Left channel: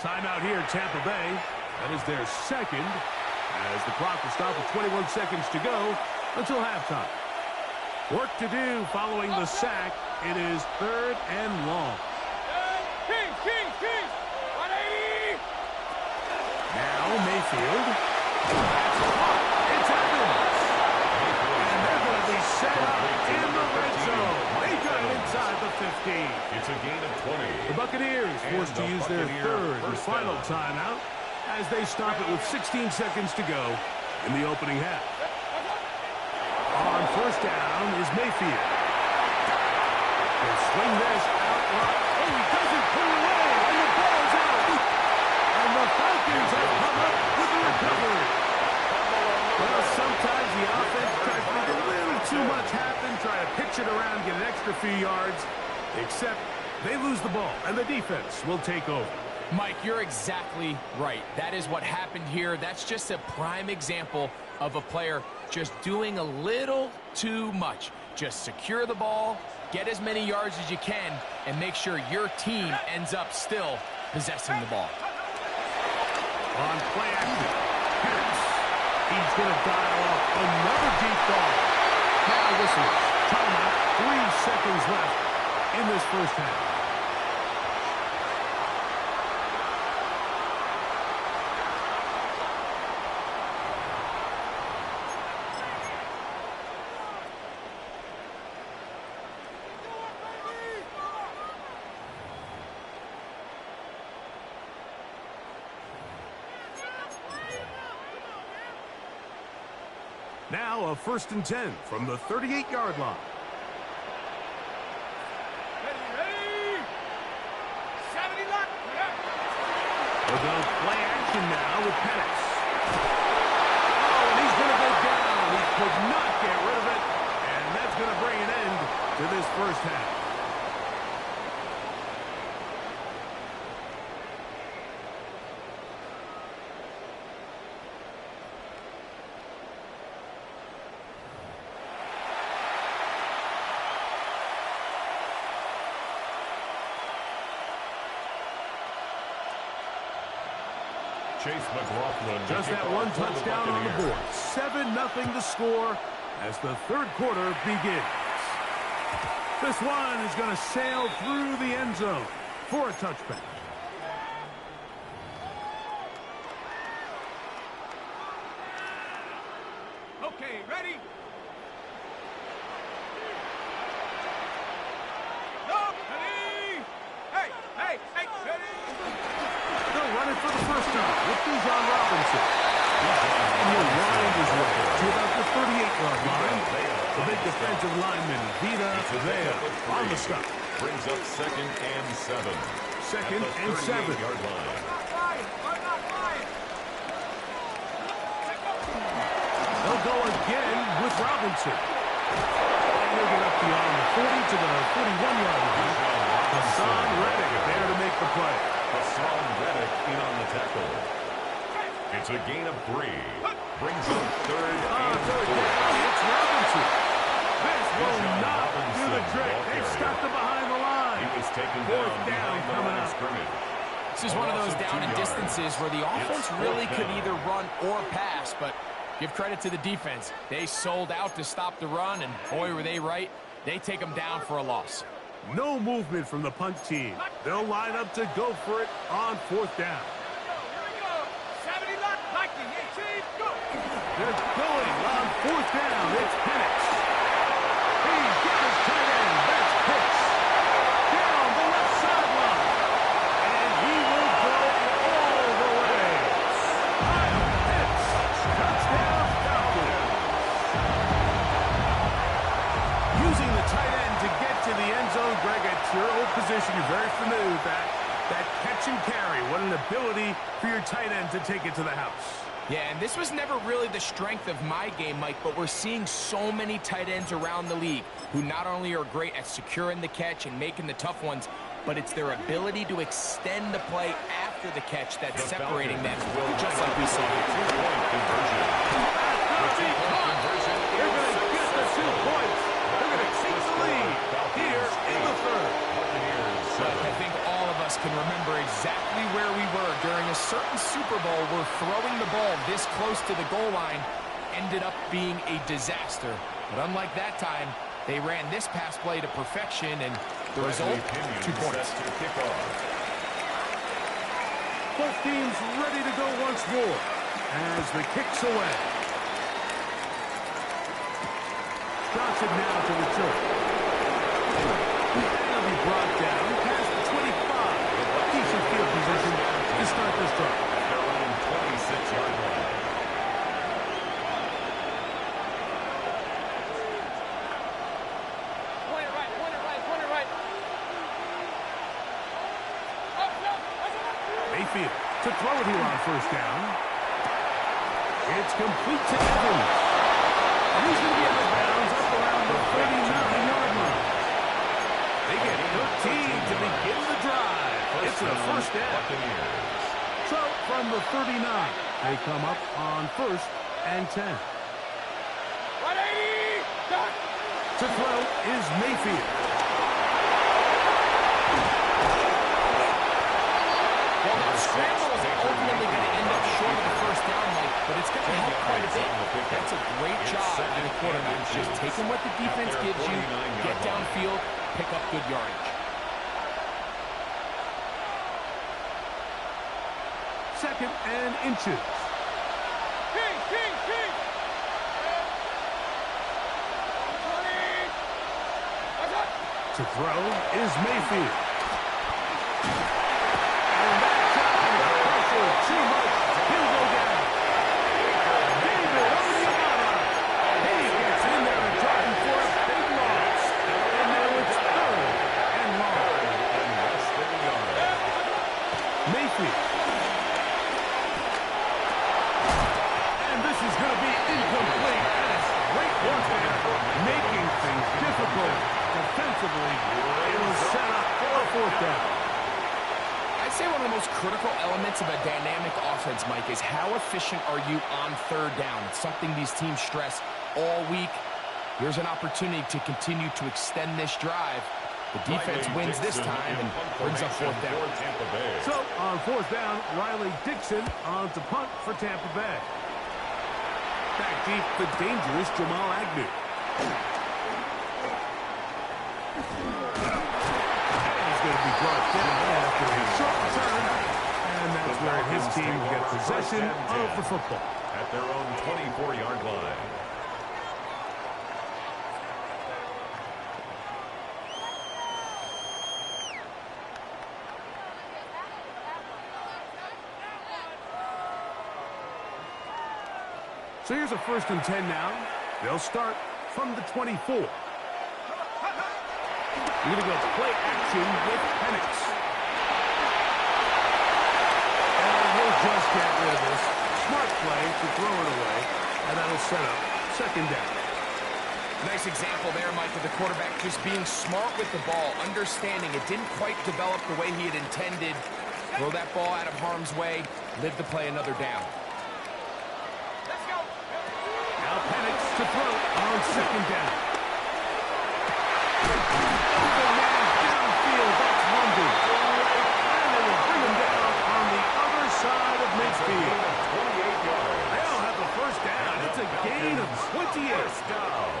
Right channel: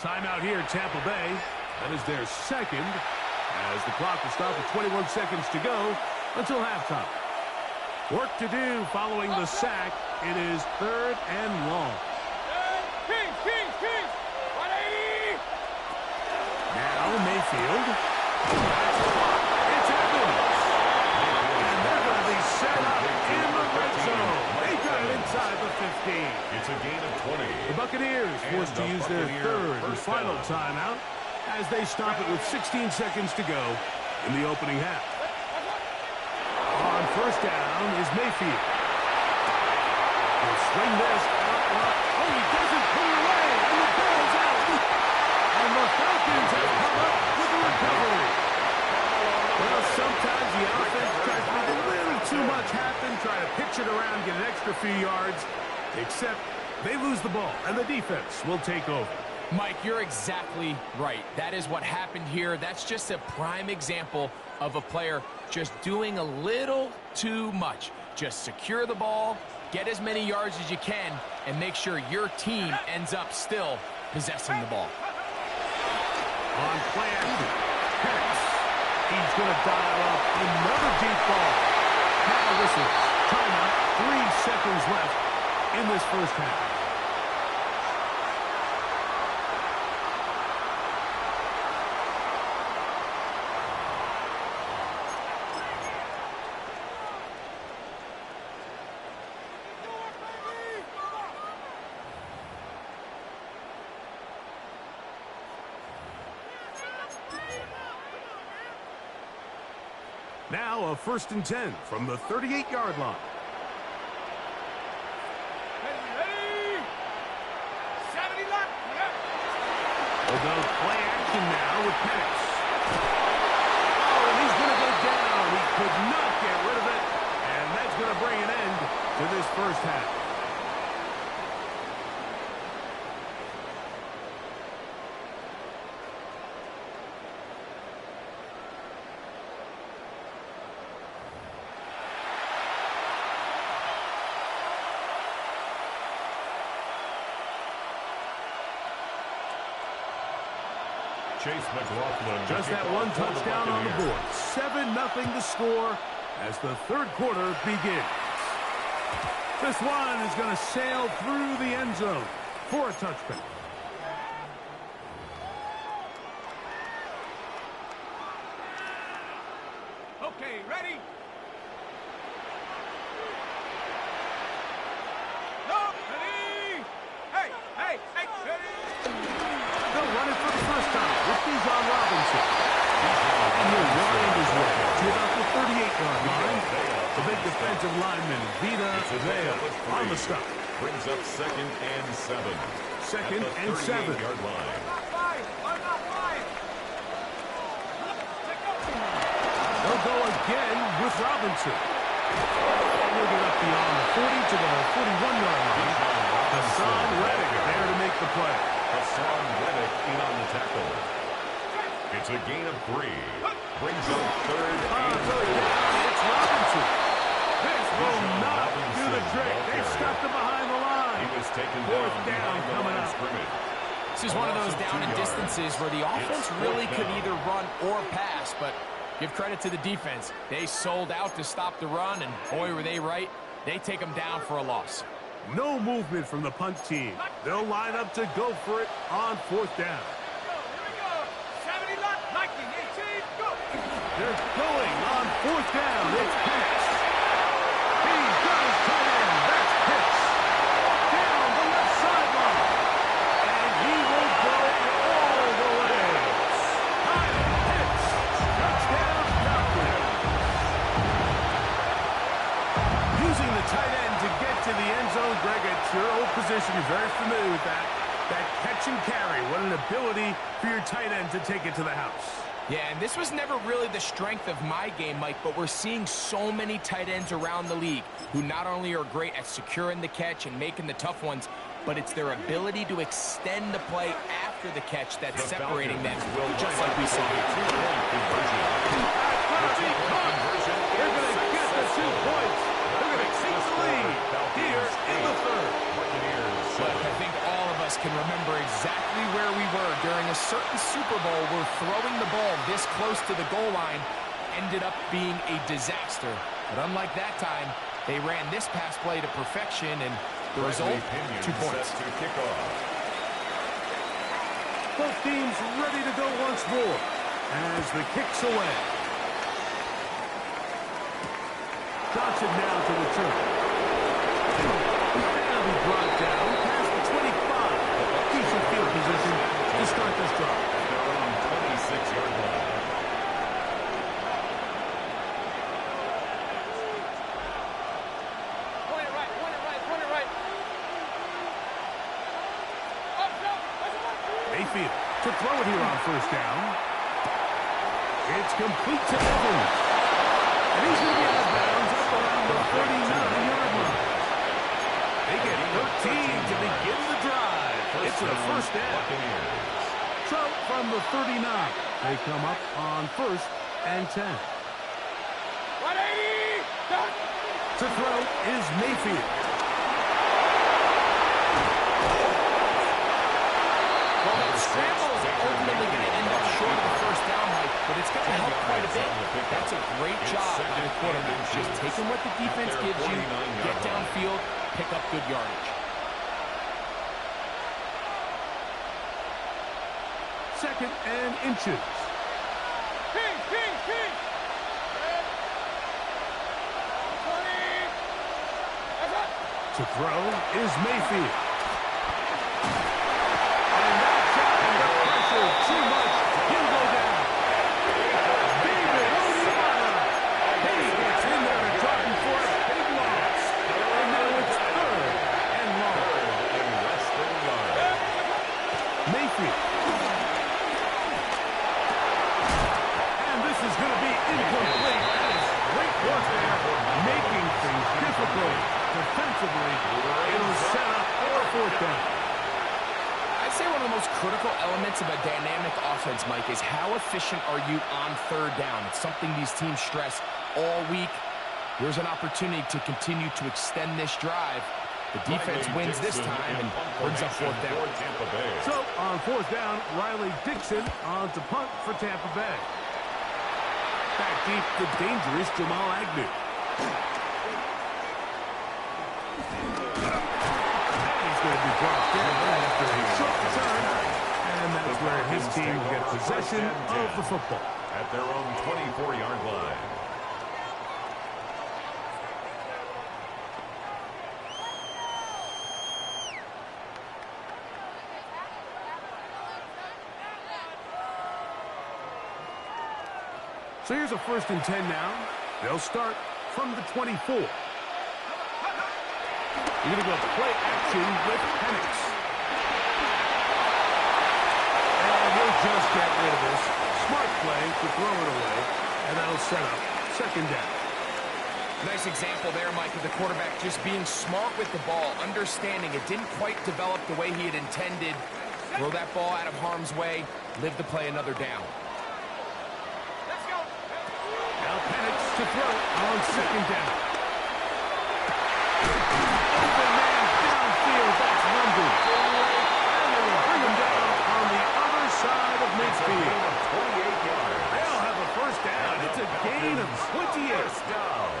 Timeout here, Tampa Bay. That is their second, as the clock will stop with 21 seconds to go until halftime. Work to do following the sack. It is 3rd and long. Kings, 180. Now Mayfield. That's caught. It's Evans. And they're going to be set up in the red zone. They got it inside the 15. It's a gain of 20. The Buccaneers forced to use their third and final timeout as they stop it with 16 seconds to go in the opening half. On first down is Mayfield. He'll swing this out right. Oh, he doesn't put it away, and the ball's out. And the Falcons have come up with the recovery. Well, sometimes the offense tries to make a little too much happen, try to pitch it around, get an extra few yards, except they lose the ball, and the defense will take over. Mike, you're exactly right. That is what happened here. That's just a prime example of a player just doing a little too much. Just secure the ball, get as many yards as you can, and make sure your team ends up still possessing the ball. On play action, Penix. He's going to dial up another deep ball. Now whistles. Timeout. 3 seconds left in this first half. Now a 1st and 10 from the 38-yard line. Ready. 70 left. We'll go play action now with Penix. Oh, and he's going to go down. He could not get rid of it, and that's going to bring an end to this first half. Chase McLaughlin. Just that one touchdown on the board. 7-0 the score as the third quarter begins. This one is going to sail through the end zone for a touchback. Okay, ready? No, ready? Hey, ready? They'll run it for the first time with Bijan Robinson. And he'll wind his way to about the 38-yard line. The big defensive lineman, Vita Vea, on the stop. Brings up 2nd and 7. 2nd and 7. Yard line. They'll go again with Robinson. And he'll get up beyond the 40 to the 41-yard line. Hassan Reddick there to make the play. Hassan Reddick in on the tackle. It's a gain of 3. Brings up 3rd and 4. It's Robinson. This will not do the trick. They stuck him behind the line. He was taken Fourth down down behind the coming line of up. scrimmage. This is one of those down and distances where the offense really could either run or pass, but give credit to the defense. They sold out to stop the run, and boy, were they right. They take them down for a loss. No movement from the punt team. They'll line up to go for it on 4th down. Here we go. 70 left. Liking 18. Go. They're going on 4th down. It's Penix. He's got his tight end. That's Pitts. Down the left sideline. And he will go all the way. Kyle Pitts. Touchdown Falcons. Using the tight end to get to the end zone. Greg, it's your old position. You're very familiar with that. That catch and carry. What an ability for your tight end to take it to the house. Yeah, and this was never really the strength of my game, Mike, but we're seeing so many tight ends around the league who not only are great at securing the catch and making the tough ones, but it's their ability to extend the play after the catch that's separating them, just like we saw here. Two-point conversion. They're going to get the 2 points. They're going to take the lead here in the third. But I think all of us can remember exactly where we were during a certain Super Bowl where throwing the ball this close to the goal line ended up being a disaster. But unlike that time, they ran this pass play to perfection, and the result, 2 points. To kick off. Both teams ready to go once more as the kick's away. Johnson now to return. And he'll be brought down past the 25. Decent field position to start this drive. At their own 26-yard line. Mayfield to throw it here on first down. It's complete to Evans. And he's going to be out of bounds up around the 39-yard line. They get 13 to begin the drive. It's a first down. So from the 39, they come up on 1st and 10. 180! To throw is Mayfield. Well, that scramble is ultimately going to end up short of the first down, Mike, but it's going to help quite a bit. That's a great job by the quarterback. Just taking what the defense gives you, get downfield, pick up good yardage. Second and inches. King! 20! To throw is Mayfield. And that's out of the pressure. Too much. He'll go down. David Onyemata. He gets in there to try for a big loss. And now it's 3rd and long. Mayfield. And this is going to be incomplete. That is great work there, making things difficult defensively. It'll set up for a 4th down. I'd say one of the most critical elements of a dynamic offense, Mike, is how efficient are you on 3rd down. It's something these teams stress all week. Here's an opportunity to continue to extend this drive. The defense wins this time and brings up 4th down. So on 4th down, Riley Dixon on to punt for Tampa Bay. Back deep, the dangerous Jamal Agnew. Going to be brought down after a short return, and that's where his team gets possession of the football. At their own 24-yard line. So here's a 1st and 10 now. They'll start from the 24. You're going to go play action with Penix. And he'll just get rid of this. Smart play to throw it away, and that'll set up 2nd down. Nice example there, Mike, of the quarterback just being smart with the ball, understanding it didn't quite develop the way he had intended. Throw that ball out of harm's way, live to play another down. Let's go! Now Penix to throw on 2nd down. Open man downfield, that's London. And they will bring him down on the other side of midfield. 28 yards. They'll have the 1st down. It's a gain of 28. 1st down.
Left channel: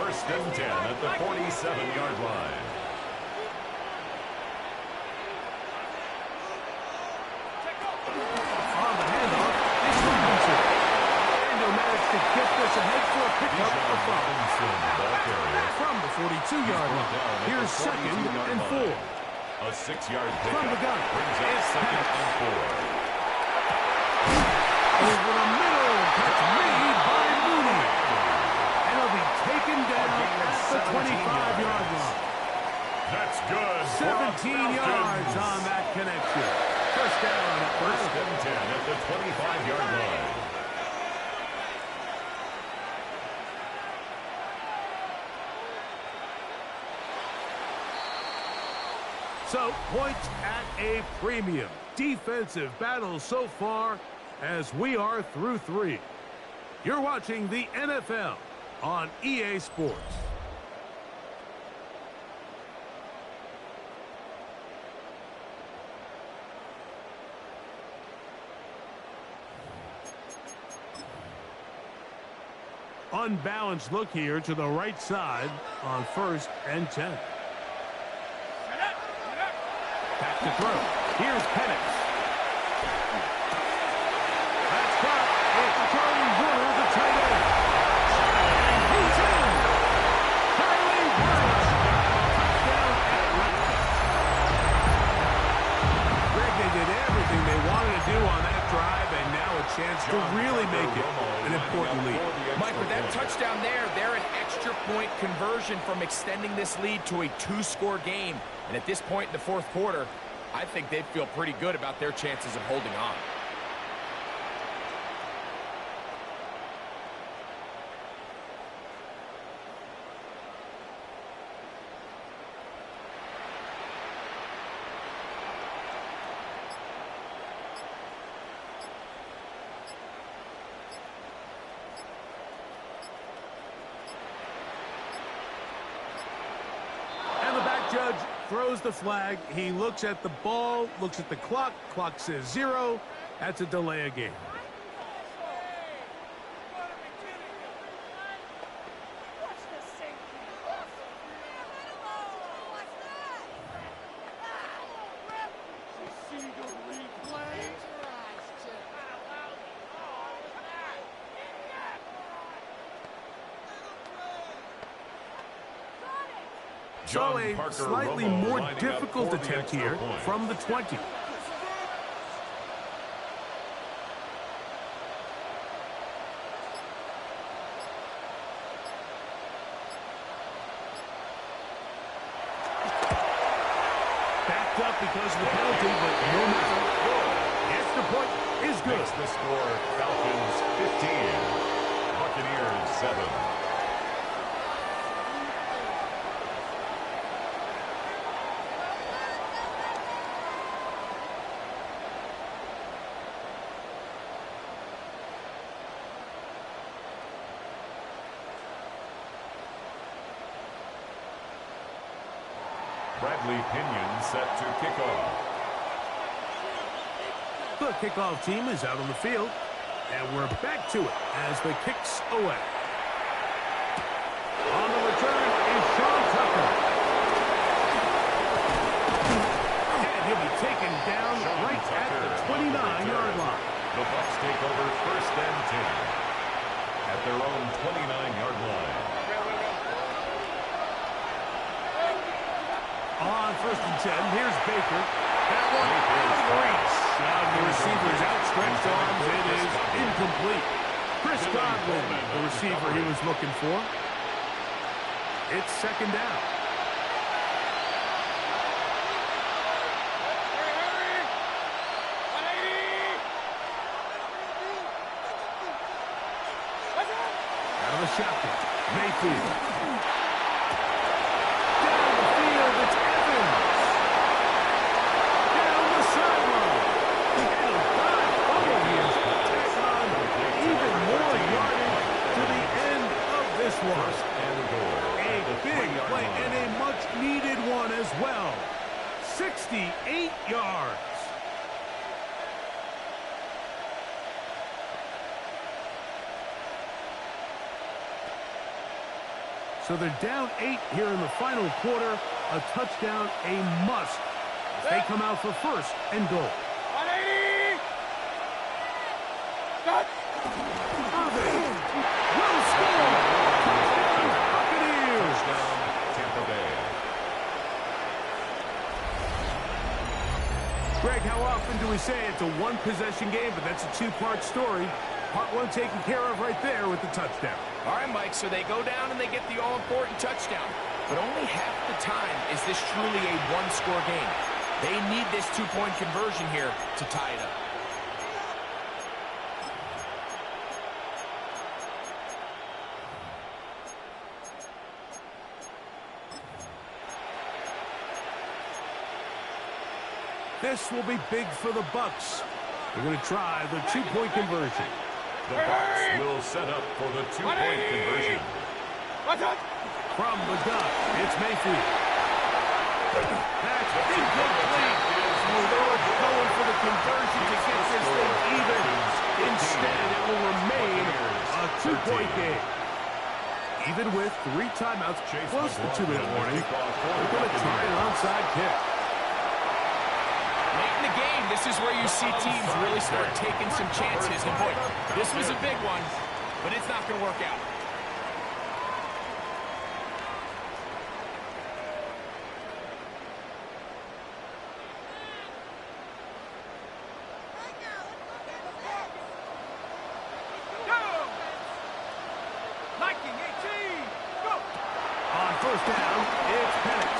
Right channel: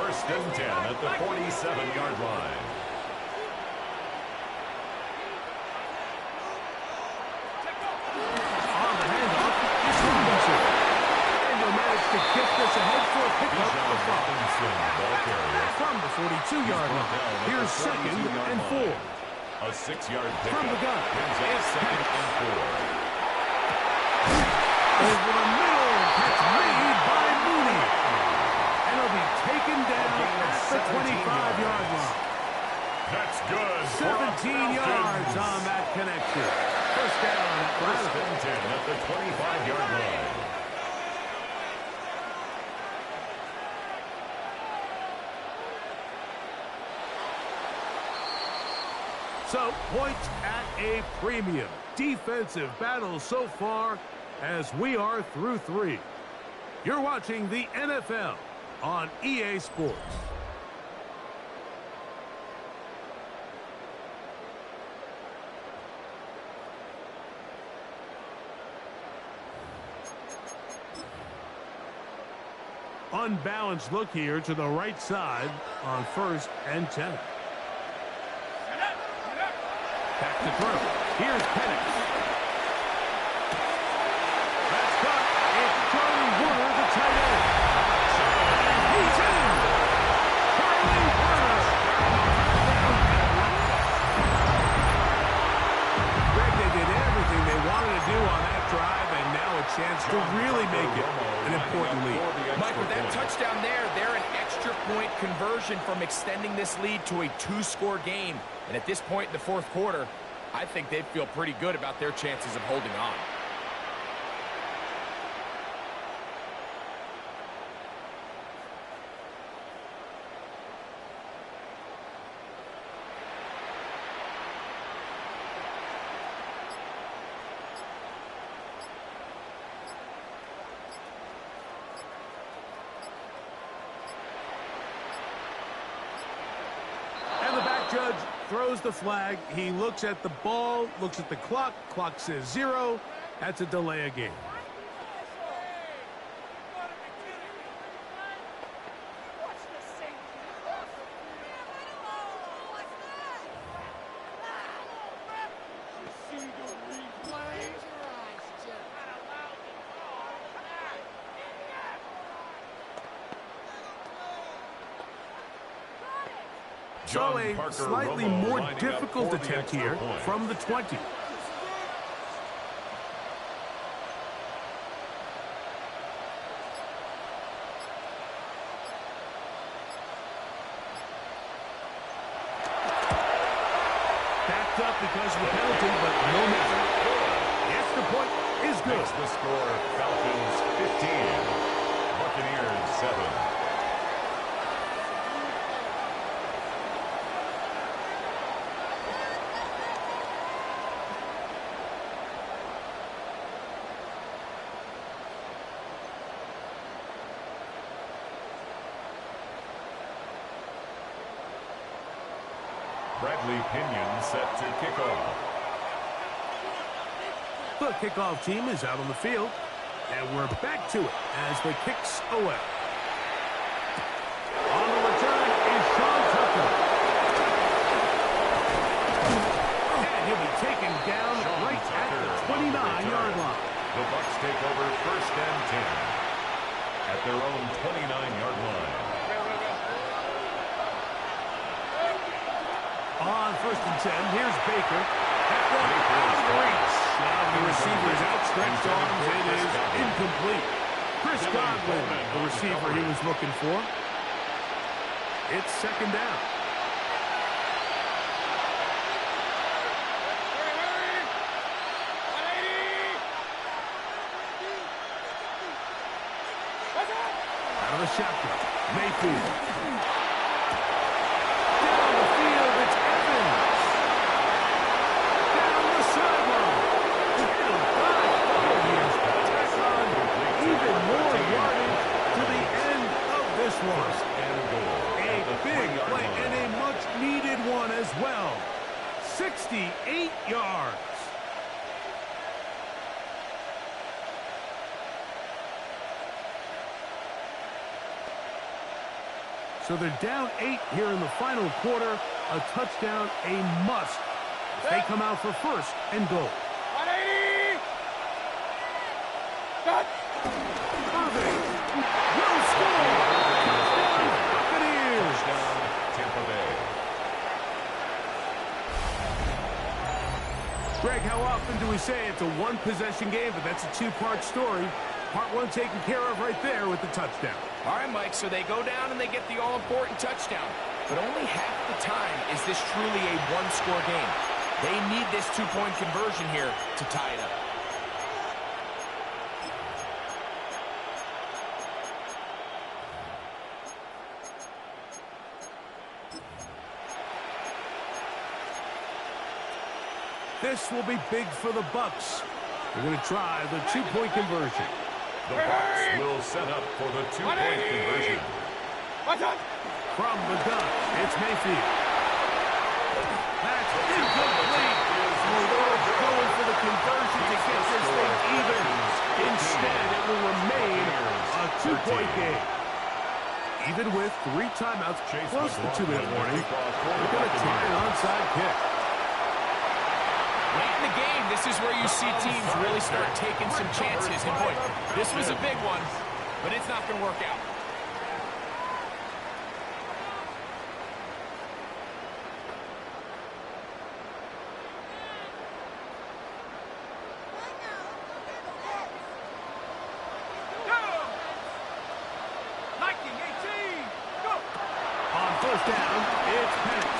1st and 10 at the 47-yard line. On the handoff, it's Robinson. And he'll manage to get this ahead for a pickup of Robinson, ball carrier. from the 42-yard line. Here's 2nd and 4. A 6-yard pickup. From the gun, brings up it's 2nd Penix. and 4. Over the middle, catch made by Mooney. And he'll be taken down at the 25-yard line. That's good. 17 yards on that connection. 1st down at 1st and 10 at the 25-yard line. So, points at a premium. Defensive battle so far as we are through 3. You're watching the NFL on EA Sports. Unbalanced look here to the right side on 1st and 10. Back to throw. Here's Penix. That's caught. It's Charlie Warner, the tight end. And he's in. Charlie Warner. Touchdown Atlanta. Greg, they did everything they wanted to do on that drive, and now a chance to really make it an important lead. Mike, with that touchdown there, they're an extra point conversion from extending this lead to a 2-score game. And at this point in the 4th quarter, I think they'd feel pretty good about their chances of holding on. Judge throws the flag. He looks at the ball, looks at the clock. Clock says 0. That's a delay of game. So a slightly more difficult attempt here from the 20. Backed up because of the penalty, but no matter. Yes, the point is good. Makes the score Falcons 15, Buccaneers 7. Bradley Pinion set to kick off. The kickoff team is out on the field, and we're back to it as the kick's away. On the return is Sean Tucker. And he'll be taken down right at the 29-yard line. The Bucs take over 1st and 10 at their own 29-yard line. On 1st and 10, here's Baker. That one out of reach. The receiver's outstretched arms. It is incomplete. Chris Godwin, the receiver he was looking for. It's 2nd down. Out of the shotgun, Mayfield. Down the field, it's Evans. Down the sideline. And a dive bubble here. Tack on even more yardage to the end of this one. A big play and a much-needed one as well. 68 yards. So they're down 8 here in the final quarter. A touchdown, a must. They come out for 1st and goal. 180! Cut! Irving will score. Touchdown, Buccaneers. Touchdown, Tampa Bay. Greg, how often do we say it's a one-possession game, but that's a 2-part story? Part 1 taken care of right there with the touchdown. All right, Mike, so they go down and they get the all-important touchdown. But only half the time is this truly a 1-score game. They need this 2-point conversion here to tie it up. This will be big for the Bucs. They're going to try the 2-point conversion. The Bucs will set up for the 2-point conversion. From the gun, it's Mayfield. That's incomplete. Oh, they were going for the conversion to get this thing even. Instead, it will remain a 2-point game. Even with 3 timeouts, close to the 2-minute warning, they're going to try an onside kick. Late in the game, this is where you see teams really start taking some chances. And boy, this was a big one, but it's not going to work out. On first down, it's Penix.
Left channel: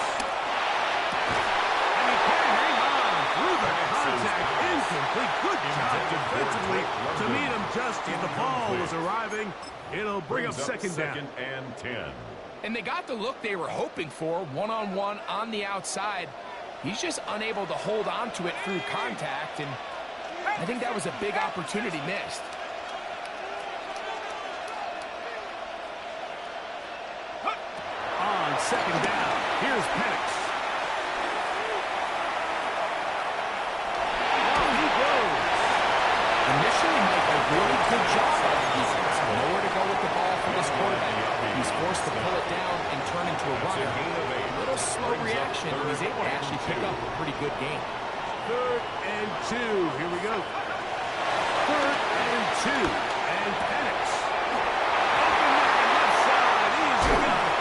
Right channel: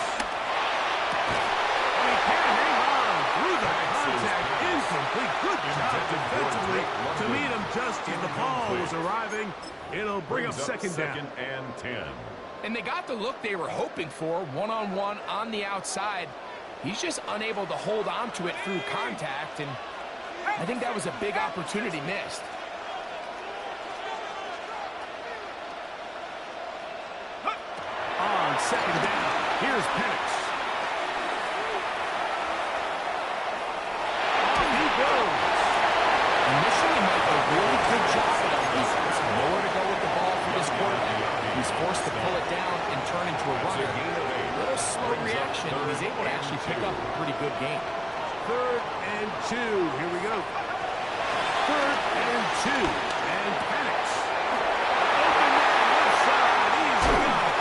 And he can't hang on through the contact. Incomplete. Good job defensively to meet him just as the ball was arriving. It'll bring up second down. And 10. And they got the look they were hoping for, one-on-one on the outside. He's just unable to hold on to it through contact, and I think that was a big opportunity missed. On second down, here's Penix. Off he goes. Initially, Mike, a really good job by the defense. Nowhere to go with the ball for this quarterback. He's forced to pull it down and turn into a runner. A little slow reaction, and he's able to actually pick up a pretty good game. 3rd and 2. Here we go. 3rd and 2. And Penix. Open man, left side. Easy got it.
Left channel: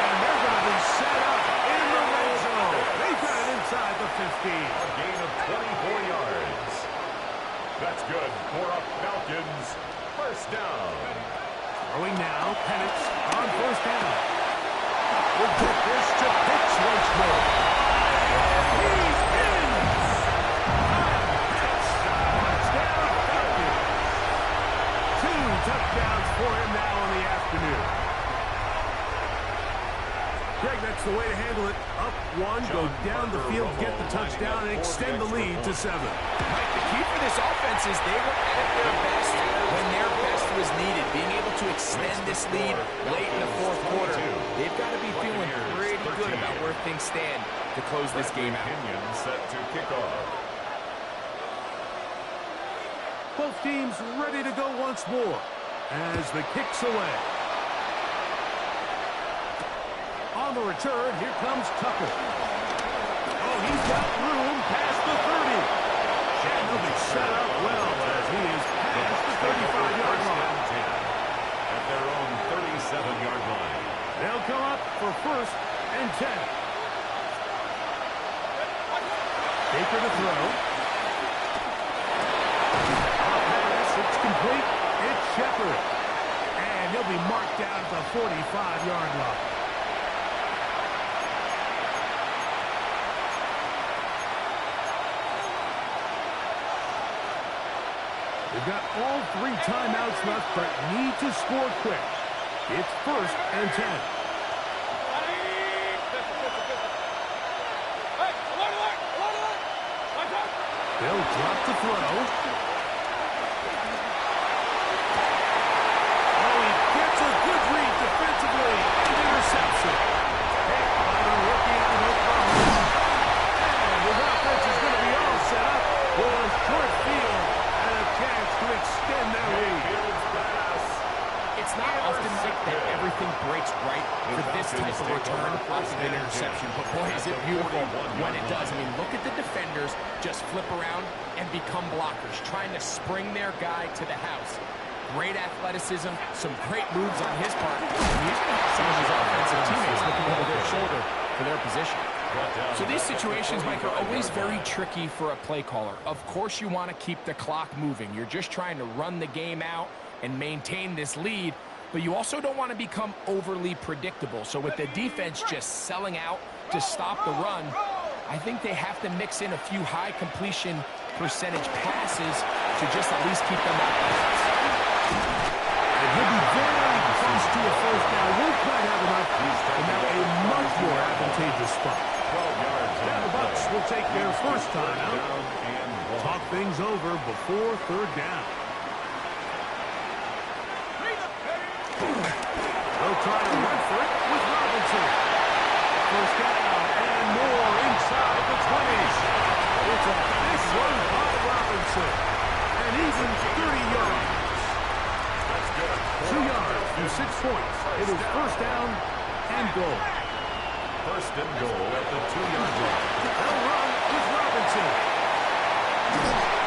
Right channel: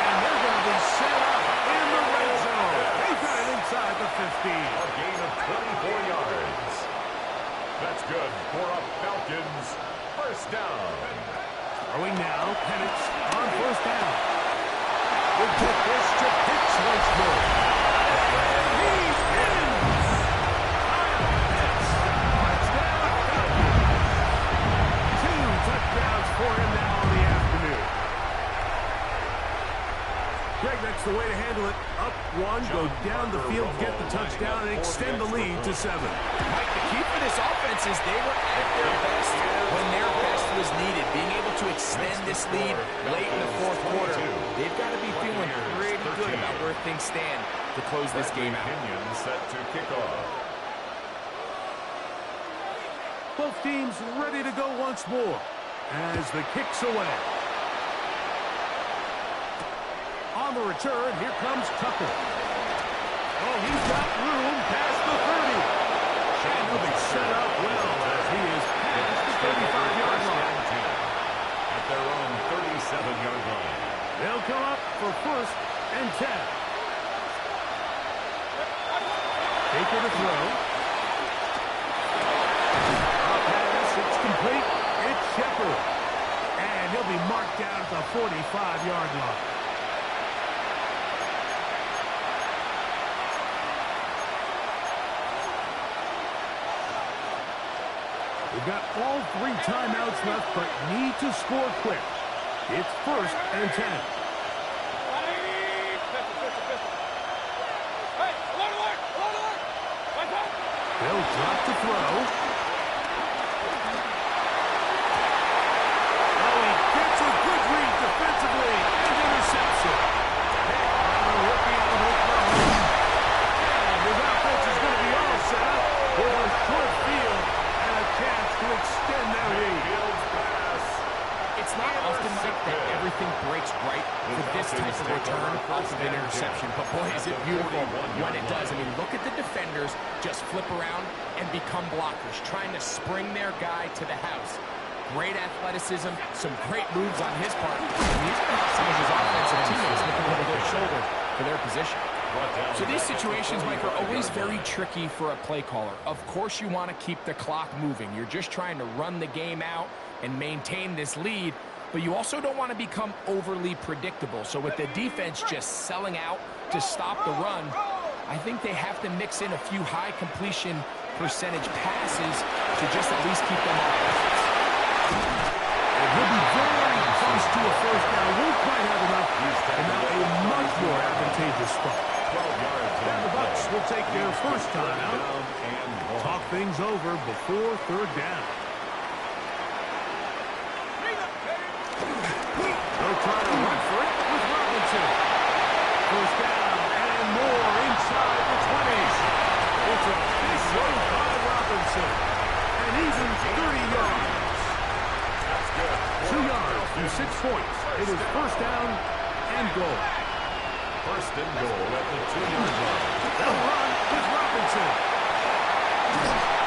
And they're going to be set up in the red zone. They've got it inside the 15. A gain of 24 yards. That's good for a Falcons first down. Throwing now, Penix on first down. We'll get this to Pitts once more. And he's in! Kyle Pitts, touchdown Falcons. 2 touchdowns for him now in the afternoon. Greg, that's the way to handle it. Up 1, go down the field, get the touchdown, and extend the lead to 7. Mike, the key for this offense is they were at their best when their best was needed. Being able to extend this lead late in the 4th quarter, they've got to be feeling pretty good about where things stand to close this game out. Set to kick off. Both teams ready to go once more as the kick's away. On the return, here comes Tucker. Oh, he's got room past the 30. And he'll be set up well as he is past the 35-yard line. At their own 37-yard line. They'll come up for 1st and 10. Baker to throw. A pass, it's complete. It's Shepard. And he'll be marked down at the 45-yard line. They've got all 3 timeouts left, but need to score quick. It's 1st and 10. They'll drop the throw. Oh, he gets a good read defensively and intercepts it. Hit by the rookie out of Oklahoma. And his offense is going to be all set up with a short field and a chance to extend their lead. It's not often, Mike, that everything breaks right for this type of return off of an interception. But, boy, is it beautiful when it does. I mean, look at the defenders just flip around and become blockers, trying to spring their guy to the house. Great athleticism, some great moves on his part. And he's going to have some of his offensive teammates looking over their shoulder for their position. So these situations, Mike, are always very tricky for a play caller. Of course you want to keep the clock moving. You're just trying to run the game out and maintain this lead, but you also don't want to become overly predictable. So with the defense just selling out to stop the run, I think they have to mix in a few high completion percentage passes to just at least keep them off balance. And he'll be very close to a first down. Won't quite have enough, and now a much more advantageous spot. 12 yards. Now the Bucs will take their first time out. Talk things over before 3rd down. They'll try to run for it with Robinson. First down and more inside the 20s. It's a big run by Robinson. And even 30 yards. That's good. 2 yards from 6 points. It is first down and goal. First and goal at the 2-yard line. They'll run with Robinson.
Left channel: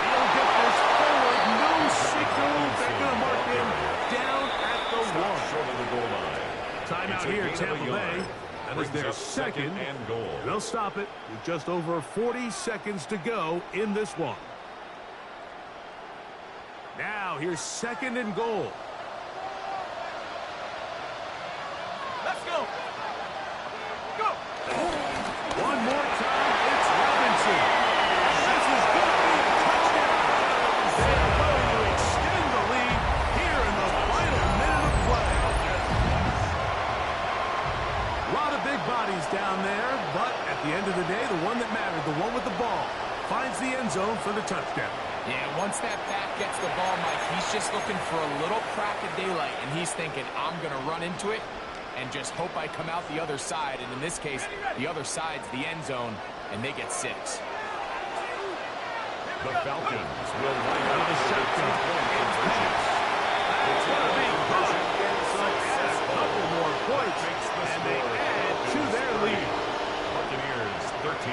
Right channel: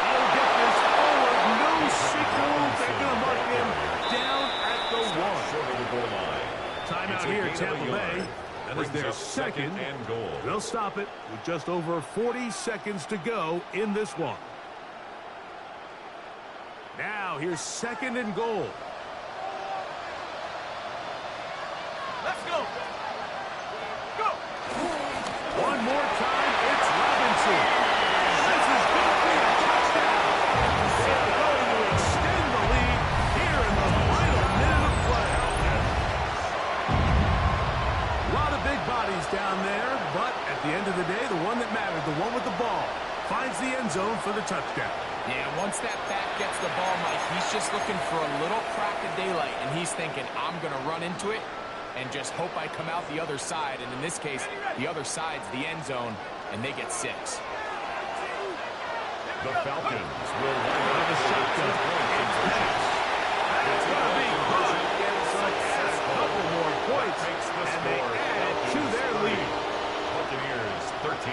He'll get this forward. No signal. They're going to mark him down at the 1. Short of the goal line. Timeout here, Tampa Bay. That is their second and goal. They'll stop it with just over 40 seconds to go in this one. Now, here's second and goal. Let's go. Go. One more time, it's Robinson. This is going to be a touchdown. They are going to extend the lead here in the final minute of play. A lot of big bodies down there, but at the end of the day, the one that mattered, the one with the ball, finds the end zone for the touchdown. Yeah, once that back gets the ball, Mike, he's just looking for a little crack of daylight, and he's thinking, I'm going to run into it and just hope I come out the other side. And in this case, the other side's the end zone, and they get 6. The Falcons will line up the for the shotgun. 2-point conversion. It's going to be good. So add a couple more points, Makes the and they score add to Falcons their 3, lead. Buccaneers 13.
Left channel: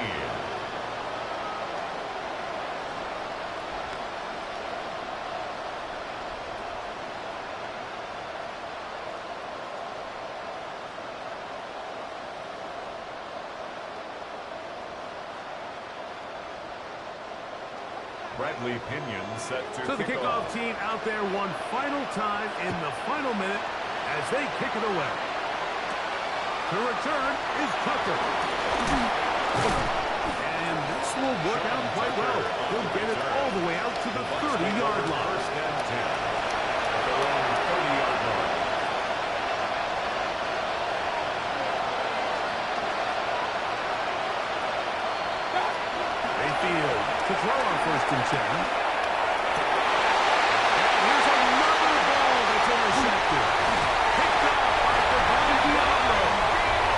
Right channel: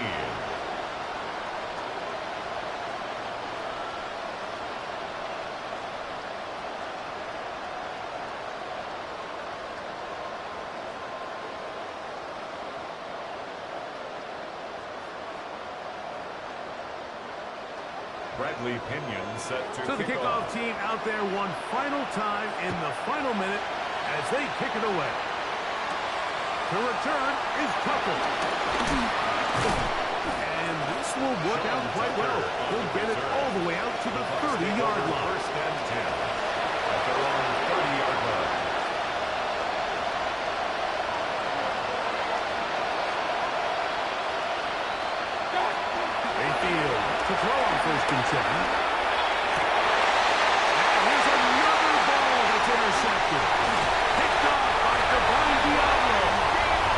Bradley Pinion set to So the kick kickoff off. team out there one final time in the final minute as they kick it away. The return is Tucker. And this will work out quite well. He'll get it all the way out to the 30-yard line. First and 10 at their own 30-yard line. Mayfield to throw on first and 10. And here's another ball that's intercepted. Picked off by Divine Diablo.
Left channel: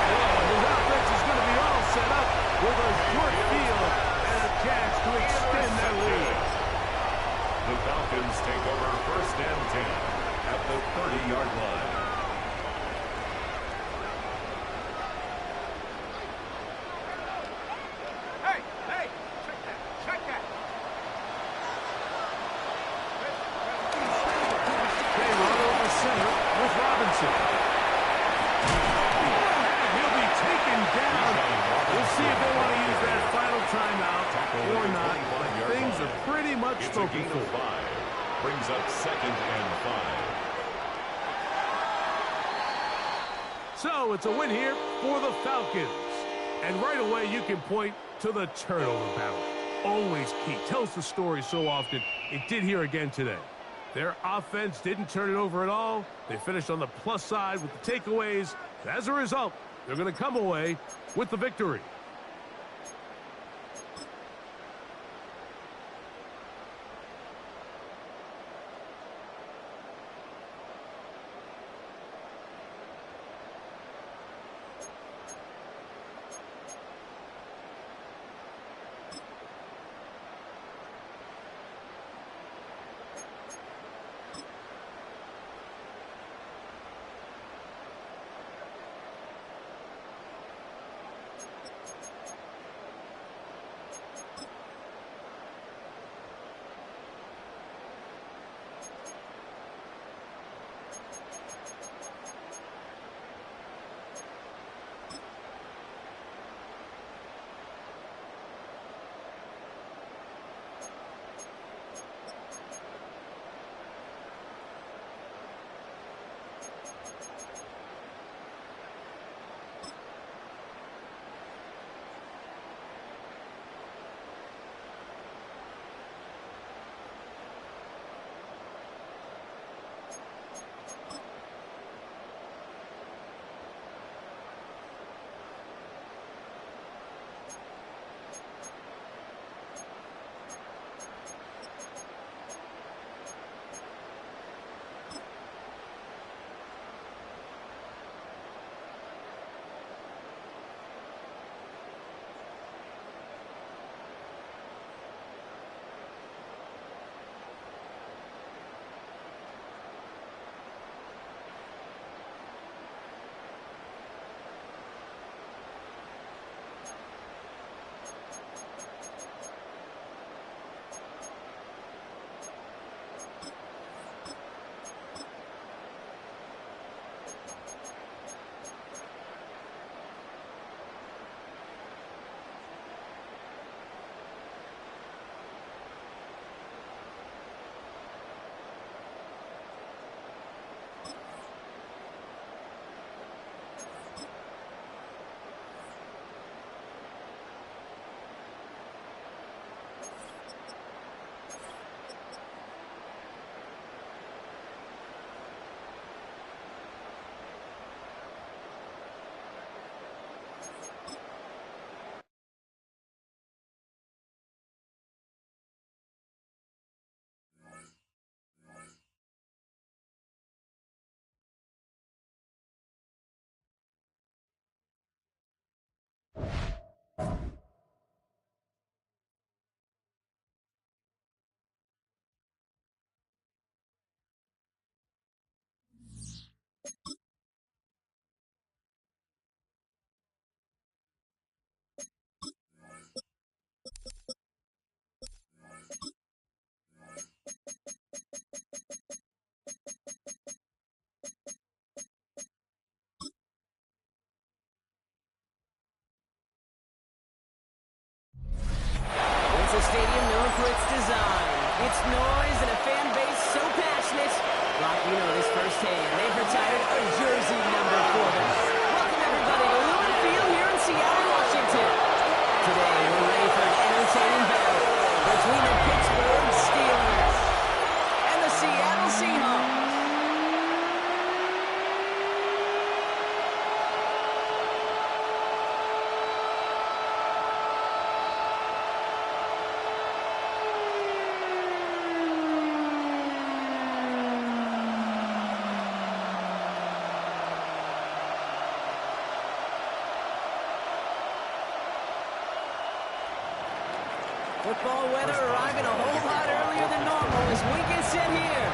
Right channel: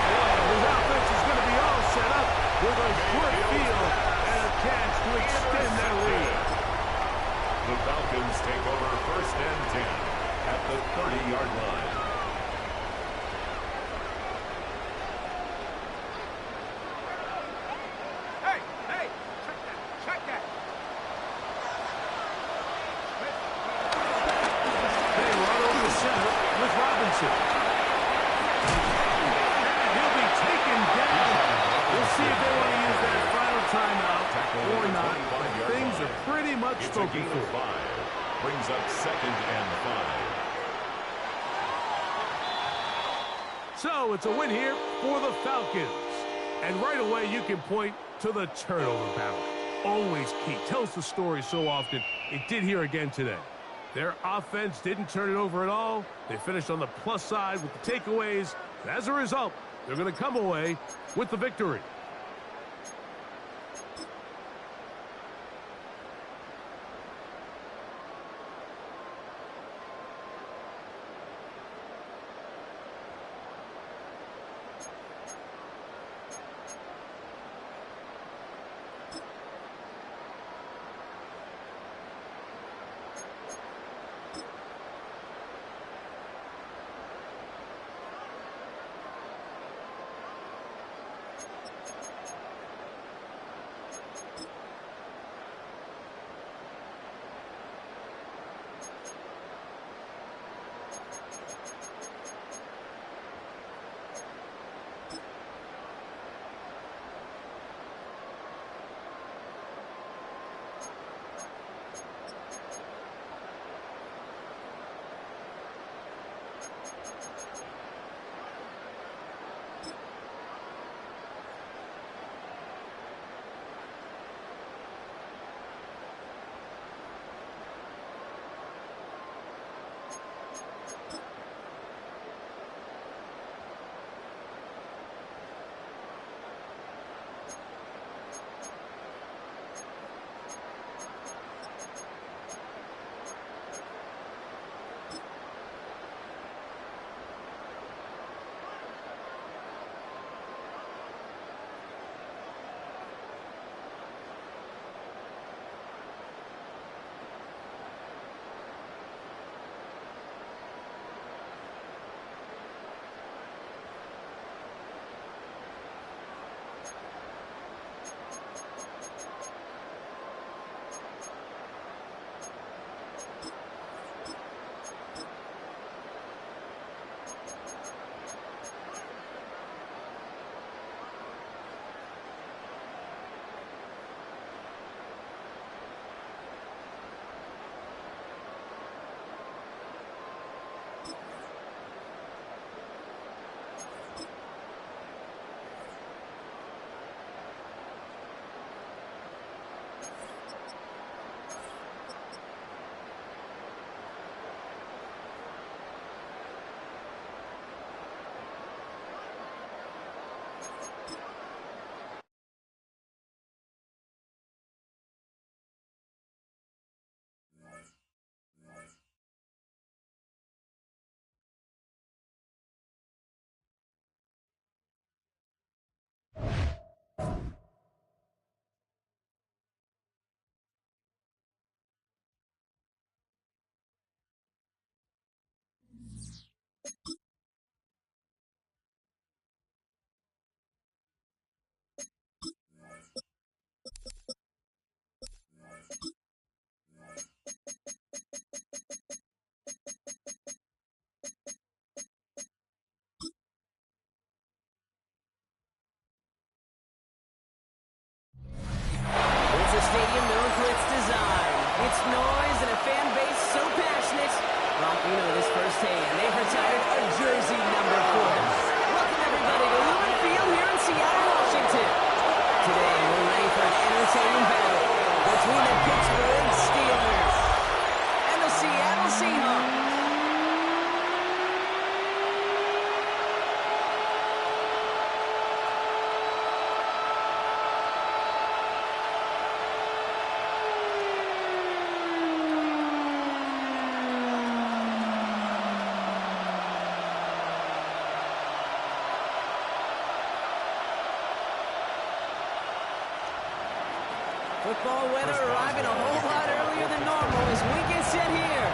And his offense is going to be all set up with a short field and a chance to extend their lead. The Falcons take over first and 10 at the 30-yard line. Hey, hey, check that, check that. They run over center with Robinson. And he'll be taken down. We'll see if they want to use that final timeout or not. But things are pretty much It's a spoken gain of for. 5. Brings up second and 5. So it's a win here for the Falcons. And right away you can point to the turnover battle. Always key. Tells the story so often. It did here again today. Their offense didn't turn it over at all. They finished on the plus side with the takeaways. As a result, they're going to come away with the victory. It's noise and a fan base so passionate. Brock, you know this firsthand. They've retired a jersey number for them. Welcome, everybody, to Lumen Field here in Seattle, Washington. Today, we're ready for an entertaining battle between the Pittsburgh Steelers and the Seattle Seahawks. Football weather arriving a whole lot earlier than normal as we get set here.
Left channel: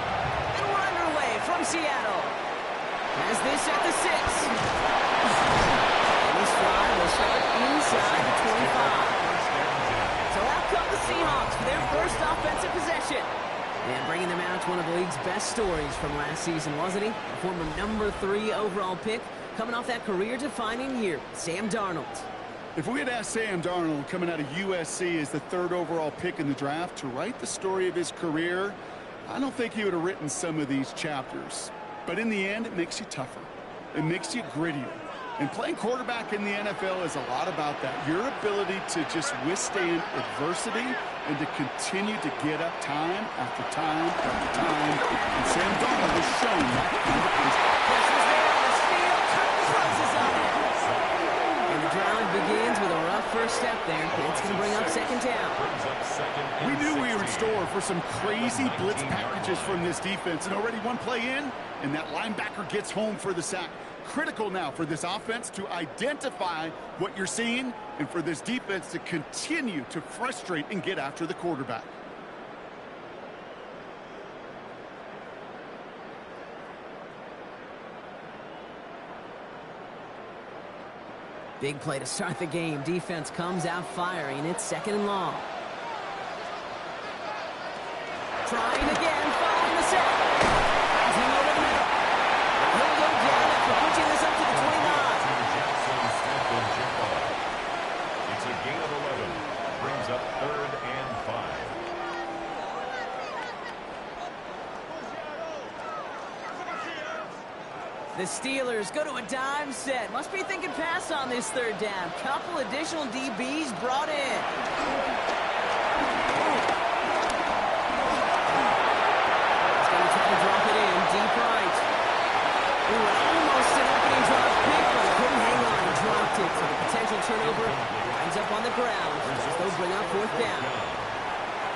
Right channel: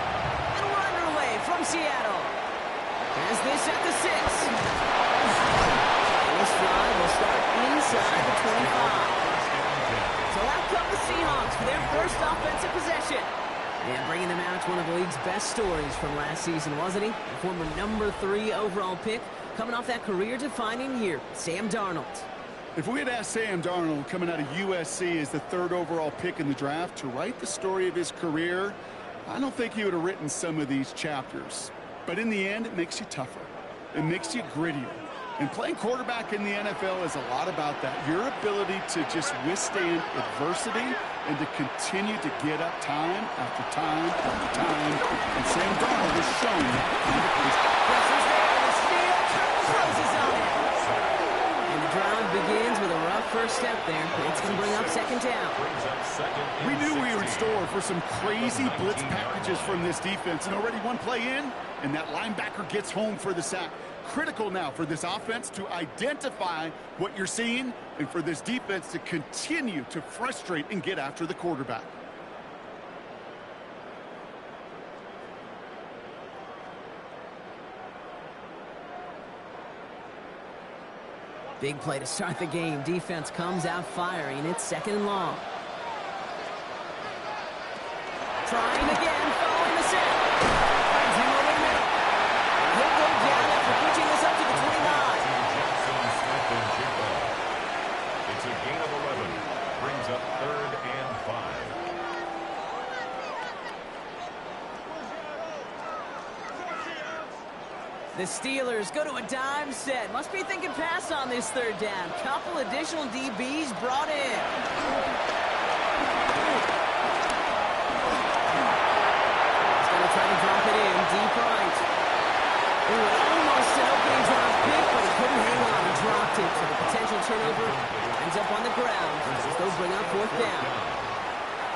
And we're underway from Seattle. As this at the 6. And this drive will start inside the 25. So out come the Seahawks for their first offensive possession. And bringing them out, one of the league's best stories from last season, wasn't he? A former number 3 overall pick, coming off that career-defining year, Sam Darnold. If we had asked Sam Darnold, coming out of USC as the 3rd overall pick in the draft, to write the story of his career, I don't think he would have written some of these chapters. But in the end, it makes you tougher. It makes you grittier. And playing quarterback in the NFL is a lot about that. Your ability to just withstand adversity and to continue to get up time after time after time. And Sam Darnold has shown that kind of Pressure's there, and the steel curtain closes on it. And the drive begins with a rough first step there. It's going to bring up second down. We knew we were in store for some crazy blitz packages from this defense. And already one play in, and that linebacker gets home for the sack. Critical now for this offense to identify what you're seeing and for this defense to continue to frustrate and get after the quarterback. Big play to start the game. Defense comes out firing. It's 2nd and long. Trying again, following the set. Finds him over the middle. And he'll go down after pushing this up to the 29. It's a gain of 11. Brings up 3rd and 5. The Steelers go to a dime set. Must be thinking pass on this 3rd down. Couple additional DBs brought in. He's going to try to drop it in deep right. Ooh, and almost an opening drop pick, but he couldn't hang on. He dropped it. So the potential turnover winds up on the ground as they'll bring up 4th down.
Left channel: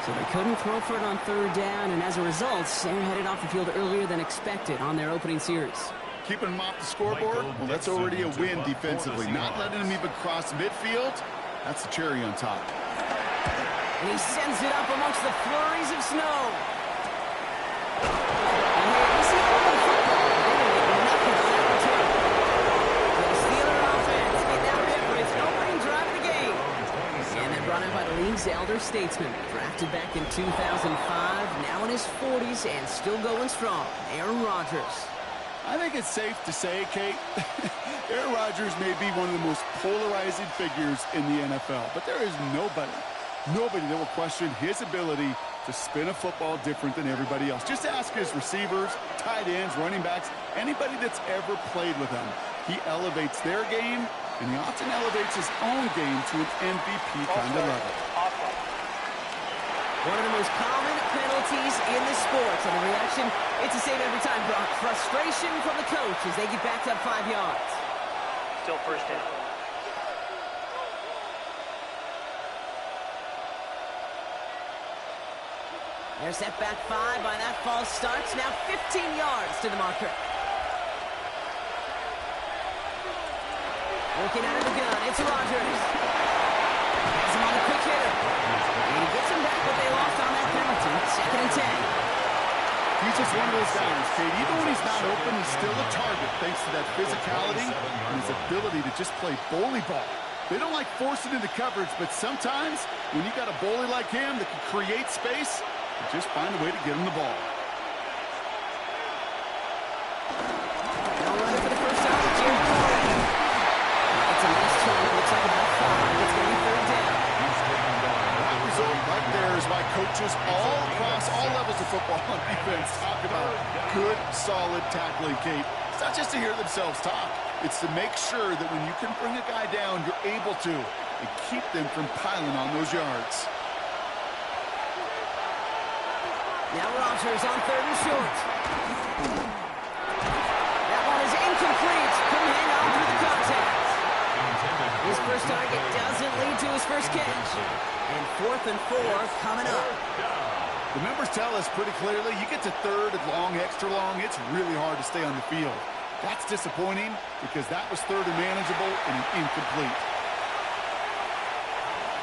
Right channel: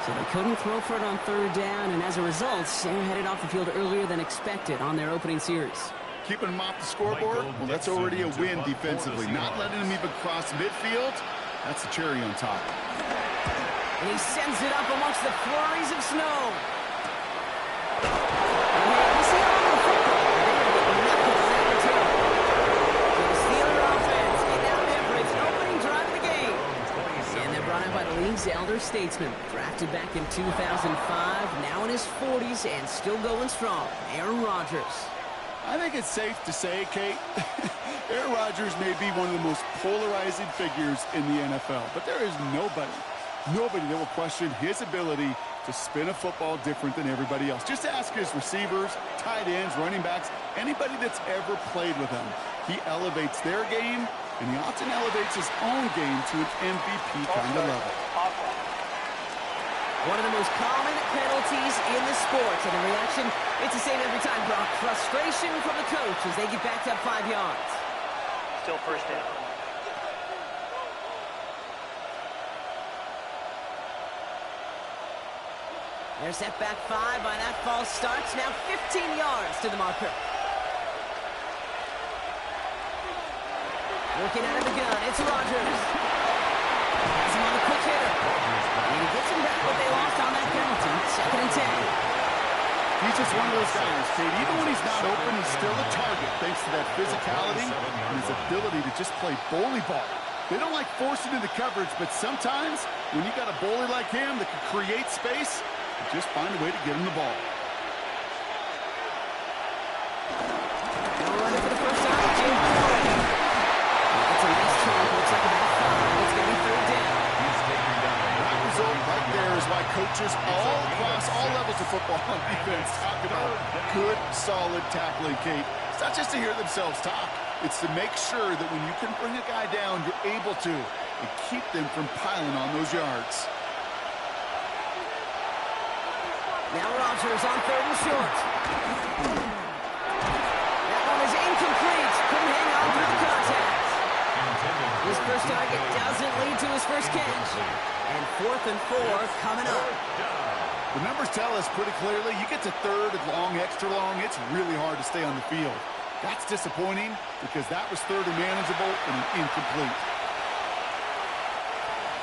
So they couldn't throw for it on 3rd down, and as a result, they're headed off the field earlier than expected on their opening series. Keeping them off the scoreboard, well, that's already a win defensively. Not letting them even cross midfield, that's the cherry on top. And he sends it up amongst the flurries of snow. And hey, we see all over the football, but they're going to get nothing on that return. So the Steeler offense getting out there for its opening drive of the game. And they're brought in by the league's elder statesman. Drafted back in 2005, now in his 40s and still going strong, Aaron Rodgers. I think it's safe to say, Kate, Aaron Rodgers may be one of the most polarizing figures in the NFL, but there is nobody that will question his ability to spin a football different than everybody else. Just ask his receivers, tight ends, running backs, anybody that's ever played with him. He elevates their game, and he often elevates his own game to an MVP kind of level. One of the most common penalties in the sport. And the reaction, it's the same every time, Brock. Frustration from the coach as they get backed up 5 yards. Still 1st down. They're set back 5 by that false start. Now 15 yards to the marker. Working out of the gun, it's Rodgers. Has him on the quick hitter. And he gets him back what they lost on that penalty. 2nd and 10. He's just one of those guys, Kate. Even when he's not open, he's still a target thanks to that physicality and his ability to just play bully ball. They don't like forcing into coverage, but sometimes when you got a bully like him that can create space, just find a way to get him the ball. They'll run it for the first time. Jim Warren. It's a nice chunk. Looks like about 5. It's going to be 3rd down. That result right there is why by coaches all across all levels of football on defense. Talk about good, solid tackling, Kate. It's not just to hear themselves talk. It's to make sure that when you can bring a guy down, you're able to, and keep them from piling on those yards. Now Rodgers on 3rd and short. That one is incomplete. Couldn't hang on through the contact. His first target doesn't lead to his first catch. And 4th and 4 coming up. The numbers tell us pretty clearly, you get to 3rd and long, extra long, it's really hard to stay on the field. That's disappointing because that was 3rd and manageable and an incomplete.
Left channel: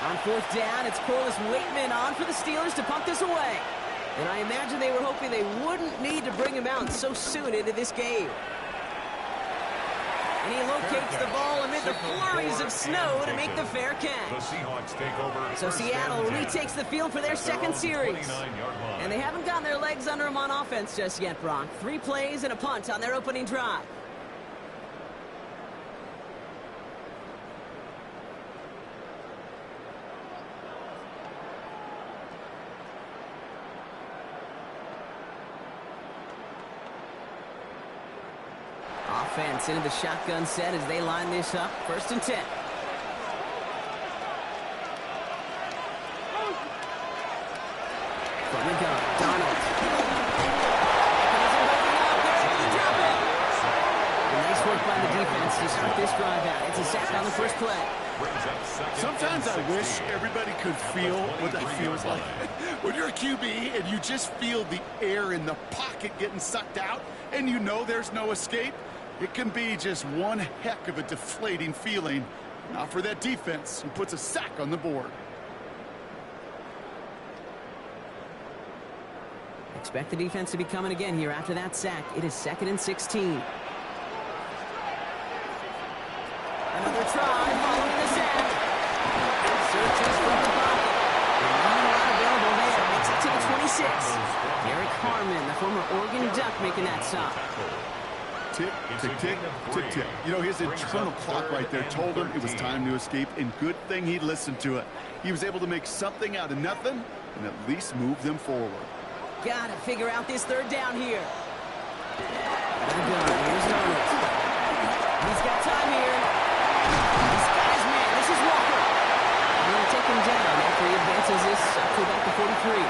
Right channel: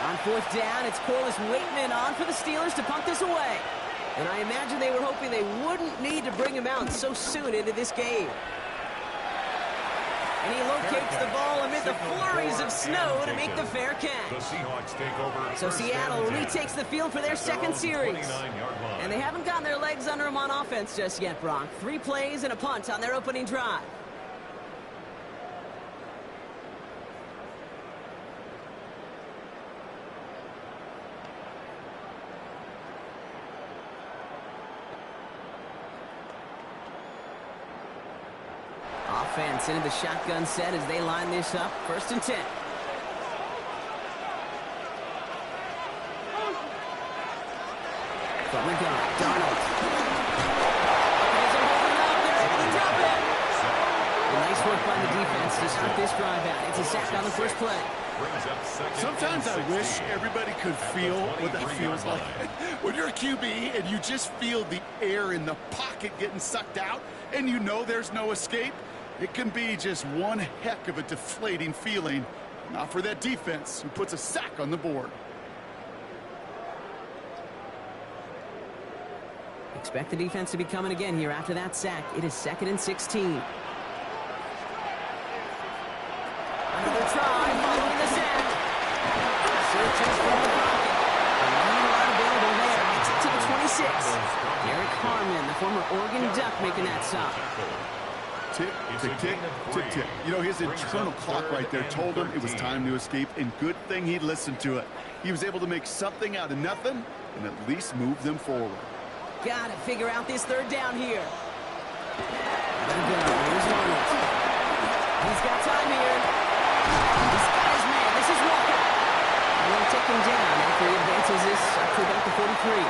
On 4th down, it's Corliss Waitman on for the Steelers to punt this away. And I imagine they were hoping they wouldn't need to bring him out so soon into this game. And he locates the ball amid the flurries of snow to make the fair catch. The Seahawks take over. So Seattle retakes the field for their second series. And they haven't gotten their legs under them on offense just yet, Brock. 3 plays and a punt on their opening drive. Offense into the shotgun set as they line this up. 1st and 10. From the gun, Darnold. Isn't holding up. They're able to drop it. Nice work by the defense to start this drive out. It's a sack on the first play. Sometimes I wish everybody could feel what that feels like. When you're a QB and you just feel the air in the pocket getting sucked out and you know there's no escape, it can be just one heck of a deflating feeling. Not for that defense who puts a sack on the board. Expect the defense to be coming again here after that sack. It is 2nd and 16. Another try following the sack. Searches from the pocket. Not a lot available there. Makes it to the 26. Derek Harmon, the former Oregon Duck, making that stop. Tick, tick, tick, tick, tick. You know, his internal clock right there told him it was time to escape, and good thing he listened to it. He was able to make something out of nothing and at least move them forward. Gotta figure out this 3rd down here. Here's Darnold. He's got time here. He's got his man. This is Walker. We'll take him down after he advances this up to about the 43.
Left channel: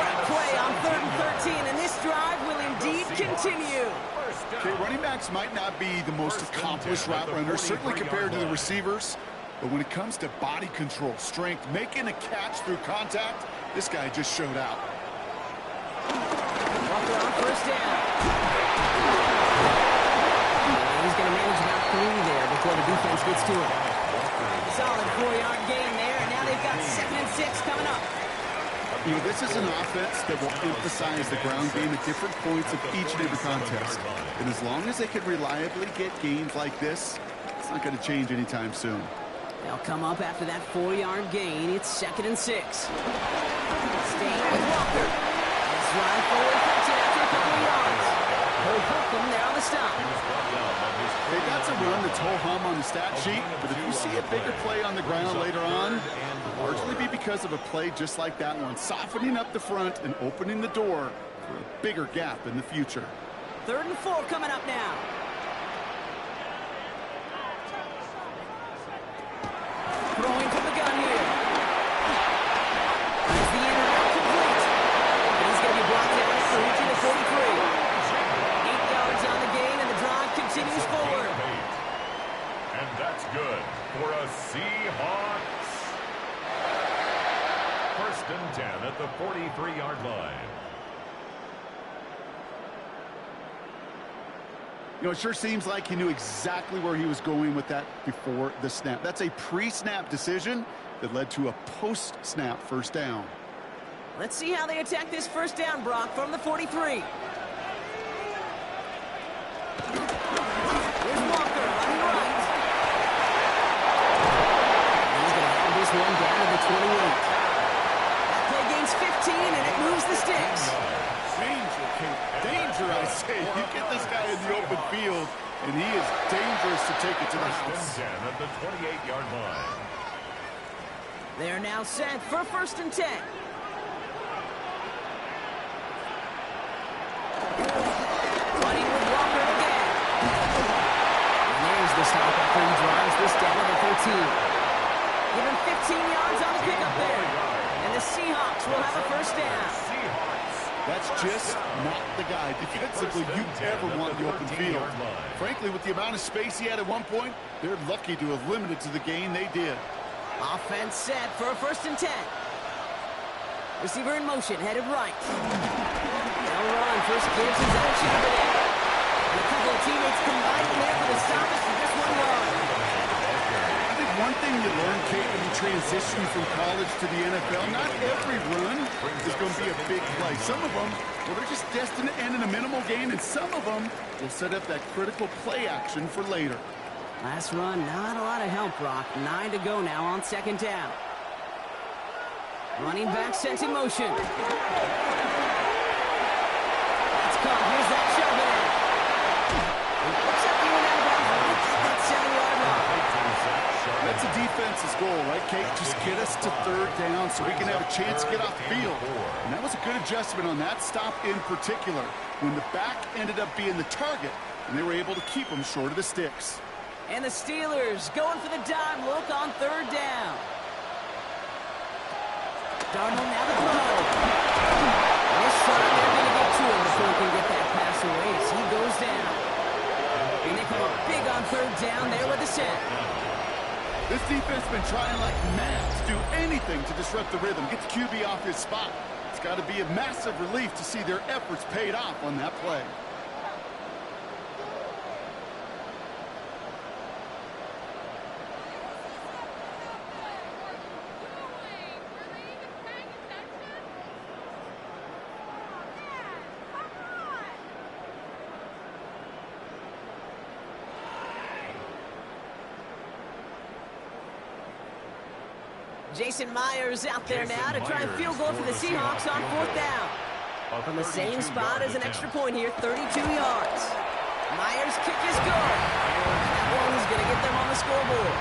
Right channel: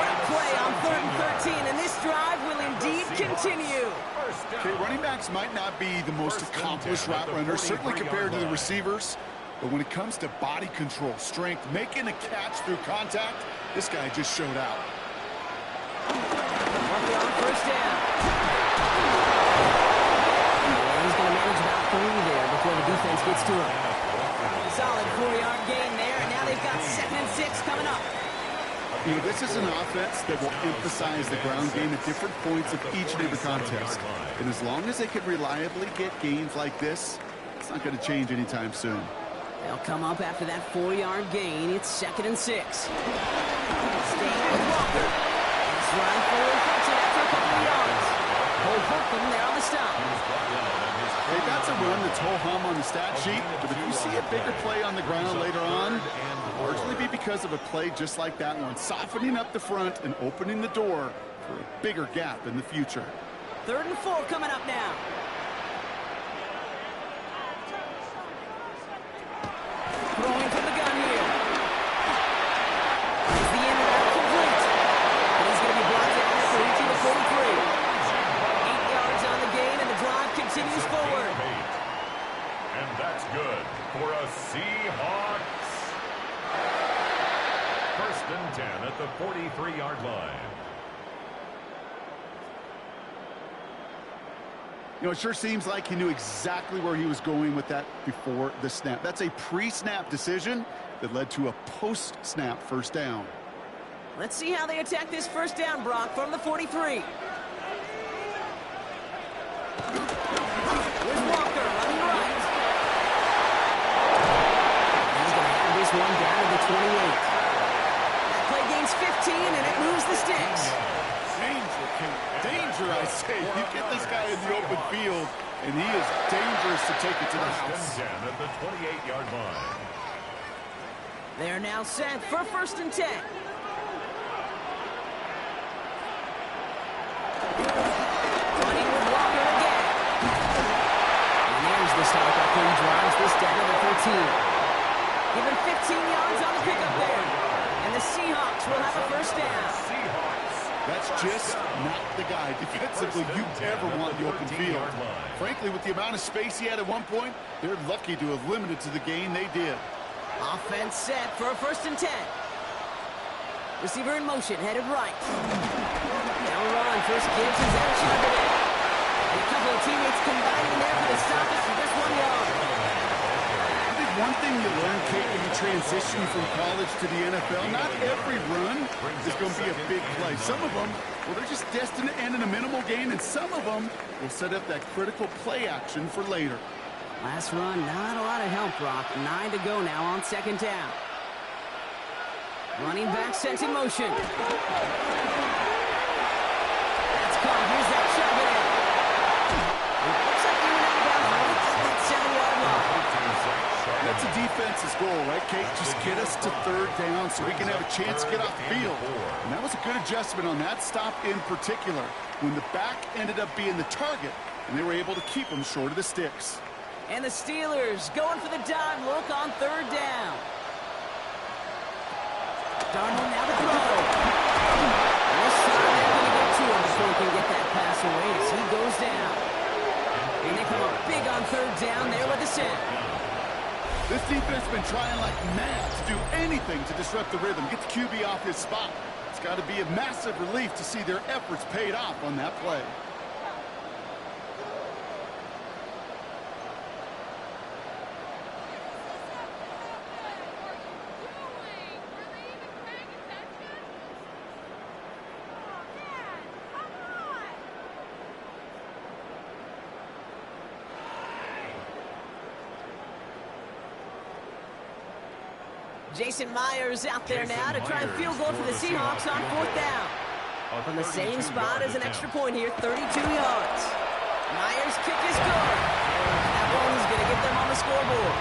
What a play on 3rd and 13, and this drive will indeed continue. Okay, running backs might not be the most accomplished route runners, certainly compared to the receivers. But when it comes to body control, strength, making a catch through contact, this guy just showed out. Walker on 1st down. And he's going to manage about 3 there before the defense gets to him. Solid 4-yard gain there, and now they've got 2nd and 6 coming up. You know, this is an offense that will emphasize the ground game at different points of each and every contest. And as long as they can reliably get gains like this, it's not going to change anytime soon. They'll come up after that 4-yard gain. It's 2nd and 6. Staying with Walker. He's running forward, cuts it after a couple of yards. Cole Holcomb there on the stop. Hey, that's a run that's ho-hum on the stat sheet, but if you see a bigger play on the ground later on, it'll largely be because of a play just like that one, softening up the front and opening the door for a bigger gap in the future. 3rd and 4 coming up now. Throwing from the gun here. Is the in route complete? And he's going to be brought down after reaching the 43. 8 yards on the gain, and the drive continues forward. And that's good for a Seahawks. 1st and 10 at the 43-yard line. You know, it sure seems like he knew exactly where he was going with that before the snap. That's a pre-snap decision that led to a post-snap 1st down. Let's see how they attack this 1st down, Brock, from the 43. Here's Walker running right. He's going to have this one down to the 28. That play gains 15, and it moves the sticks. Danger, Kate. Danger, I say. You get this guy in the open field, and he is dangerous to take it to the house. 1st and 10 at the 28-yard line. They're now set for 1st and 10. the stop after he drives this down to the 13. Given 15 yards on the pickup there. And the Seahawks will have a first down. That's just not the guy defensively you ever want in the open field. Frankly, with the amount of space he had at one point, they're lucky to have limited to the gain they did. Offense set for a 1st and 10. Receiver in motion, headed right. Now run, first Gibbs is out, Charbonnet. And a couple of teammates combining there for the stoppage for just 1 yard. I think one thing you learn, Kate, when you transition from college to the NFL, not every run is going to be a big play. Some of them, well, they're just destined to end in a minimal gain, and some of them will set up that critical play action for later. Last run, not a lot of help, Brock. 9 to go now on 2nd down. Running back sent in motion. That's caught. Here's that Charbonnet. Looks like he went out of bounds right at that 7-yard line. That's a defense's goal, right, Kate? Just get us to 3rd down so we can have a chance to get off the field. And that was a good adjustment on that stop in particular, when the back ended up being the target, and they were able to keep him short of the sticks. And the Steelers going for the dime look on 3rd down. Darnold now the throw. And this time they're going to get to him before he can get that pass away as he goes down. And they come up big on 3rd down there with the set. This defense has been trying like mad to do anything to disrupt the rhythm, get the QB off his spot. It's got to be a massive relief to see their efforts paid off on that play. Jason Myers out there now to try and field goal for the Seahawks on 4th down. From the same spot as an extra point here, 32 yards. Myers' kick is good. That one is going to get them on the scoreboard.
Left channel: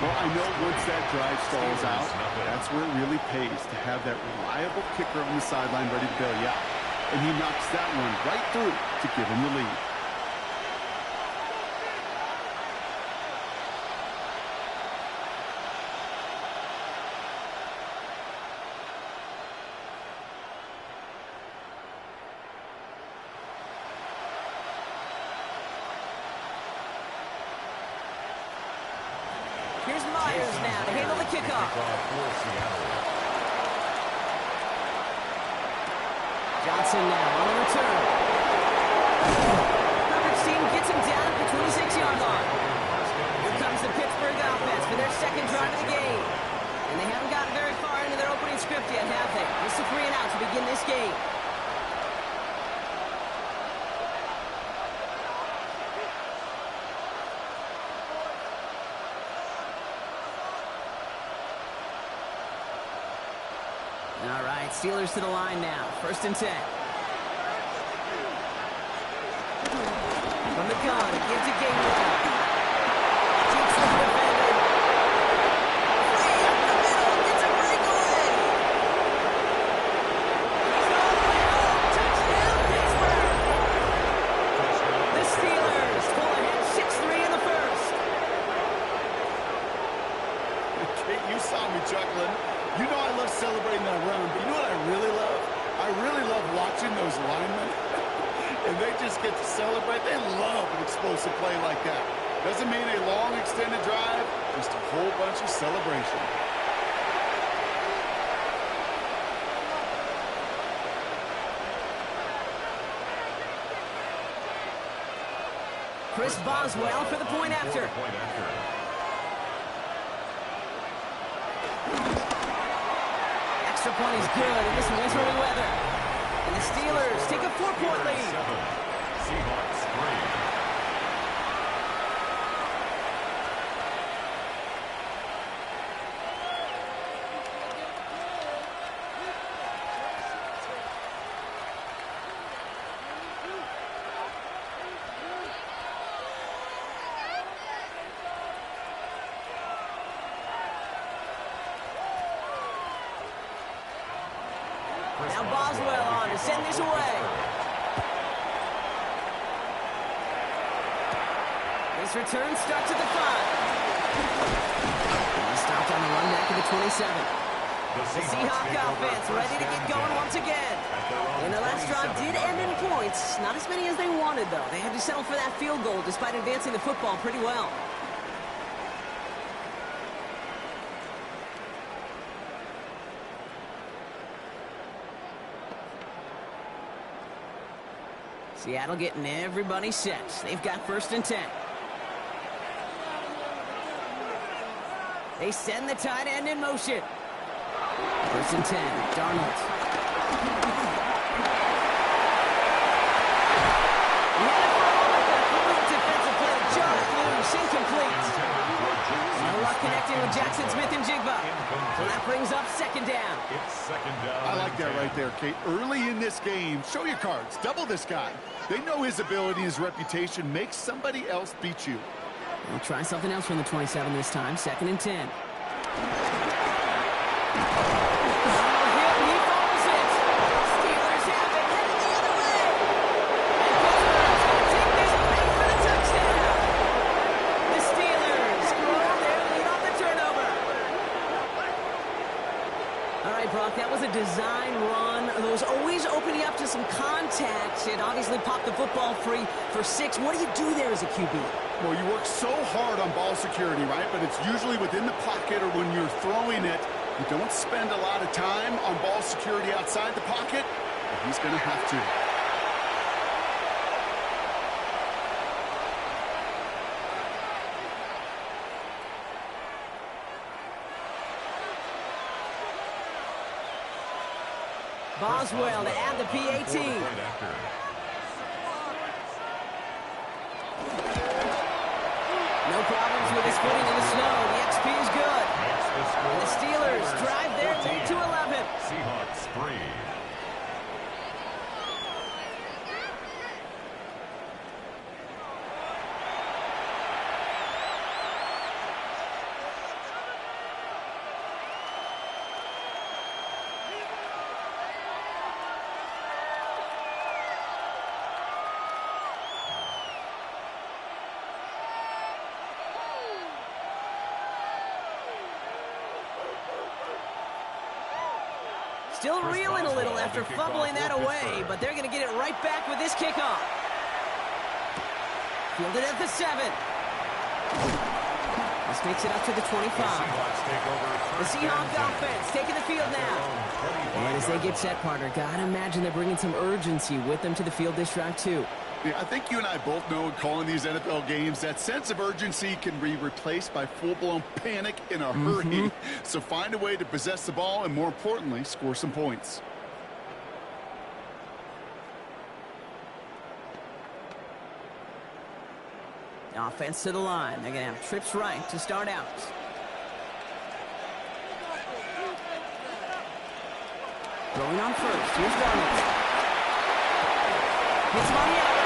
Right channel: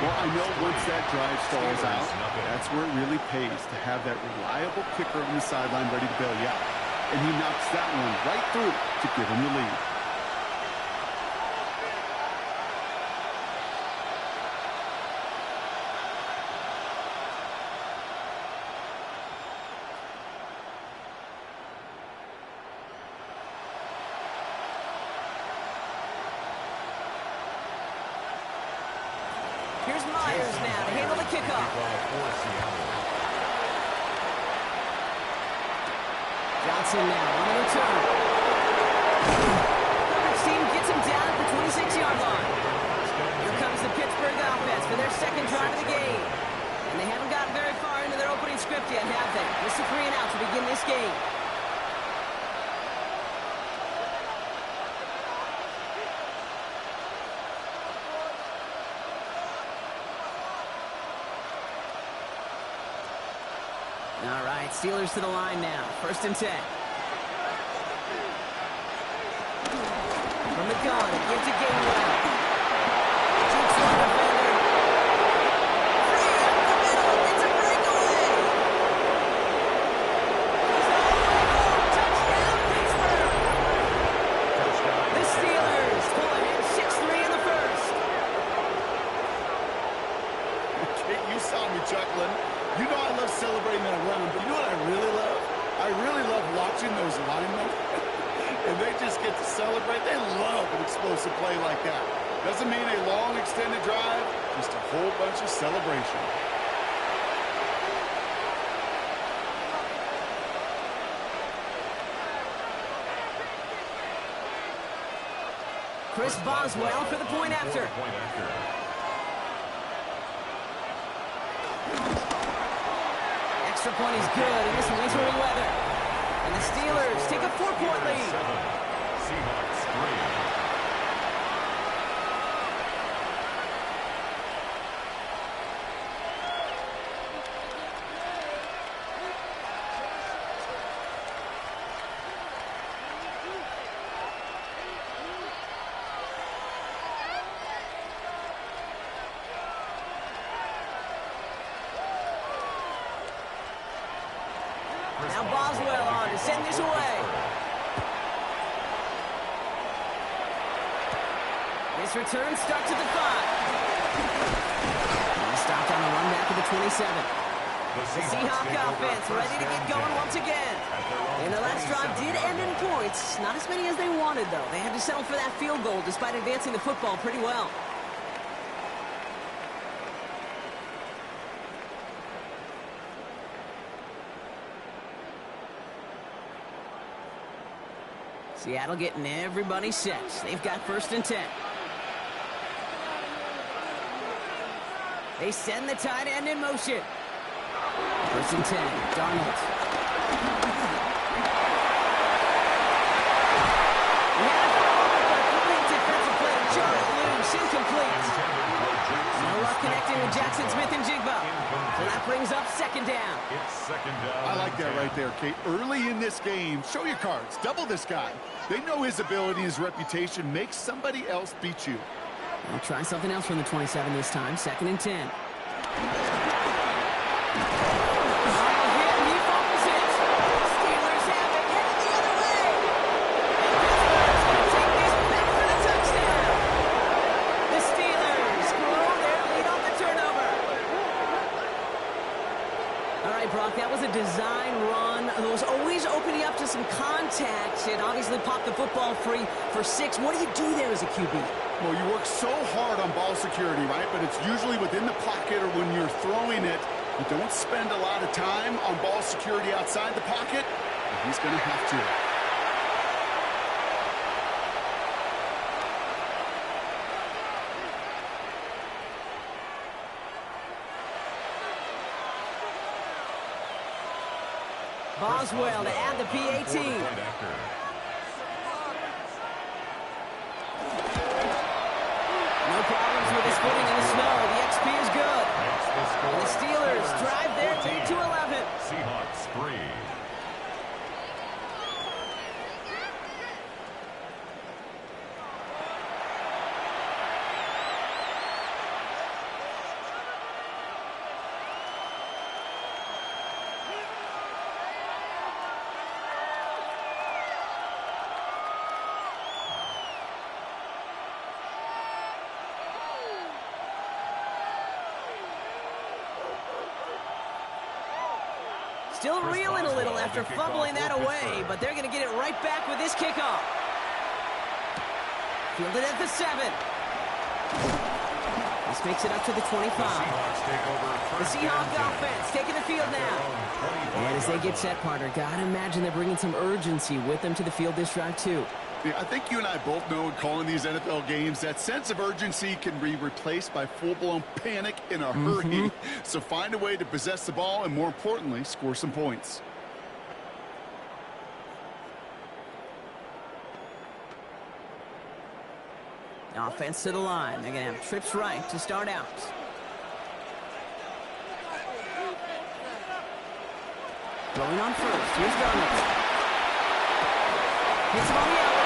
Well, I know once that drive stalls out, that's where it really pays to have that reliable kicker on the sideline ready to bail you out. And he knocks that one right through to give him the lead. Here's Myers now to handle the kickoff. Johnson now on the return. Coverage team gets him down at the 26-yard line. Here comes the Pittsburgh offense for their 2nd drive of the game. And they haven't gotten very far into their opening script yet, have they? Just a 3 and out to begin this game. All right, Steelers to the line now. 1st and 10. From the gun, gives to Gainwell. Deep slot defender. Free up the middle. It's a breakaway. He's all the way home. Touchdown, Pittsburgh. The Steelers pull ahead 6-3 in the 1st. Kate, you saw me chuckling. You know I love celebrating that run, but you know what I really love? I really love watching those linemen, and they just get to celebrate. They love an explosive play like that. Doesn't mean a long, extended drive, just a whole bunch of celebration. Chris Boswell for the point after. Extra point is good in this wintry weather. And the Steelers take a 4-point lead. 7, Seahawks 3. Now Boswell on to send this away. His return starts at the 5. He stopped on the run back at the 27. The Seahawk offense ready to get going once again. And their last drive did end in points. Not as many as they wanted, though. They had to settle for that field goal despite advancing the football pretty well. Seattle getting everybody set. They've got 1st and 10. They send the tight end in motion. 1st and 10, Darnold. He had it for a moment, but a brilliant defensive play to jar it loose, incomplete. No luck connecting with Jackson Smith-Njigba. So that brings up 2nd down. It's 2nd down. I like that right there, Kate. Early in this game, show your cards. Double this guy. They know his ability and his reputation makes somebody else beat you. They'll try something else from the 27 this time. 2nd and 10. Darnold hit, and he fumbles it. Steelers have it, headed the other way. And Pittsburgh's going to take this back for the touchdown. The Steelers grow their lead on the turnover. All right, Brock, that was a design run. Those always opening up to some contact. It obviously popped the football free for 6. What do you do there as a QB? Well, you work so hard on ball security, right? But it's usually within the pocket or when you're throwing it. You don't spend a lot of time on ball security outside the pocket, but he's going to have to. Boswell to add the PAT. No problems with his footing in the snow. The XP is good. And the Steelers drive their lead to 11. Seahawks 3. Still reeling a little after fumbling that away, but they're going to get it right back with this kickoff. Fielded at the 7. This makes it up to the 25. The Seahawks offense taking the field now. And as they get set, partner, gotta imagine they're bringing some urgency with them to the field this drive, too. Yeah, I think you and I both know in calling these NFL games that sense of urgency can be replaced by full-blown panic in a hurry. So find a way to possess the ball and, more importantly, score some points. Offense to the line. They're going to have trips right to start out. Throwing on first. Here's Darnold. Hits him on the outrage.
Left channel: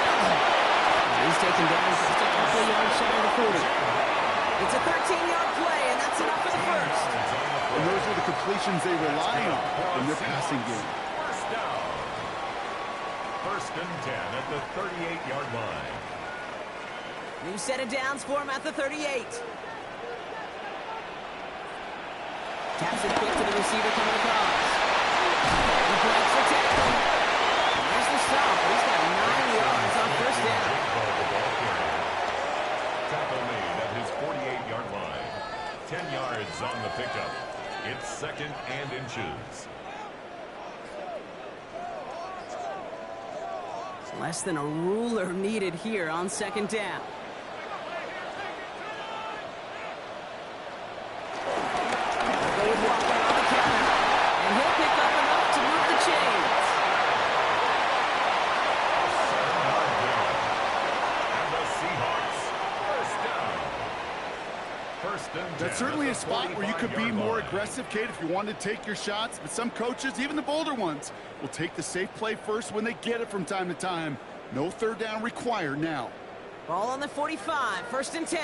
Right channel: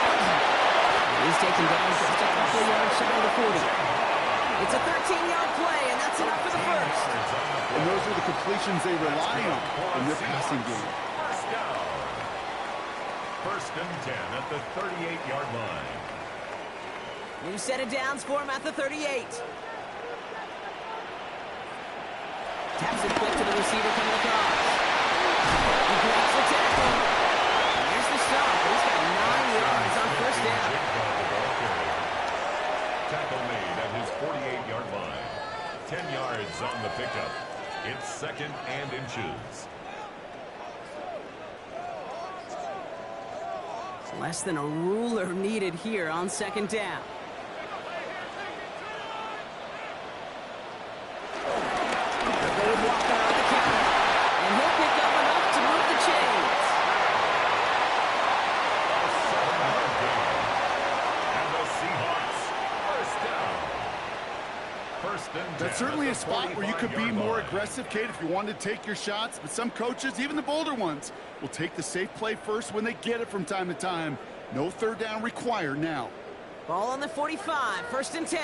He's taken down just a couple of yards shy of the 40. It's a 13-yard play, and that's enough for the first. And those are the completions they rely on in their passing game. First down. 1st and 10 at the 38-yard line. New set of downs for him at the 38. Taps it quick to the receiver coming across. He breaks the tackle. And there's the stop, but he's got 9 yards on 1st down. Tackle made at his 48-yard line. 10 yards on the pickup. It's 2nd and inches. It's less than a ruler needed here on 2nd down. They would walk out on the counter, and he'll pick up enough to move the chains. A 7-yard gain. And the Seahawks, 1st down. 1st and 10. That's certainly a spot where you could be more aggressive, Kate, if you wanted to take your shots. But some coaches, even the bolder ones, will take the safe play first when they get it from time to time. No 3rd down required now. Ball on the 45, 1st and 10.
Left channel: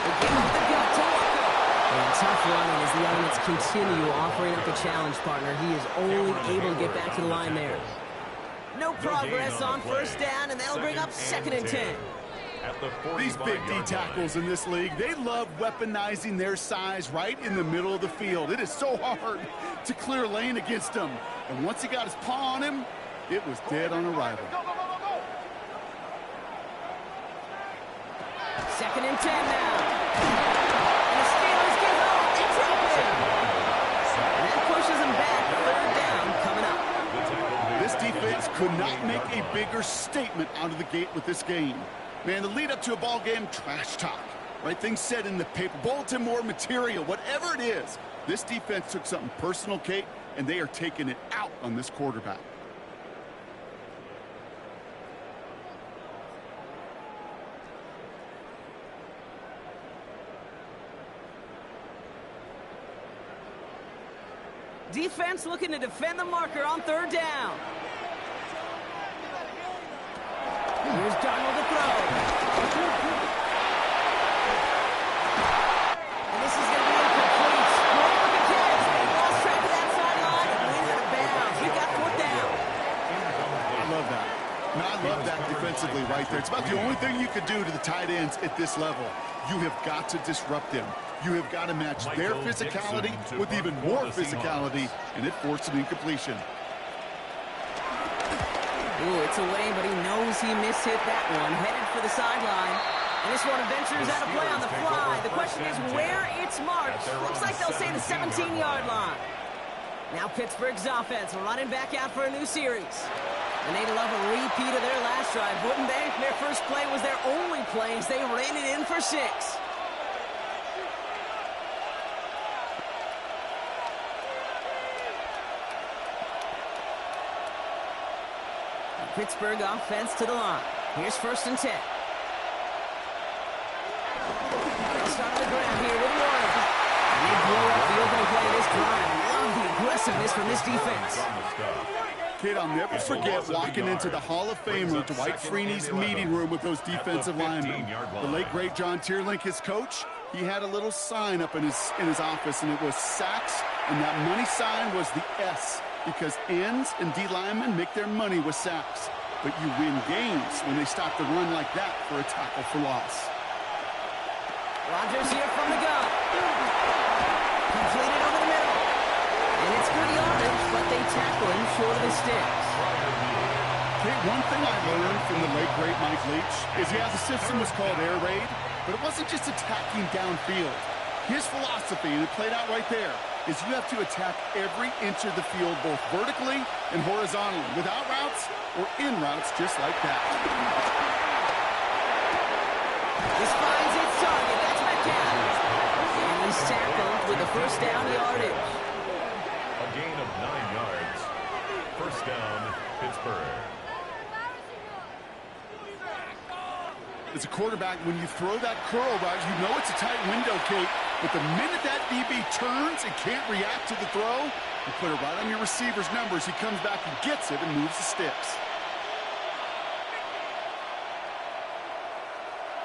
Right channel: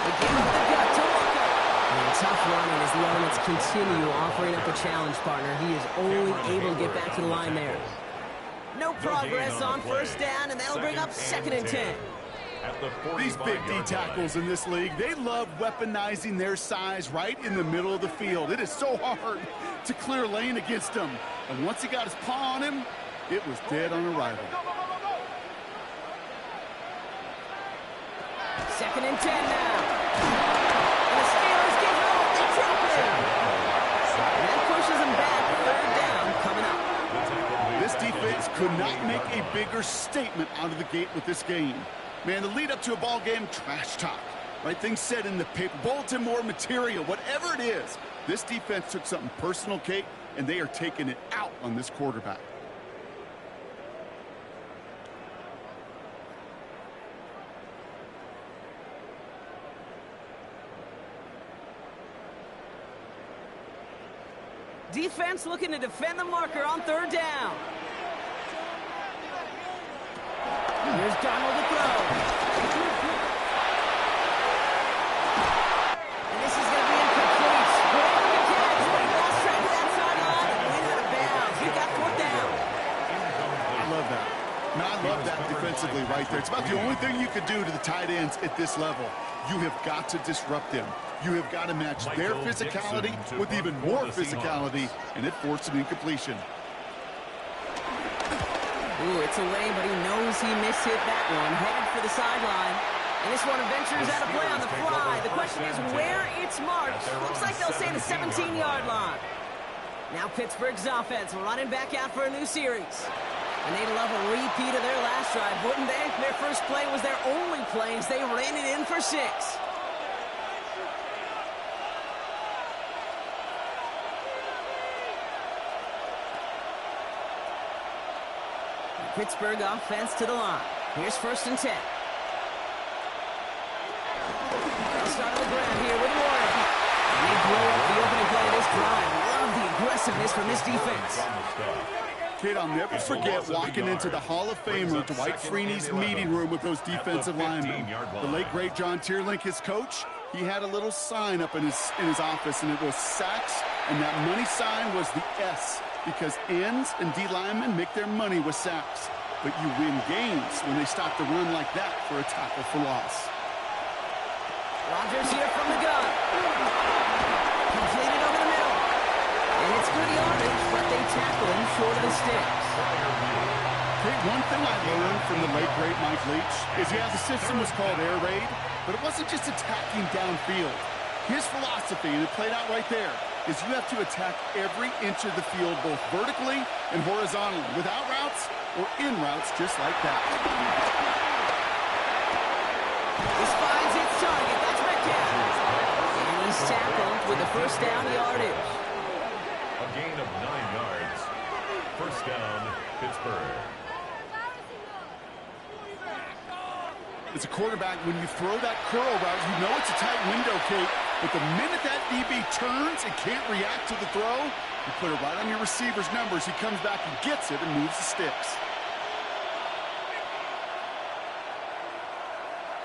They give up the gut to Walker. And tough running as the elements continue offering up a challenge, partner. He is only able to get back to the line there. No progress on first down, and that'll bring up 2nd and 10. At the These big D tackles in this league, they love weaponizing their size right in the middle of the field. It is so hard to clear lane against them. And once he got his paw on him, it was dead on arrival. 2nd and 10 now. And the Steelers get home. They drop it. And that pushes them back. 3rd down coming up. This defense could not make a bigger statement out of the gate with this game. Man, the lead up to a ball game, trash talk. Right things said in the paper, bulletin board material, whatever it is. This defense took something personal, Kate, and they are taking it out on this quarterback. Defense looking to defend the marker on 3rd down. Here's Darnold to throw. And this is going to be incomplete. Great looking catch, but he lost track of that sideline and went out of bounds. We got 4th down. I love that. No, I love that defensively right there. It's about the only thing you could do to the tight ends at this level. You have got to disrupt them. You have got to match their physicality with even more physicality, and it forced an incompletion. Ooh, it's away, but he knows he mishit that one. Headed for the sideline. And this one ventures out of play on the fly. The question is where it's marked. Looks like they'll say the 17-yard line. Now Pittsburgh's offense running back out for a new series. And they'd love a repeat of their last drive, wouldn't they? Their first play was their only play as they ran it in for 6. Pittsburgh offense to the line. Here's 1st and 10. They'll start on the ground here with Warren. And they blow up the opening play of this drive. Love the aggressiveness from this defense. Kid, I'll never forget walking into the Hall of Famer Dwight Freeney's meeting room with those defensive linemen. The late, great John Tierlink, his coach, he had a little sign up in his office, and it was sacks, and that money sign was the S, because ends and D linemen make their money with sacks. But you win games when they stop the run like that for a tackle for loss. Rodgers here from the gun. Completed over the middle. And it's good yardage, but they tackle him short of the sticks. Hey, one thing I learned from the late, great Mike Leach is, yeah, the system was called air raid, but it wasn't just attacking downfield. His philosophy, and it played out right there, is you have to attack every inch of the field, both vertically and horizontally, without routes or in routes just like that. This finds its target. That's Metcalf. And he's tackled with a 1st down yardage. A gain of 9 yards. 1st down, Pittsburgh. As a quarterback, when you throw that curl route, you know it's a tight window, Kate. But the minute that DB turns and can't react to the throw, you put it right on your receiver's numbers. He comes back and gets it and moves the sticks.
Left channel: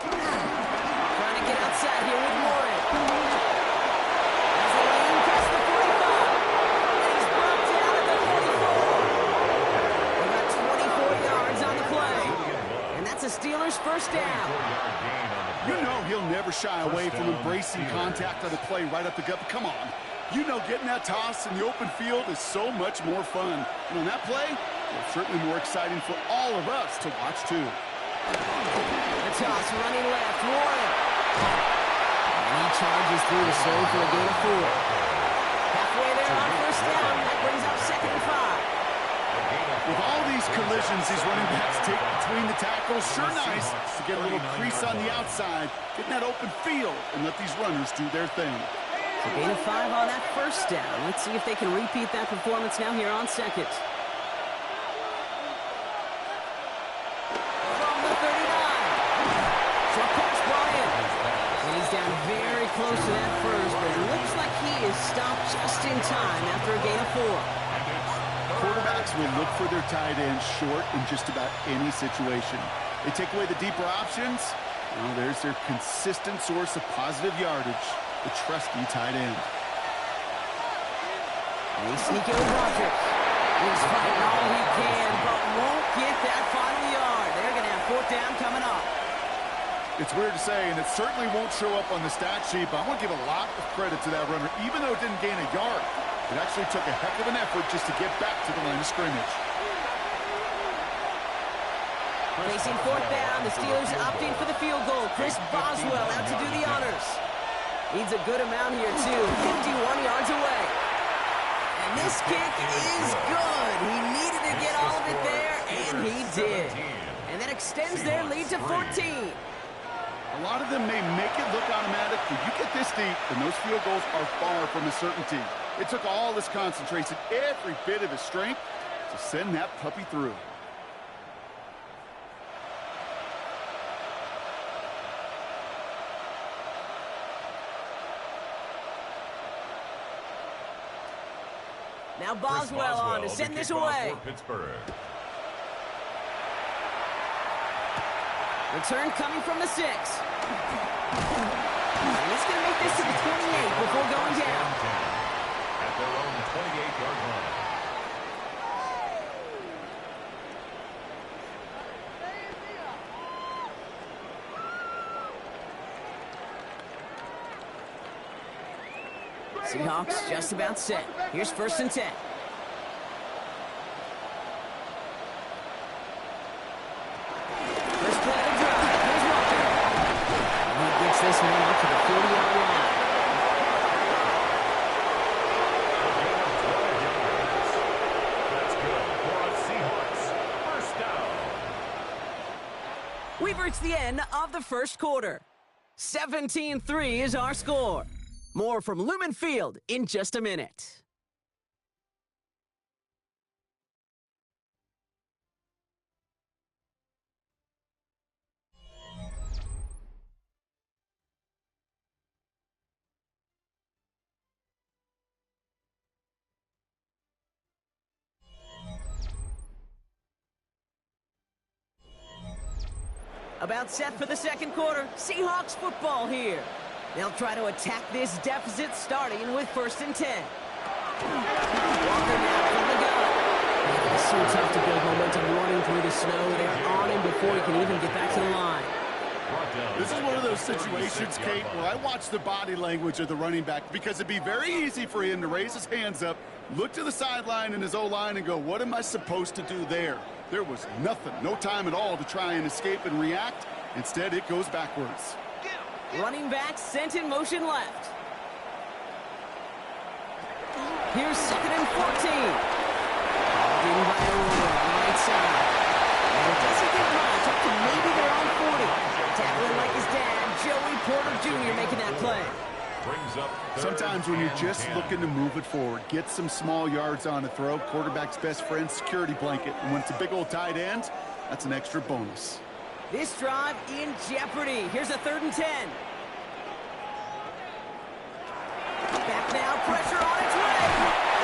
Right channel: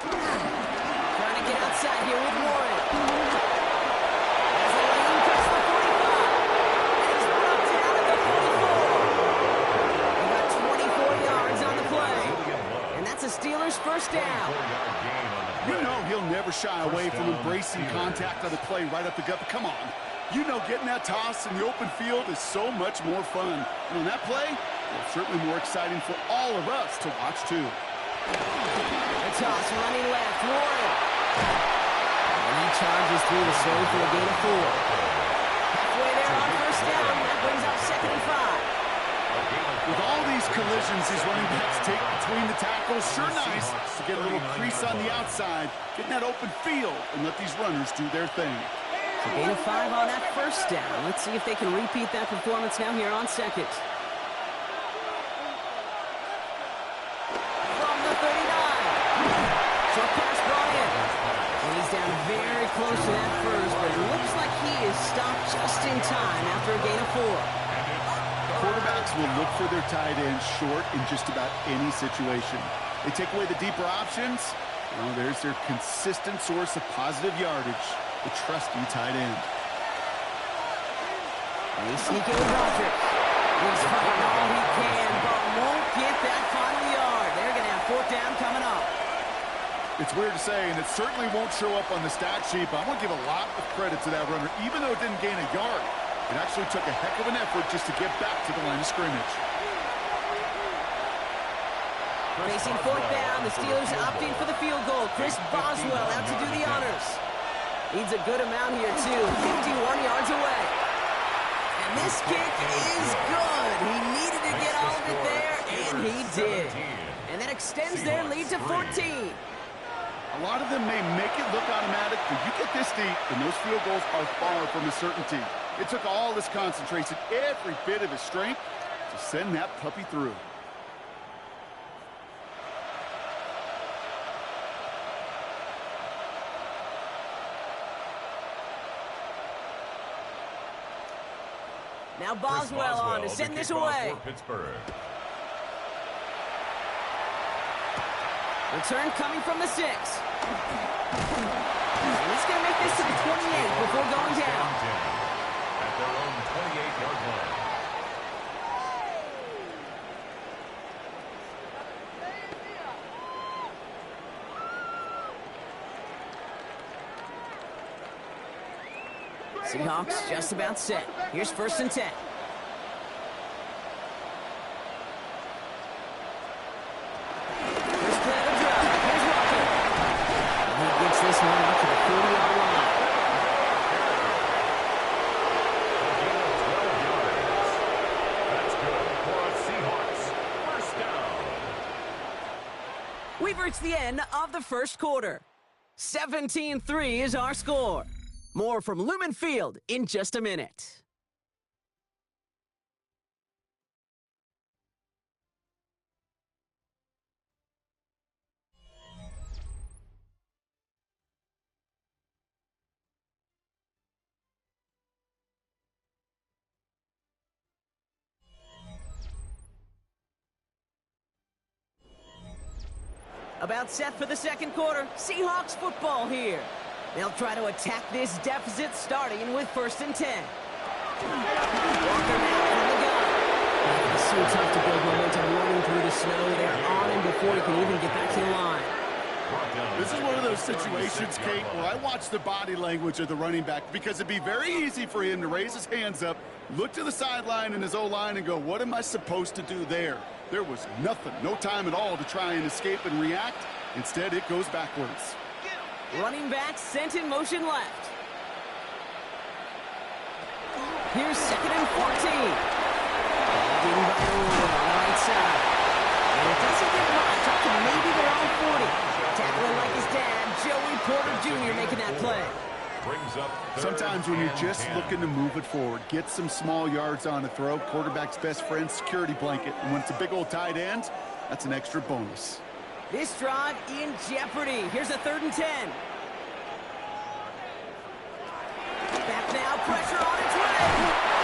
Trying to get outside here with Warren. As the lane past the 45. And he's brought down at the 44. They got 24 yards on the play. And that's a Steelers 1st down. You know he'll never shy away from embracing contact on the play right up the gut. But come on. You know getting that toss in the open field is so much more fun. And on that play, it's certainly more exciting for all of us to watch, too. The toss running left, Warren. And he charges through the zone for a gain of 4. Halfway there on 1st down. That brings up 2nd and 5. With all these collisions these running backs take between the tackles, sure nice to get a little crease on the outside, get in that open field, and let these runners do their thing. So gain of 5 on that 1st down. Let's see if they can repeat that performance now here on 2nd. From the 39. Short pass brought in. And he's down very close to that 1st, but it looks like he is stopped just in time after a gain of 4. Quarterbacks will look for their tight ends short in just about any situation. They take away the deeper options. Well, there's their consistent source of positive yardage, the trusty tight end. And they sneak in with Rodgers. He's fighting all he can, but won't get that final yard. They're going to have fourth down coming up. It's weird to say, and it certainly won't show up on the stat sheet, but I want to give a lot of credit to that runner. Even though it didn't gain a yard, it actually took a heck of an effort just to get back to the line of scrimmage. Facing fourth down, the Steelers opting for the field goal. Chris Boswell out to do the honors. Needs a good amount here, too. 51 yards away. And this kick is good. He needed to get all of it there, and he did. And that extends their lead to 14. A lot of them may make it look automatic, but you get this deep, and those field goals are far from a certainty. It took all his concentration, every bit of his strength, to send that puppy through. Now Boswell on to send this away. Return coming from the 6. And he's going to make this to the 28 before going down. At their own 28-yard line. Seahawks just about set. Here's 1st and 10. First play of the drive. Here's Walker. And he gets this one out to the 40-yard line. A gain of 12 yards. That's good for a Seahawks. First down. We've reached the end of the first quarter. 17-3 is our score. More from Lumen Field in just a minute. About set for the second quarter. Seahawks football here. They'll try to attack this deficit starting with 1st and 10. Walker now from the gun. It's so tough to build momentum running through the snow. They're on him before he can even get back to the line. This is one of those situations, Kate, where I watch the body language of the running back because it'd be very easy for him to raise his hands up, look to the sideline in his O-line and go, what am I supposed to do there? There was nothing, no time at all to try and escape and react. Instead, it goes backwards. Running back sent in motion left. Here's 2nd and 14. Called in by Earl on the right side. And it doesn't get much, up to maybe their own 40. Tackling like his dad, Joey Porter Jr. making that play. Sometimes when you're just looking to move it forward, get some small yards on a throw, quarterback's best friend, security blanket. And when it's a big old tight end, that's an extra bonus. This drive in jeopardy. Here's a 3rd and 10. Back now, pressure on its way.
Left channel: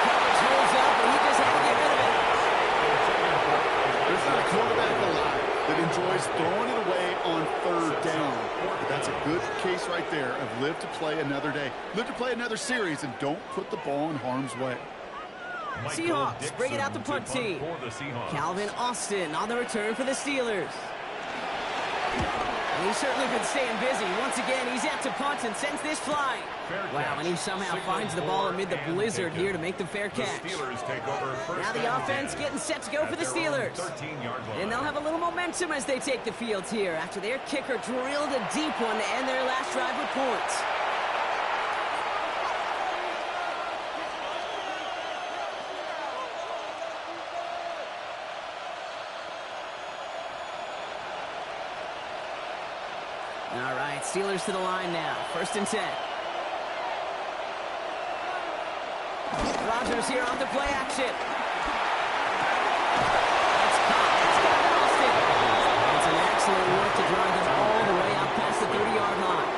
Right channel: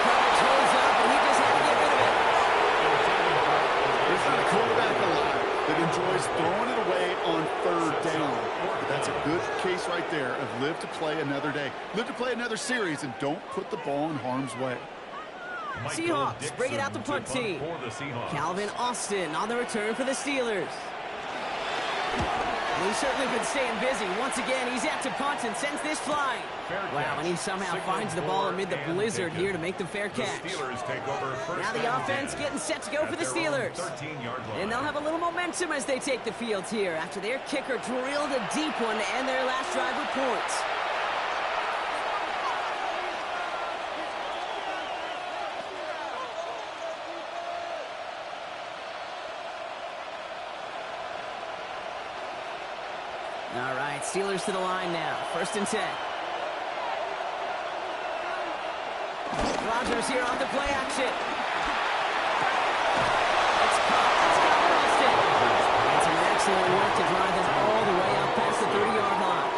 Coverage holds up, and he just had to get rid of it. There's not a quarterback alive that enjoys throwing it away on 3rd down. But that's a good case right there of live to play another day. Live to play another series, and don't put the ball in harm's way. Seahawks bring it out the punt team. Calvin Austin on the return for the Steelers. And he's certainly been staying busy. Once again, he's out to punt and sends this flying. Wow, and he somehow finds the ball amid the blizzard here to make the fair catch. Now the offense getting set to go for the Steelers. And they'll have a little momentum as they take the field here after their kicker drilled a deep one to end their last drive with points. All right, Steelers to the line now. 1st and 10. Rodgers here on the play action. It's caught. It's Calvin Austin. And some excellent work to drive them all the way out past the 30-yard line.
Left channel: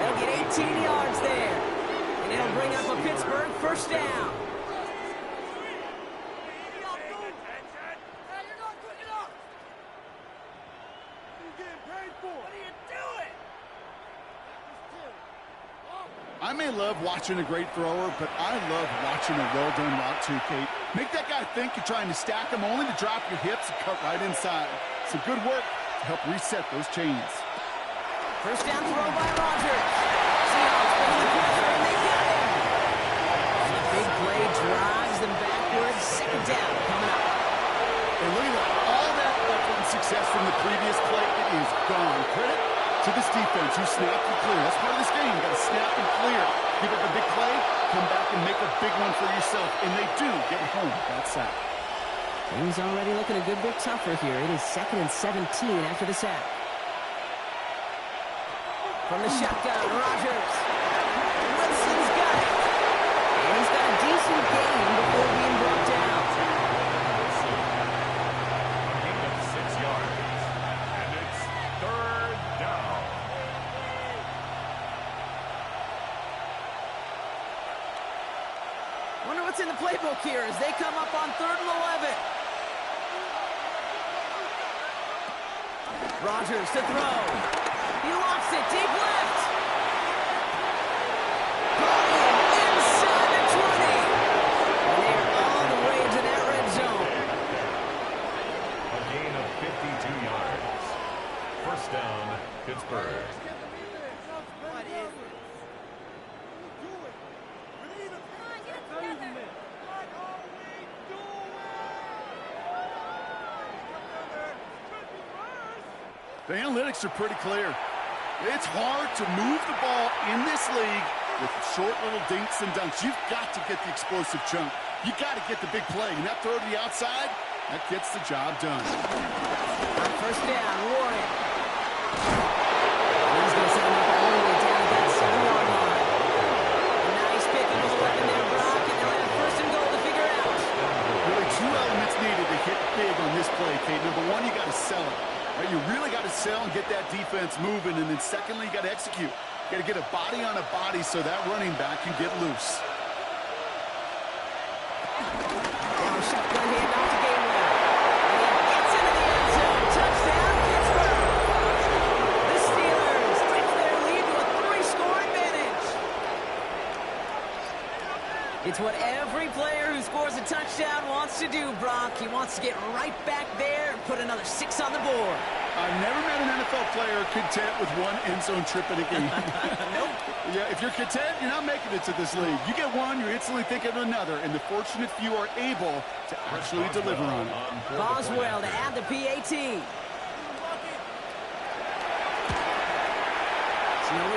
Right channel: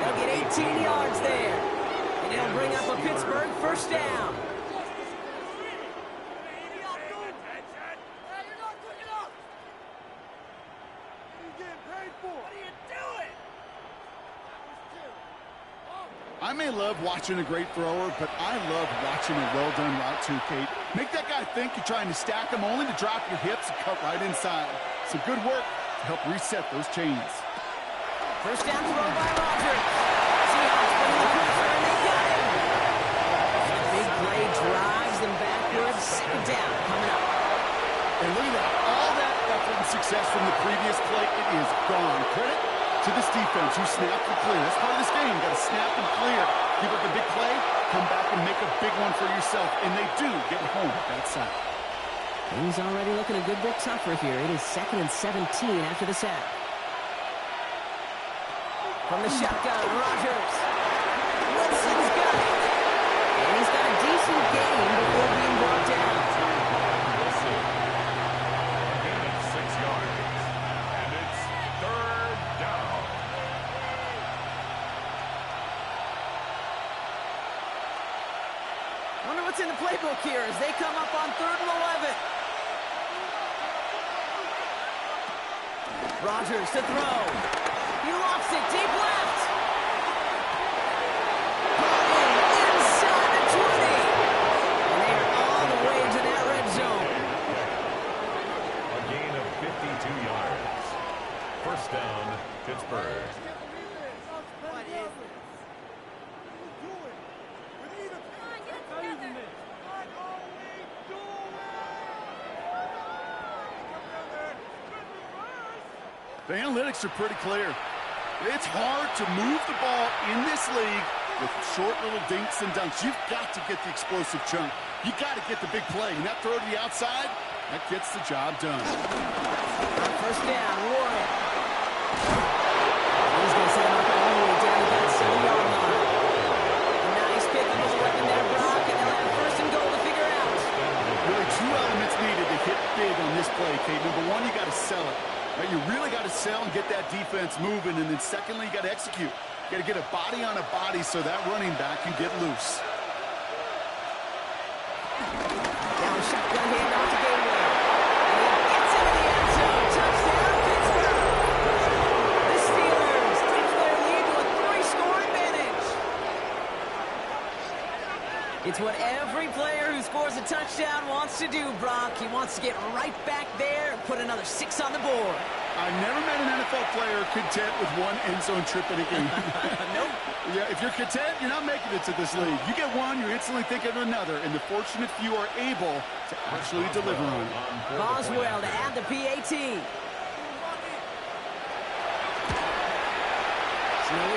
They'll get 18 yards there. And it'll bring up a Pittsburgh 1st down. I may love watching a great thrower, but I love watching a well-done route too, Kate. Make that guy think you're trying to stack him only to drop your hips and cut right inside. Some good work to help reset those chains. First down throw by Rodgers. Seahawks putting the pressure, and they got him. And the big play drives them backwards. Second down coming up. And look at that. All that effort and success from the previous play, it is gone. Credit to this defense who snapped and clear. That's part of this game. You got to snap and clear. Give up a big play, come back and make a big one for yourself. And they do get home with that sack. Things already looking a good bit tougher here. It is 2nd and 17 after the sack. From the shotgun, Rodgers. Wilson's got it. And he's got a decent gain before being brought down. Wilson. A gain of 6 yards. And it's 3rd down. Wonder what's in the playbook here as they come up on 3rd and 11. Rodgers to throw. He locks it deep left. Brought in inside the 20. And they are all the way to that red zone. A gain of 52 yards. First down, Pittsburgh. What is this? Do it. We need a what are we doing? The analytics are pretty clear. It's hard to move the ball in this league with short little dinks and dunks. You've got to get the explosive chunk. You got to get the big play. And that throw to the outside, that gets the job done. On first down, Warren. He's going to set him up all the way down at that 7-yard line. A nice pick of 11 there, Brock, and they'll have first and goal to figure out. Really 2 elements needed to hit big on this play, Kate. Number 1, you got to sell it. Right, you really got to sell and get that defense moving. And then secondly, you got to execute. You got to get a body on a body so that running back can get loose. Now a shotgun handoff to Gainwell. And he gets into the end zone. Touchdown, Pittsburgh. The Steelers stretch their lead to a 3-score advantage. It's what every player who scores a touchdown wants to do, Brock. He wants to get right back there and put another 6 on the board. I've never met an NFL player content with 1 end zone trip in a game. Nope. Yeah, if you're content, you're not making it to this league. You get 1, you're instantly thinking of another, and the fortunate few are able to actually deliver on it. Boswell to add the PAT. Snowy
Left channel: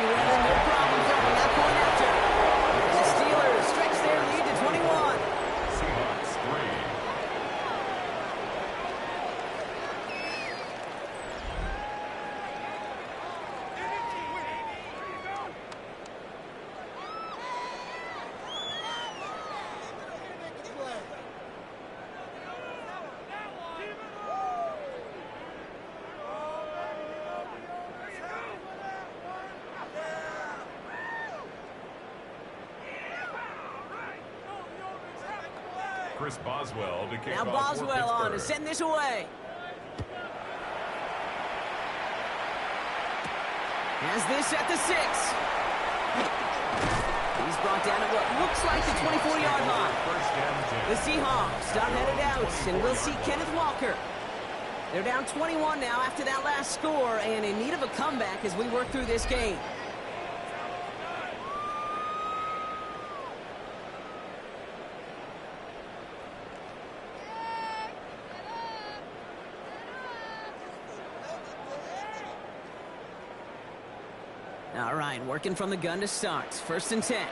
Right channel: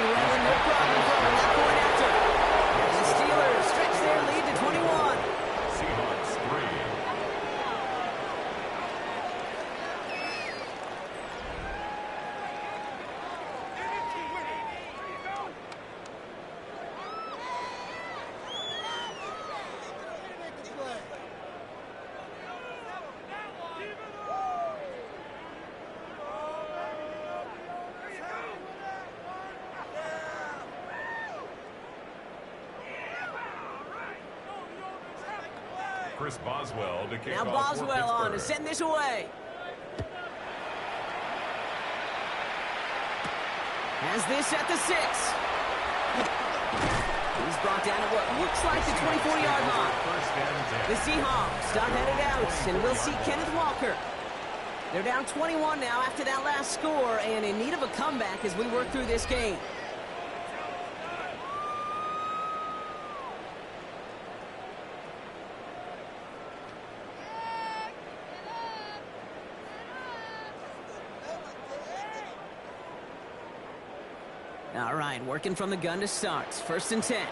weather, no problem throwing that point after. And the Steelers stretch their lead to 21. Seahawks 3. Chris Boswell to kick Now off for Boswell on to Pittsburgh. send this away. Has this at the 6. He's brought down at what looks like the 24-yard line. First and 10. The Seahawks are headed out, and we'll see Kenneth Walker. They're down 21 now after that last score, and in need of a comeback as we work through this game. All right, working from the gun to start. First and 10.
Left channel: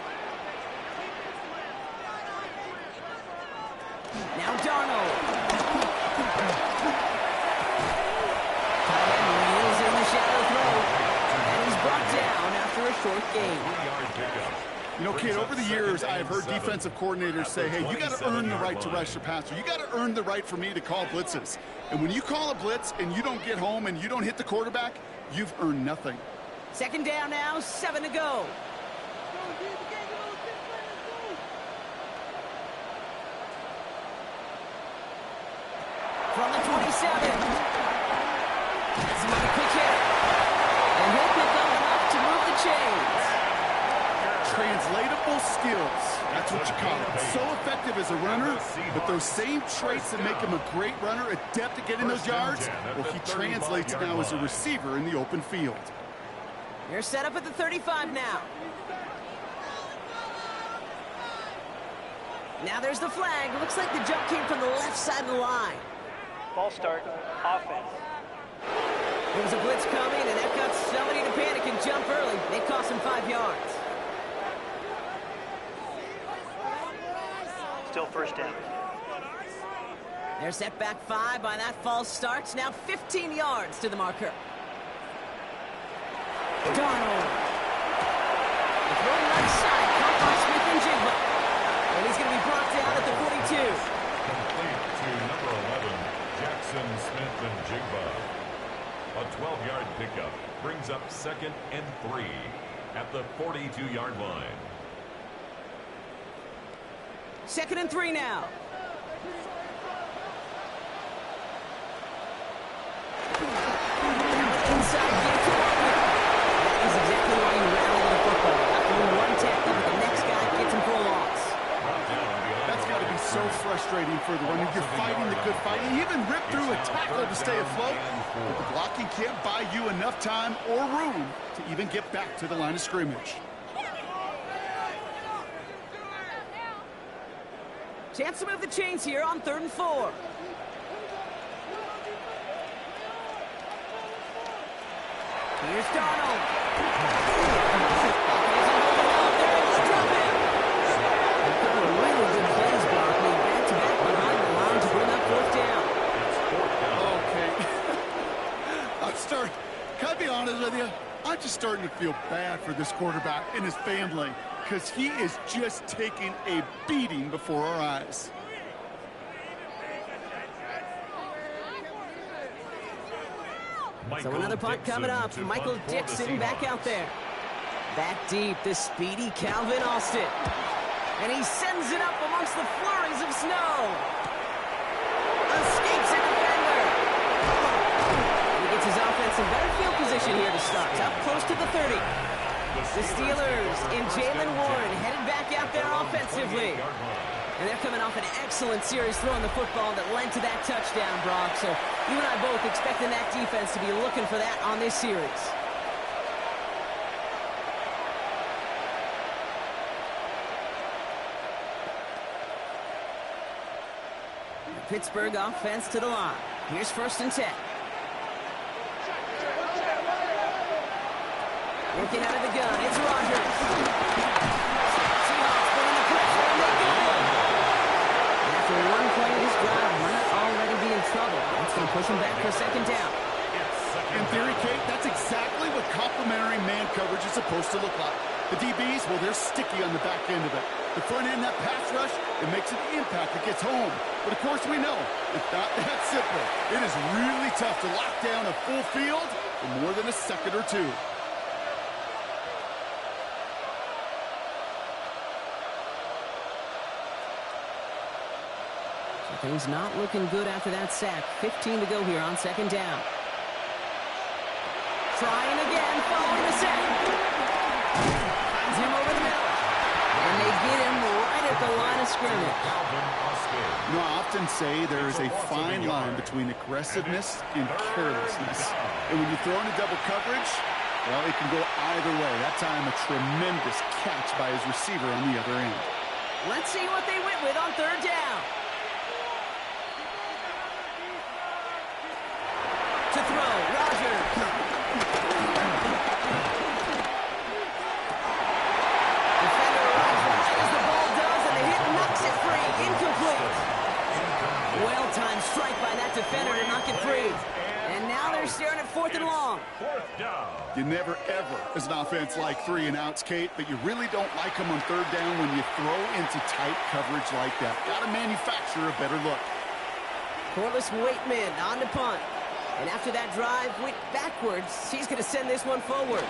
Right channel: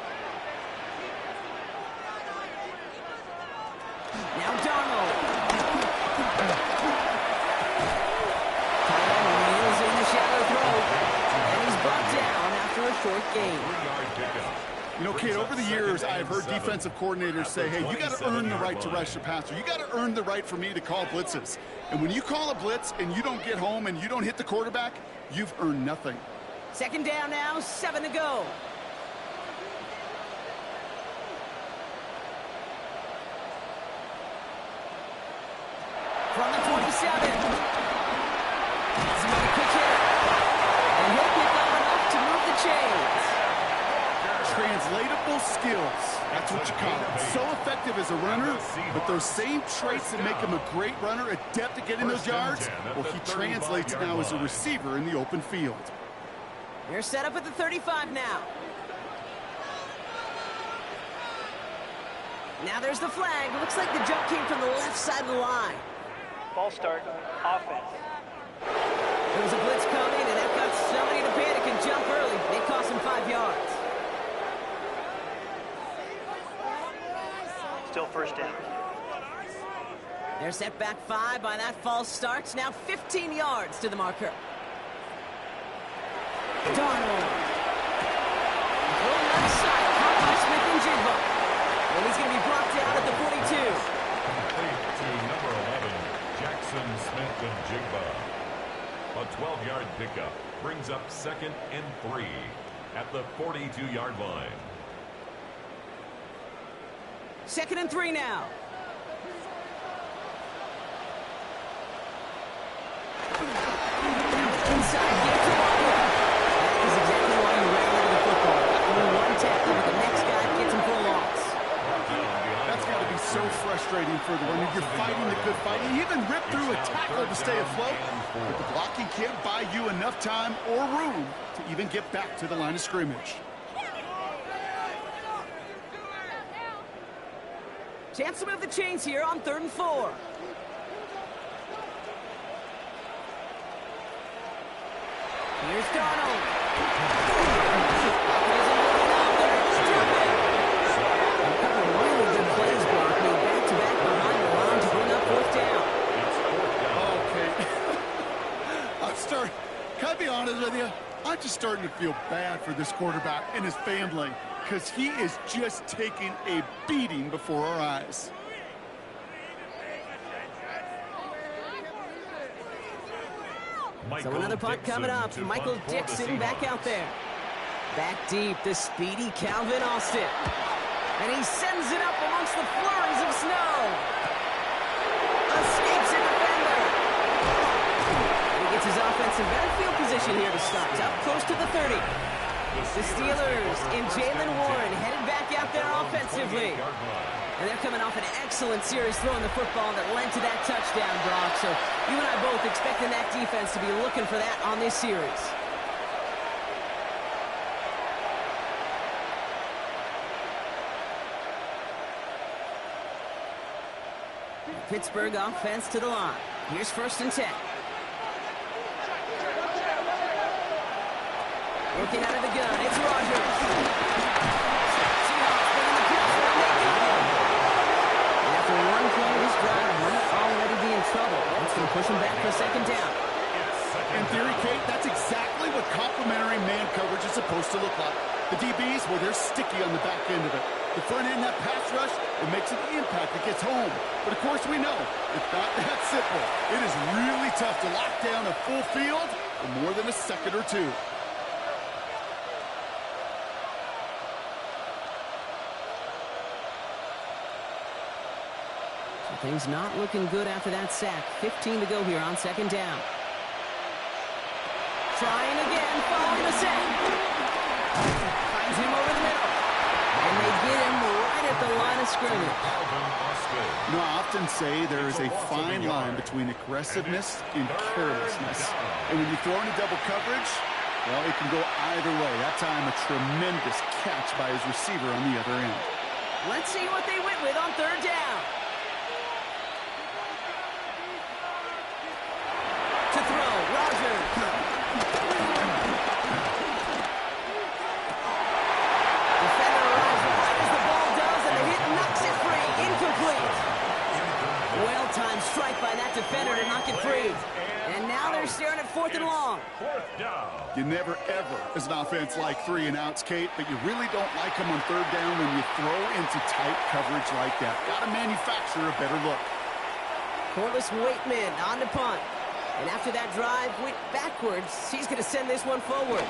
Now Darnold. Tight end reels in the shallow throw. And he's brought down after a short gain. 3-yard pickup. You know, Kate, over the years, I've heard defensive coordinators say, hey, you got to earn the right to rush the passer. You got to earn the right for me to call blitzes. And when you call a blitz and you don't get home and you don't hit the quarterback, you've earned nothing. Second down now, 7 to go. From the 27. That's another quick hitter. And he'll pick up enough to move the chains. Translatable skills. That's what you call it. So effective as a runner, but those same traits that make him a great runner, adept at getting those yards, well, he translates now as a receiver in the open field. They're set up at the 35 now. Now there's the flag. Looks like the jump came from the left side of the line. False start, offense. There was a blitz coming, and that got somebody to panic and jump early. It cost him 5 yards. Still first down. They're set back 5 by that false start. Now 15 yards to the marker. Darnold. Throw left side, caught by Smith and Jigba. And he's going to be brought down at the 42. Complete to number 11, Jackson Smith and Jigba. A 12-yard pickup brings up 2nd and 3 at the 42-yard line. 2nd and 3 now. Now it's inside, get to Walker. That is exactly why you rally to the football. After one tackle, but the next guy gets him for a loss. That's got to be so frustrating for the runner. You're fighting the good fight. You even rip through a tackle to stay afloat, but the blocking can't buy you enough time or room to even get back to the line of scrimmage. Chance to move the chains here on 3rd and 4. Here's Darnold. Pocket isn't moving up. They're able to drop it. A couple of really good plays, Brock, made back-to-back behind the line to bring up 4th down. It's 4th down. Okay. Can I be honest with you? I'm just starting to feel bad for this quarterback and his family because he is just taking a beating before our eyes. So another punt coming up. Michael Dixon back out there. Back deep, the speedy Calvin Austin. And he sends it up amongst the flurries of snow. Escapes a defender. And he gets his offense in better field position here to start. Up close to the 30. The Steelers and Jalen Warren headed back out there offensively. And they're coming off an excellent series throwing the football that led to that touchdown, Brock. So you and I both expecting that defense to be looking for that on this series. The Pittsburgh offense to the line. Here's 1st and 10. Working out of the gun, it's Rodgers. Seahawks bringing the pressure, and they got him. And after one play, this drive might already be in trouble. That's going to push him back for 2nd down. In theory, Kate, that's exactly what complementary man coverage is supposed to look like. The DBs, well, they're sticky on the back end of it. The front end, that pass rush, it makes an impact. It gets home. But, of course, we know it's not that simple. It is really tough to lock down a full field for more than a second or two. So things not looking good after that sack. 15 to go here on 2nd down. Trying again, following the sack. Finds him over the middle. And they get him right at the line of scrimmage. You know, I often say there is a fine line between aggressiveness and carelessness. And when you throw into double coverage, well, it can go either way. That time, a tremendous catch by his receiver on the other end. Let's see what they went with on 3rd down. To throw, Rodgers. Defender arrives right as the ball does, and the hit knocks it free. Incomplete. Well-timed strike by that defender to knock it free. And now they're staring at 4th and long. 4th down. You never, ever, as an offense, like 3 and outs, Kate, but you really don't like them on 3rd down when you throw into tight coverage like that. Got to manufacture a better look. Corliss Waitman on to punt. And after that drive went backwards, he's going to send this one forward.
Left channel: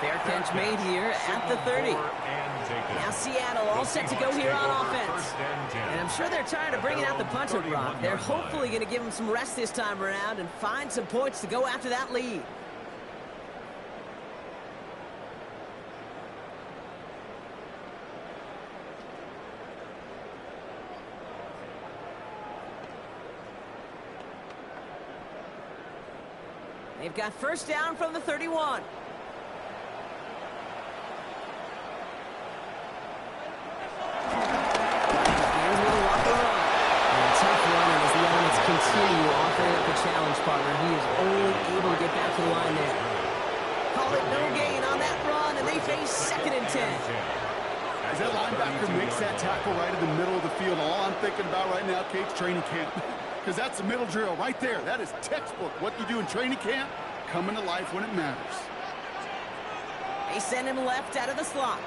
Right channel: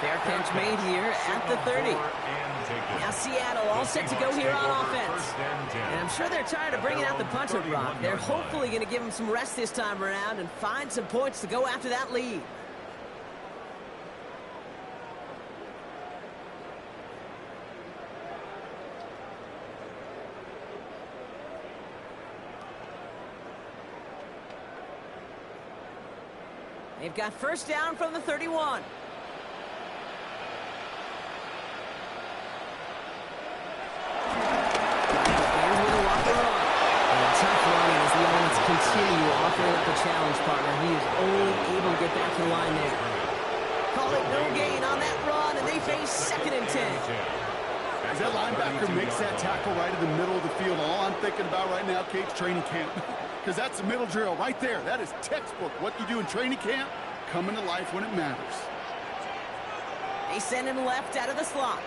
Fair catch made here at the 30. Now Seattle all set to go here on offense. And I'm sure they're tired of bringing out the punter, Brock. They're hopefully going to give him some rest this time around and find some points to go after that lead. They've got first down from the 31. Begins with a walker run. And tough running as the elements continue offering up a challenge partner. He is only able to get back to the line there. Call it no gain on that run, and they face 2nd and 10. As that linebacker makes that tackle right in the middle of the field, all I'm thinking about right now, Kate's training camp. Because that's the middle drill right there. That is textbook. What you do in training camp, coming to life when it matters. They send him left out of the slot.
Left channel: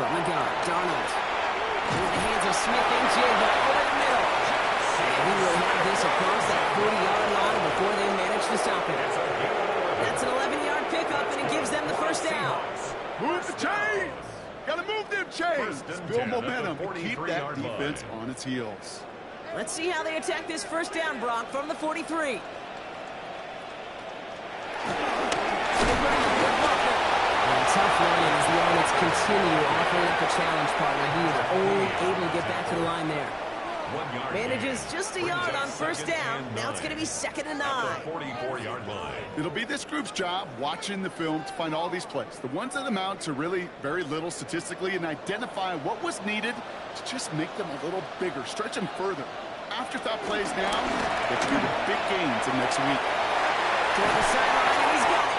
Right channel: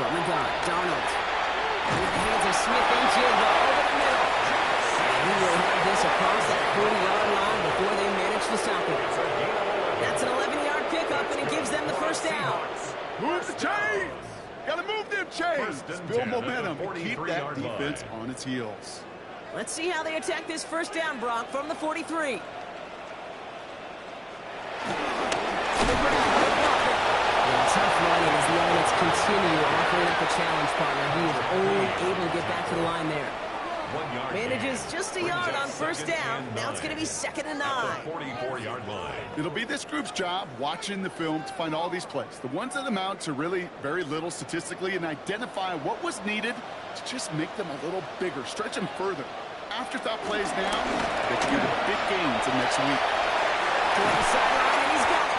From the gun, Darnold. Into the hands of Smith and Jigba over the middle. And he will have this across that 40-yard line before they manage to stop him. That's an 11-yard pickup, and it gives them the first down. Move the chains! Gotta move them chains! Build momentum and keep that defense on its heels. Let's see how they attack this first down, Brock, from the 43. And tough running as the elements continue offering up a challenge partner. He is only able to get back to the line there. Manages just a yard on first down. Now it's going to be 2nd and 9. 44-yard line. It'll be this group's job watching the film to find all these plays. The ones that amount to really very little statistically and identify what was needed to just make them a little bigger, stretch them further. Afterthought plays now that can give them big gains in next week. Toward the sideline, and he's got it.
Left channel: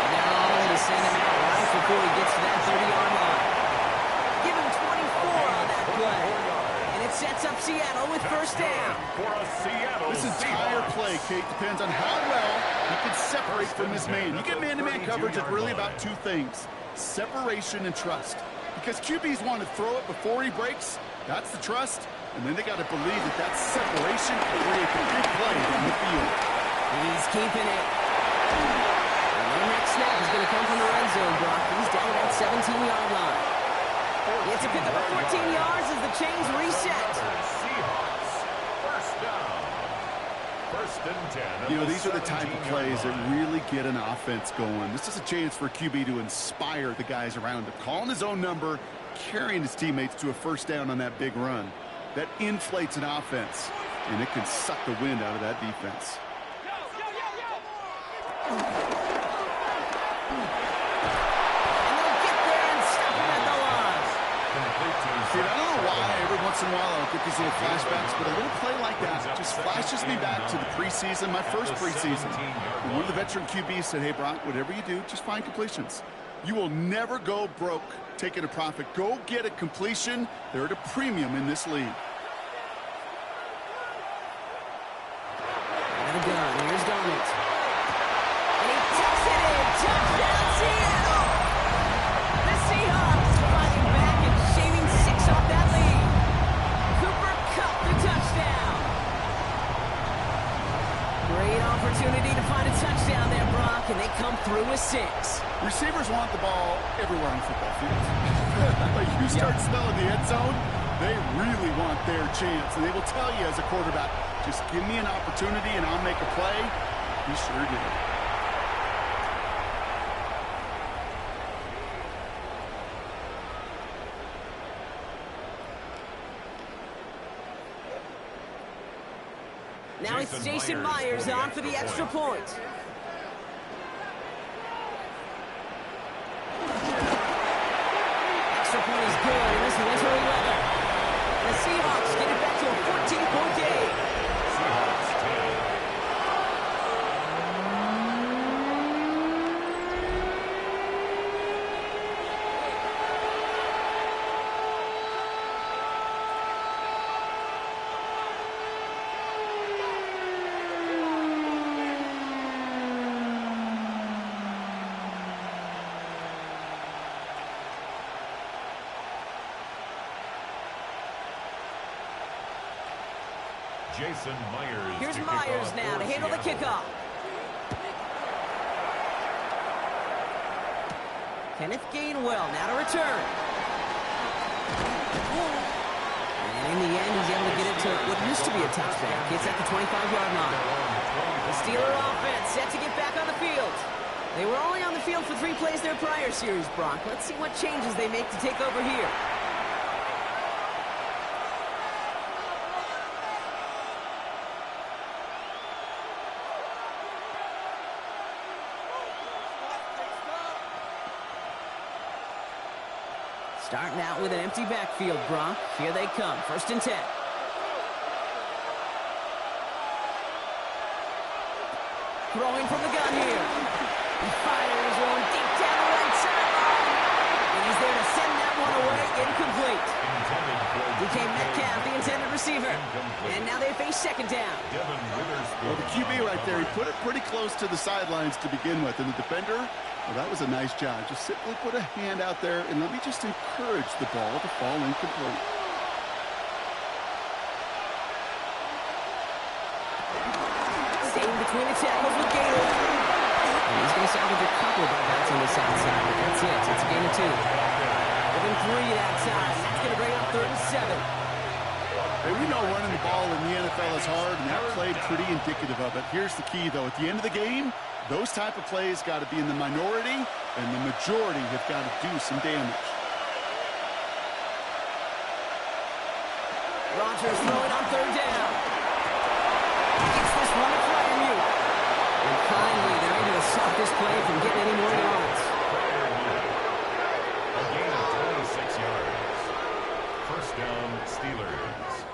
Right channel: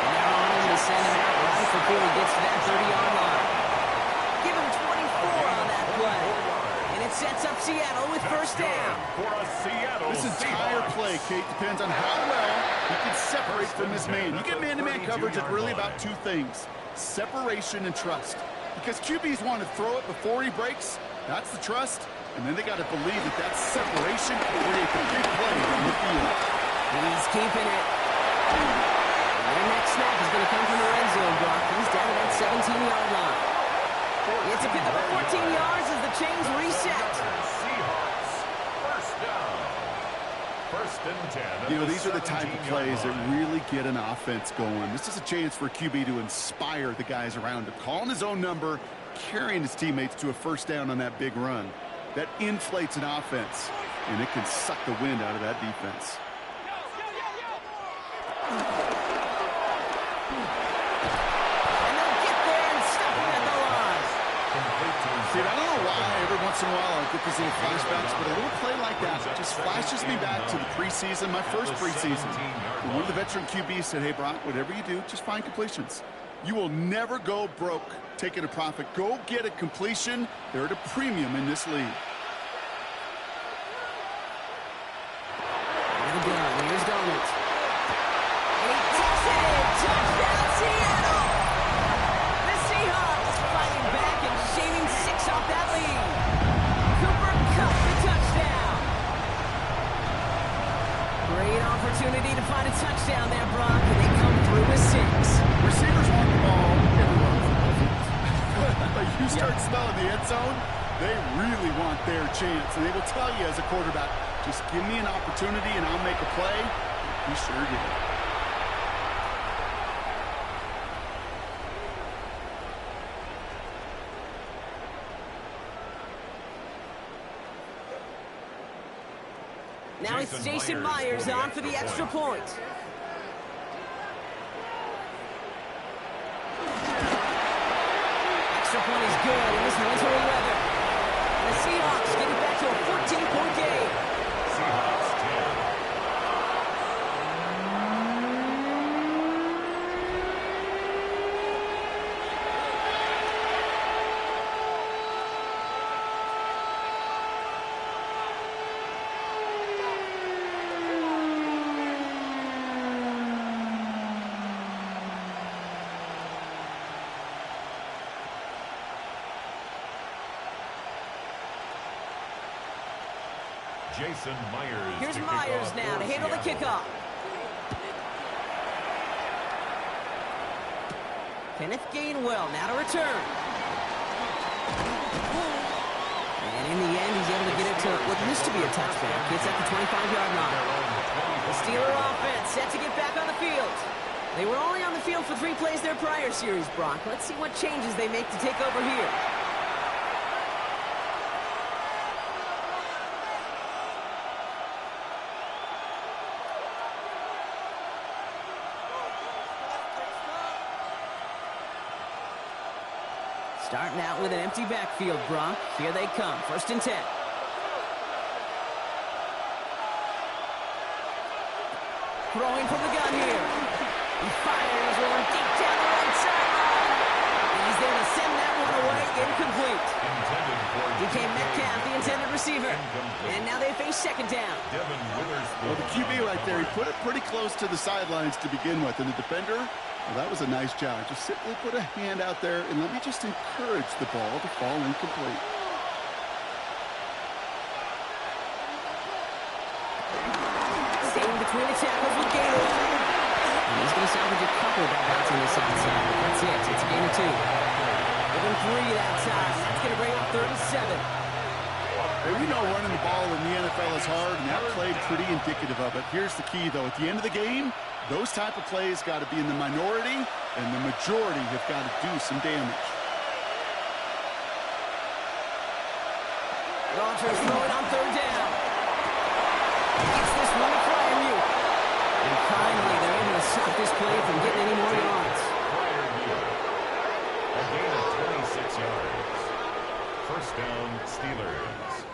And they're on him to send him out right before he gets to that 30-yard line. Give him 24 on that play. And it sets up Seattle with first down. This entire play, Kate, depends on how well he can separate from his man. You get man-to-man coverage, it's really about two things: separation and trust. Because QBs want to throw it before he breaks. That's the trust. And then they got to believe that that separation can create the big play on the field. He's keeping it. And their next snap is going to come from the red zone, Brock. He's down at that 17-yard line. It's a pickup of 14 yards as the chains reset. Seahawks, first down. 1st and 10. You know, these are the type of plays that really get an offense going. This is a chance for QB to inspire the guys around him. Calling his own number, carrying his teammates to a first down on that big run. That inflates an offense, and it can suck the wind out of that defense. See, I don't know why every once in a while I'll get these little flashbacks, but a little play like that just flashes me back to the preseason, my first preseason. When one of the veteran QBs said, hey, Brock, whatever you do, just find completions. You will never go broke taking a profit. Go get a completion. They're at a premium in this league. And a gun. Here's Darnold. And he takes it in. Touchdown, Seattle! The Seahawks fighting back and shaving 6 off that lead. Cooper Kupp, the touchdown. Great opportunity to find a touchdown there, Brock, and they come through with 6. Receivers want the ball everywhere on the football field. But you start smelling the end zone, they really want their chance. And they will tell you as a quarterback, just give me an opportunity and I'll make a play. He sure did. Now it's Jason Myers on for the extra point. Extra point is good in this wintry weather. And the Seahawks get it back to a 14-point game. Seahawks 10. Jason Myers. Here's Myers now to handle the kickoff. Kenneth Gainwell now to return. And in the end, he's able to get it to what used to be a touchback. It's at the 25-yard line. The Steeler offense set to get back on the field. They were only on the field for 3 plays their prior series, Brock. Let's see what changes they make to take over here. Starting out with an empty backfield, Brock. Here they come. 1st and 10. Throwing from the gun here. He fires one deep down the right sideline. And he's there to send that one away. Incomplete. DK Metcalf, the intended receiver. And now they face 2nd down. Well, the QB right there, he put it pretty close to the sidelines to begin with. And the defender, well, that was a nice job. Just simply put a hand out there and let me just encourage the ball to fall incomplete. Staying between the tackles with Gator. And he's going to salvage a couple by bouncing this outside. But that's it. It's a gain of 2. Within 3 that time. That's going to bring up 3rd and 7. Hey, we know running the ball in the NFL is hard, and that play pretty indicative of it. Here's the key, though. At the end of the game, those type of plays got to be in the minority, and the majority have got to do some damage. Rodgers throwing on 3rd down. Gets this one to Fryermuth. And finally, they're able to stop this play from getting any more yards. A gain of 26 yards. 1st down, Steelers.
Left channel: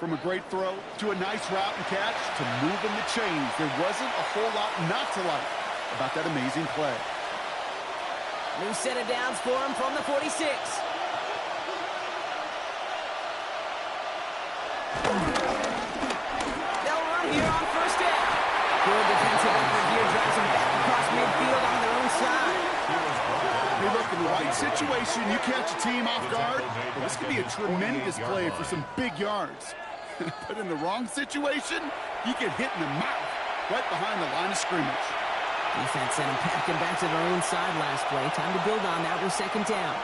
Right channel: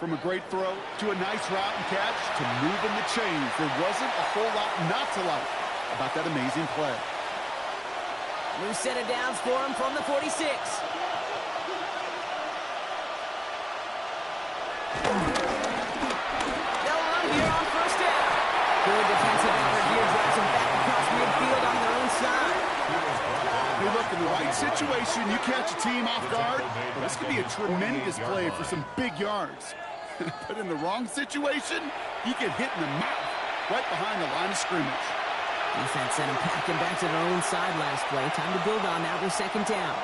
From a great throw to a nice route and catch to moving the chains, there wasn't a whole lot not to like about that amazing play. New set of downs for him from the 46. They'll run here on 1st down. Good defensive effort here, drives them back across midfield on their own side. Hey, look, in the right situation, you catch a team off guard, well, this could be a tremendous play for some big yards. But in the wrong situation, you get hit in the mouth right behind the line of scrimmage. Defense sent him packing back to their own side last play. Time to build on that with 2nd down.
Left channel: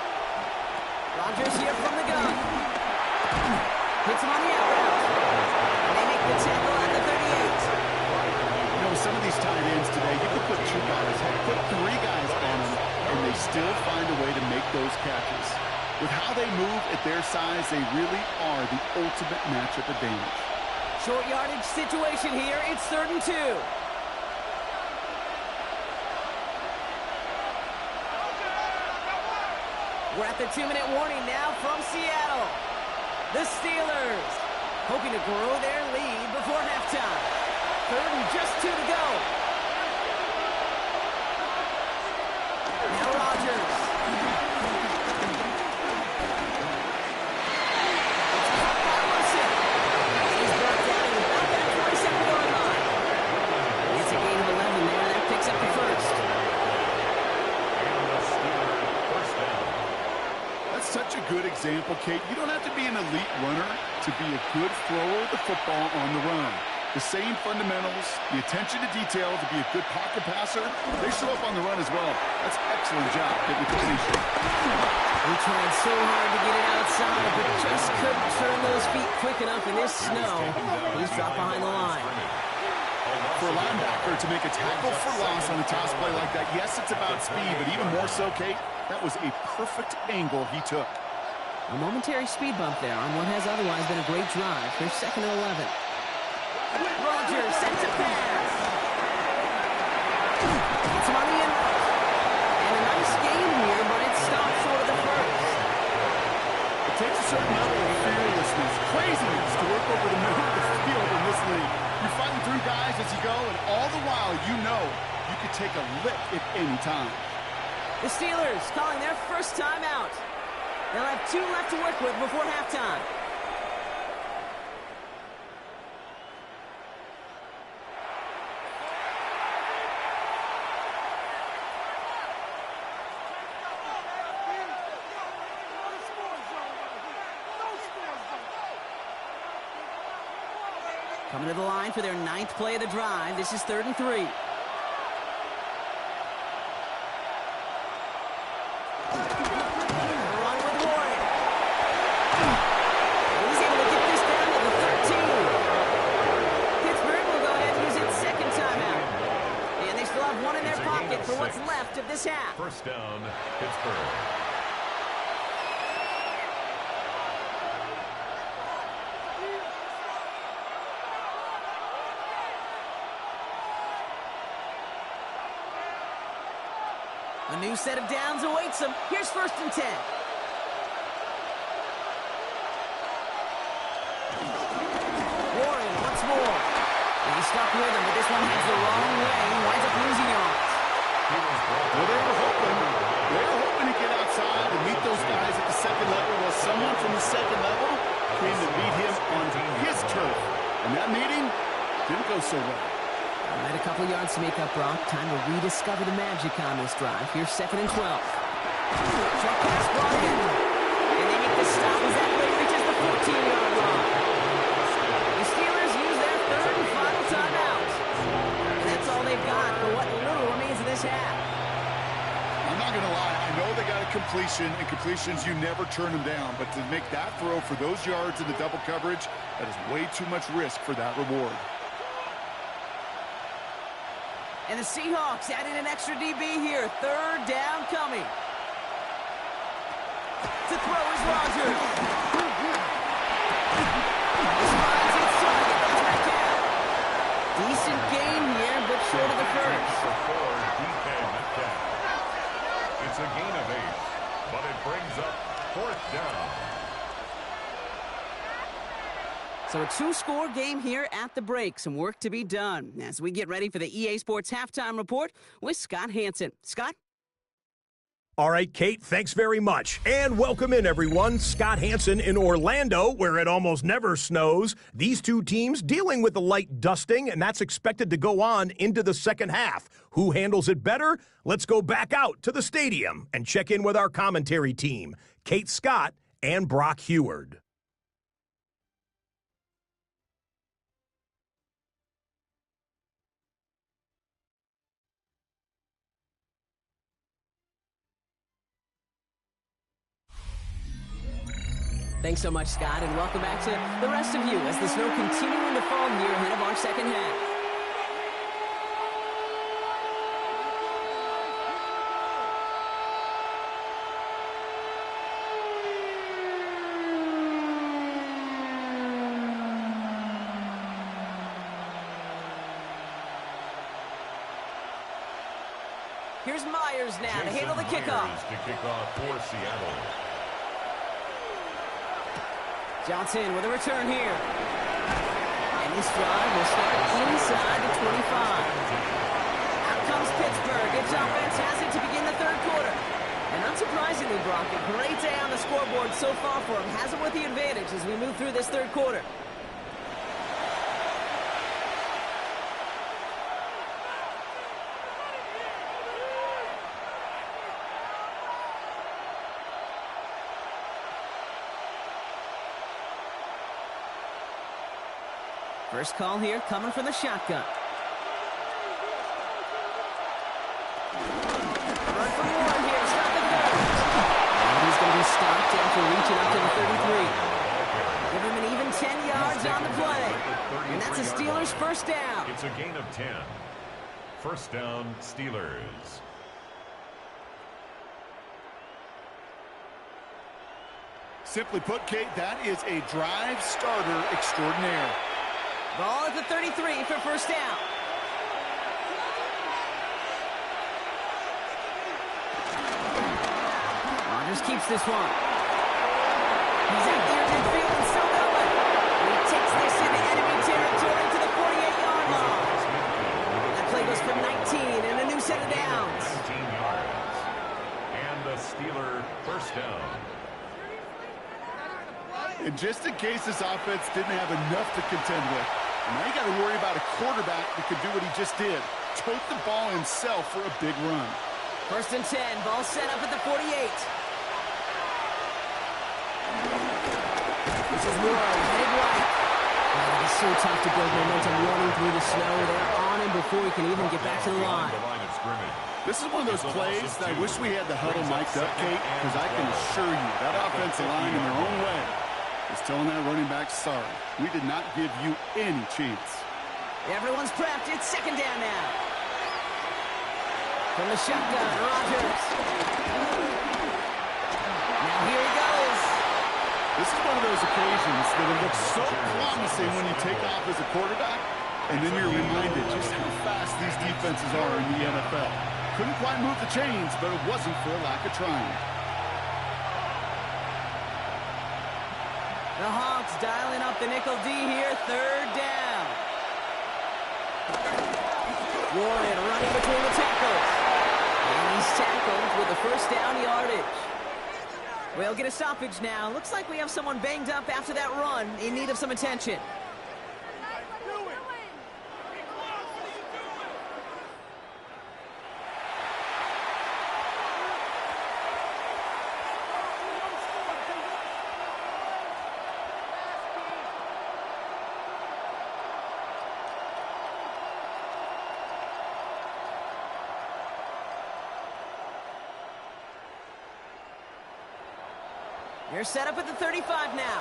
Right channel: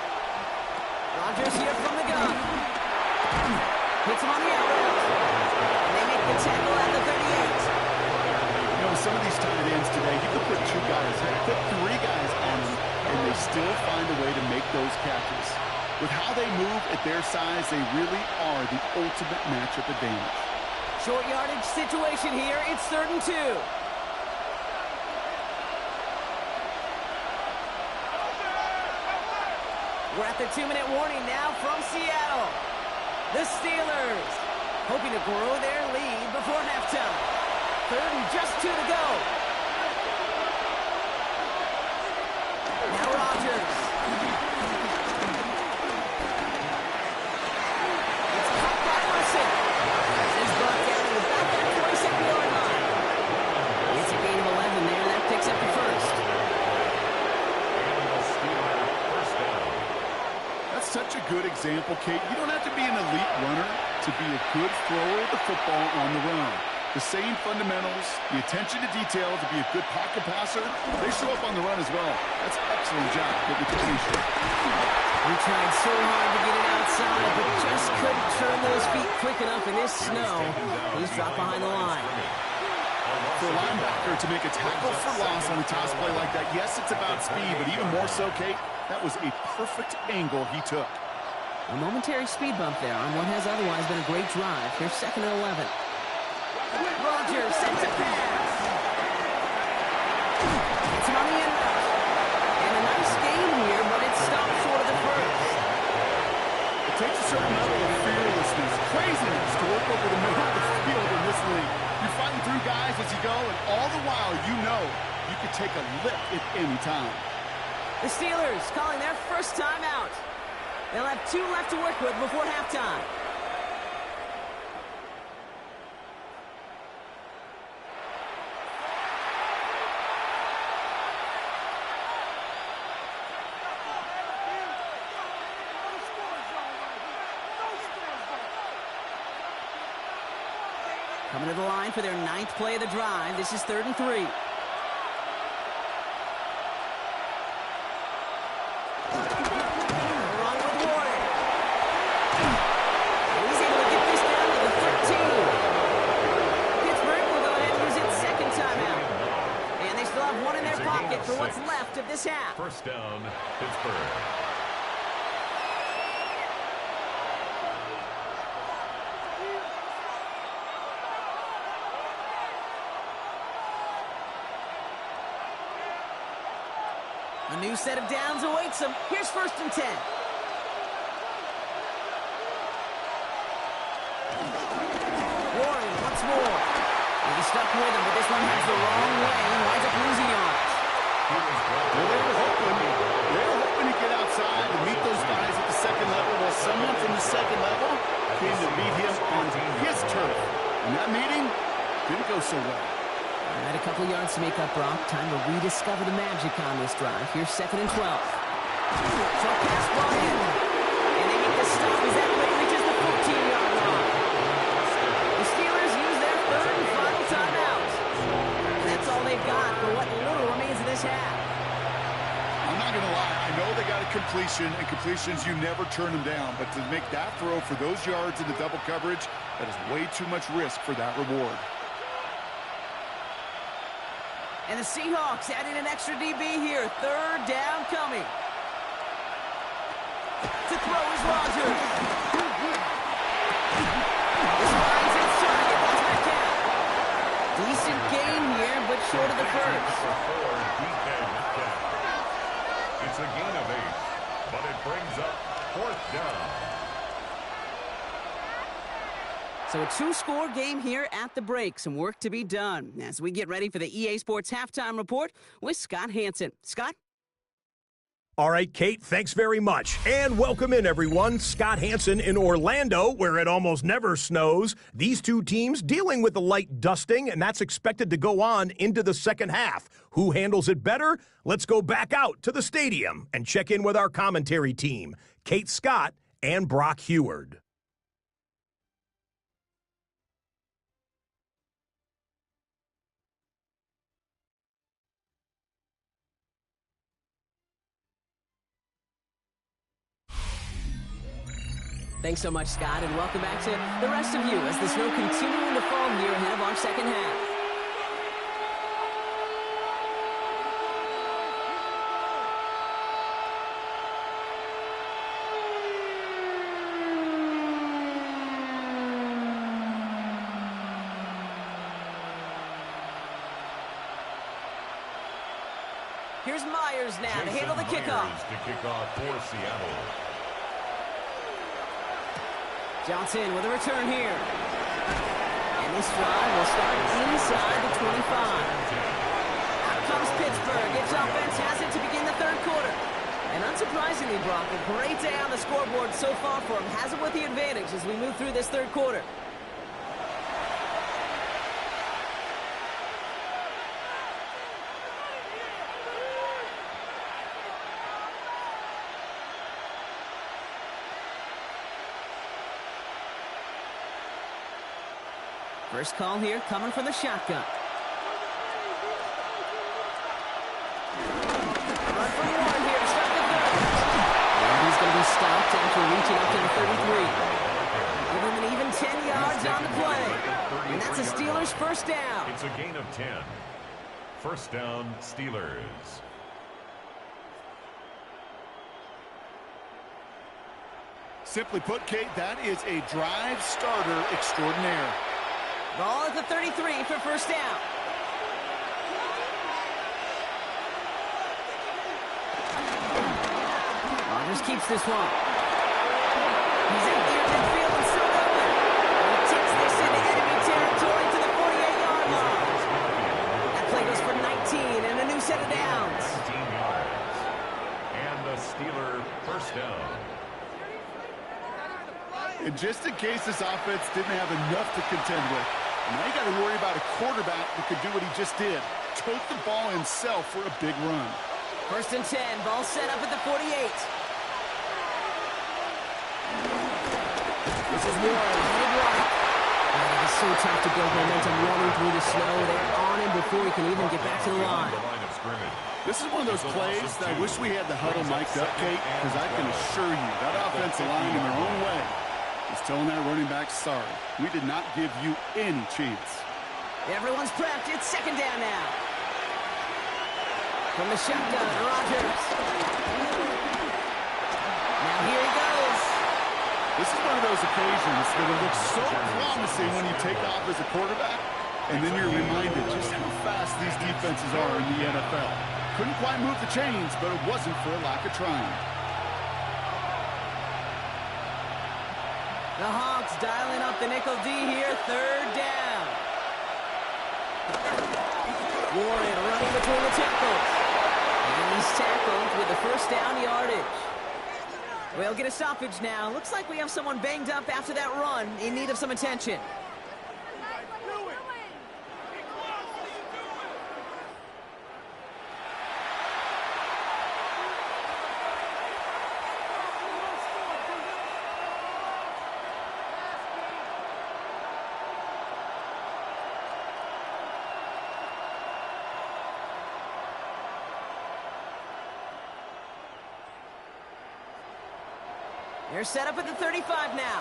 Rodgers here from the gun. Hits him on the out route. And they make the tackle at the 38. You know, some of these tight ends today, you could put 2 guys, heck, put 3 guys on them, and they still find a way to make those catches. With how they move at their size, they really are the ultimate matchup advantage. Short yardage situation here. It's 3rd and 2. We're at the 2-minute warning now from Seattle. The Steelers hoping to grow their lead before halftime. 3rd and just 2 to go. Now Rodgers. It's caught by Wilson. He's brought down at about that 47-yard line. It's a gain of 11 there. That picks up the 1st. And the Steeler 1st down. That's such a good example, Kate. You don't have to be an elite runner to be a good thrower of the football on the run. The same fundamentals, the attention to detail to be a good pocket passer, they show up on the run as well. That's an excellent job getting the completion. He tried so hard to get it outside, but just couldn't turn those feet quick enough in this snow. He's dropped behind the line. For a linebacker to make a tackle for loss on a toss play like that, yes, it's about speed, but even more so, Kate, that was a perfect angle he took. A momentary speed bump there on what has otherwise been a great drive. Here's 2nd and 11. Rodgers sends a pass. Gets him on the end route. And a nice game here, but it stopped short of the 1st. It takes a certain level of fearlessness, craziness to work over the middle of the field in this league. You're fighting through guys as you go, and all the while you know you could take a lick at any time. The Steelers calling their first time out. They'll have 2 left to work with before halftime. Coming to the line for their 9th play of the drive. This is 3rd and 3. Run with Ward. He's able to get this down to the 13. Pittsburgh will go ahead and use its 2nd timeout. And they still have 1 in their pocket for what's left of this half. 1st down, Pittsburgh. A new set of downs awaits them. Here's 1st and 10. Warren once more. He's stuck with him, but this one heads the wrong way. He winds up losing yards. Well, they were hoping to get outside and meet those guys at the second level. Well, someone from the second level came to meet him on his turf. And that meeting didn't go so well. All right, a couple of yards to make up, Brock. Time to rediscover the magic on this drive. Here's 2nd and 12. Short pass brought in. And they make the stop as that play reaches the 14-yard line. The Steelers use their 3rd and final timeout. And that's all they've got for what little remains of this half. I'm not going to lie. I know they got a completion, and completions, you never turn them down. But to make that throw for those yards into double coverage, that is way too much risk for that reward. And the Seahawks adding an extra DB here. 3rd down coming. To throw is Rodgers. This finds its target. That's Metcalf. Decent gain here, but short of the first. Number 4, DK Metcalf. It's a gain of 8, but it brings up 4th down. So a 2-score game here at the break. Some work to be done as we get ready for the EA Sports Halftime Report with Scott Hansen. Scott? All right, Kate, thanks very much. And welcome in, everyone. Scott Hansen in Orlando, where it almost never snows. These two teams dealing with the light dusting, and that's expected to go on into the second half. Who handles it better? Let's go back out to the stadium and check in with our commentary team, Kate Scott and Brock Heward. Thanks so much, Scott, and welcome back to the rest of you as the snow continuing to fall here ahead of our second half. Here's Myers now to handle the kickoff. To kick off for Seattle. Johnson with a return here. And this drive will start inside the 25. Out comes Pittsburgh. Its offense has it to begin the 3rd quarter. And unsurprisingly, Brock, a great day on the scoreboard so far for him. Has it with the advantage as we move through this 3rd quarter. First call here coming from the shotgun. Run from Warren here to stop the 3rd. And he's going to be stopped after reaching up to the 33. Give him an even 10 yards on the play. And that's a Steelers 1st down. It's a gain of 10. 1st down, Steelers. Simply put, Kate, that is a drive starter extraordinaire. Ball at the 33 for 1st down. Rodgers keeps this one. He's out here in midfield and still going. And he takes this into enemy territory to the 48-yard line. That play goes for 19 and a new set of downs. 19 yards. And the Steeler 1st down. And just in case this offense didn't have enough to contend with, now you got to worry about a quarterback that could do what he just did. Tote the ball himself for a big run. 1st and 10. Ball set up at the 48. This is Warren, headed right. Man, it is so tough to build momentum running through the snow. They're on him before he can even get back to the line. This is one of those plays that I wish we had the huddle mic'd up, Kate, because I can assure you that offensive line in their own way is telling that running back, sorry, we did not give you any chance. Everyone's prepped. It's 2nd down now. From the shotgun, Rodgers. Now here he goes. This is one of those occasions that it looks so promising when you take off as a quarterback, and then you're reminded just how fast these defenses are in the NFL. Couldn't quite move the chains, but it wasn't for a lack of trying. The Hawks dialing up the nickel D here, third down. Warren running between the tackles. And he's tackled with the first down yardage. We'll get a stoppage now. Looks like we have someone banged up after that run in need of some attention. They're set up at the 35 now.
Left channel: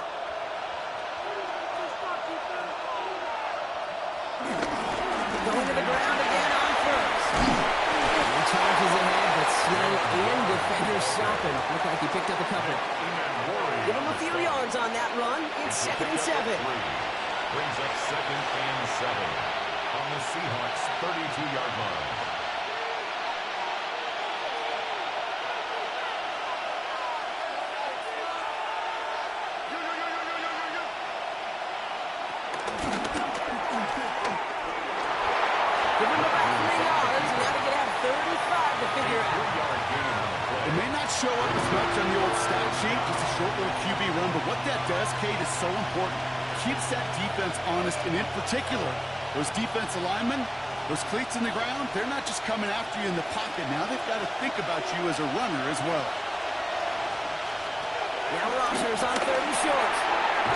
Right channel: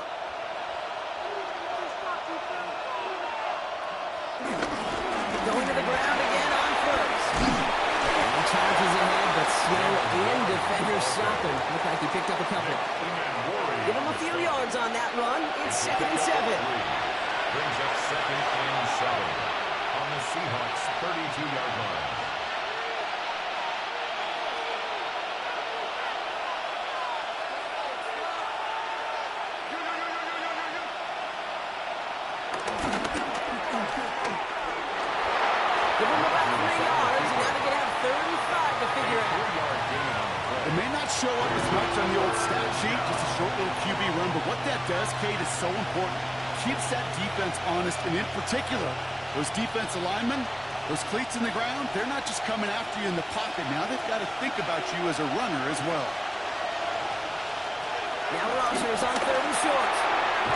Going to the ground again on first. He charges ahead, but slow in defenders stop him. Looked like he picked up a couple. Give him a few yards on that run. It's 2nd and 7. Brings up 2nd and 7 on the Seahawks 32-yard line. Give him about 3 yards, and now they're going to have 35 to figure out. It may not show up as much on the old stat sheet, just a short little QB run, but what that does, Kate, is so important. Keeps that defense honest, and in particular, those defensive linemen, those cleats in the ground, they're not just coming after you in the pocket. Now they've got to think about you as a runner as well. Now Rogers on 3rd and short.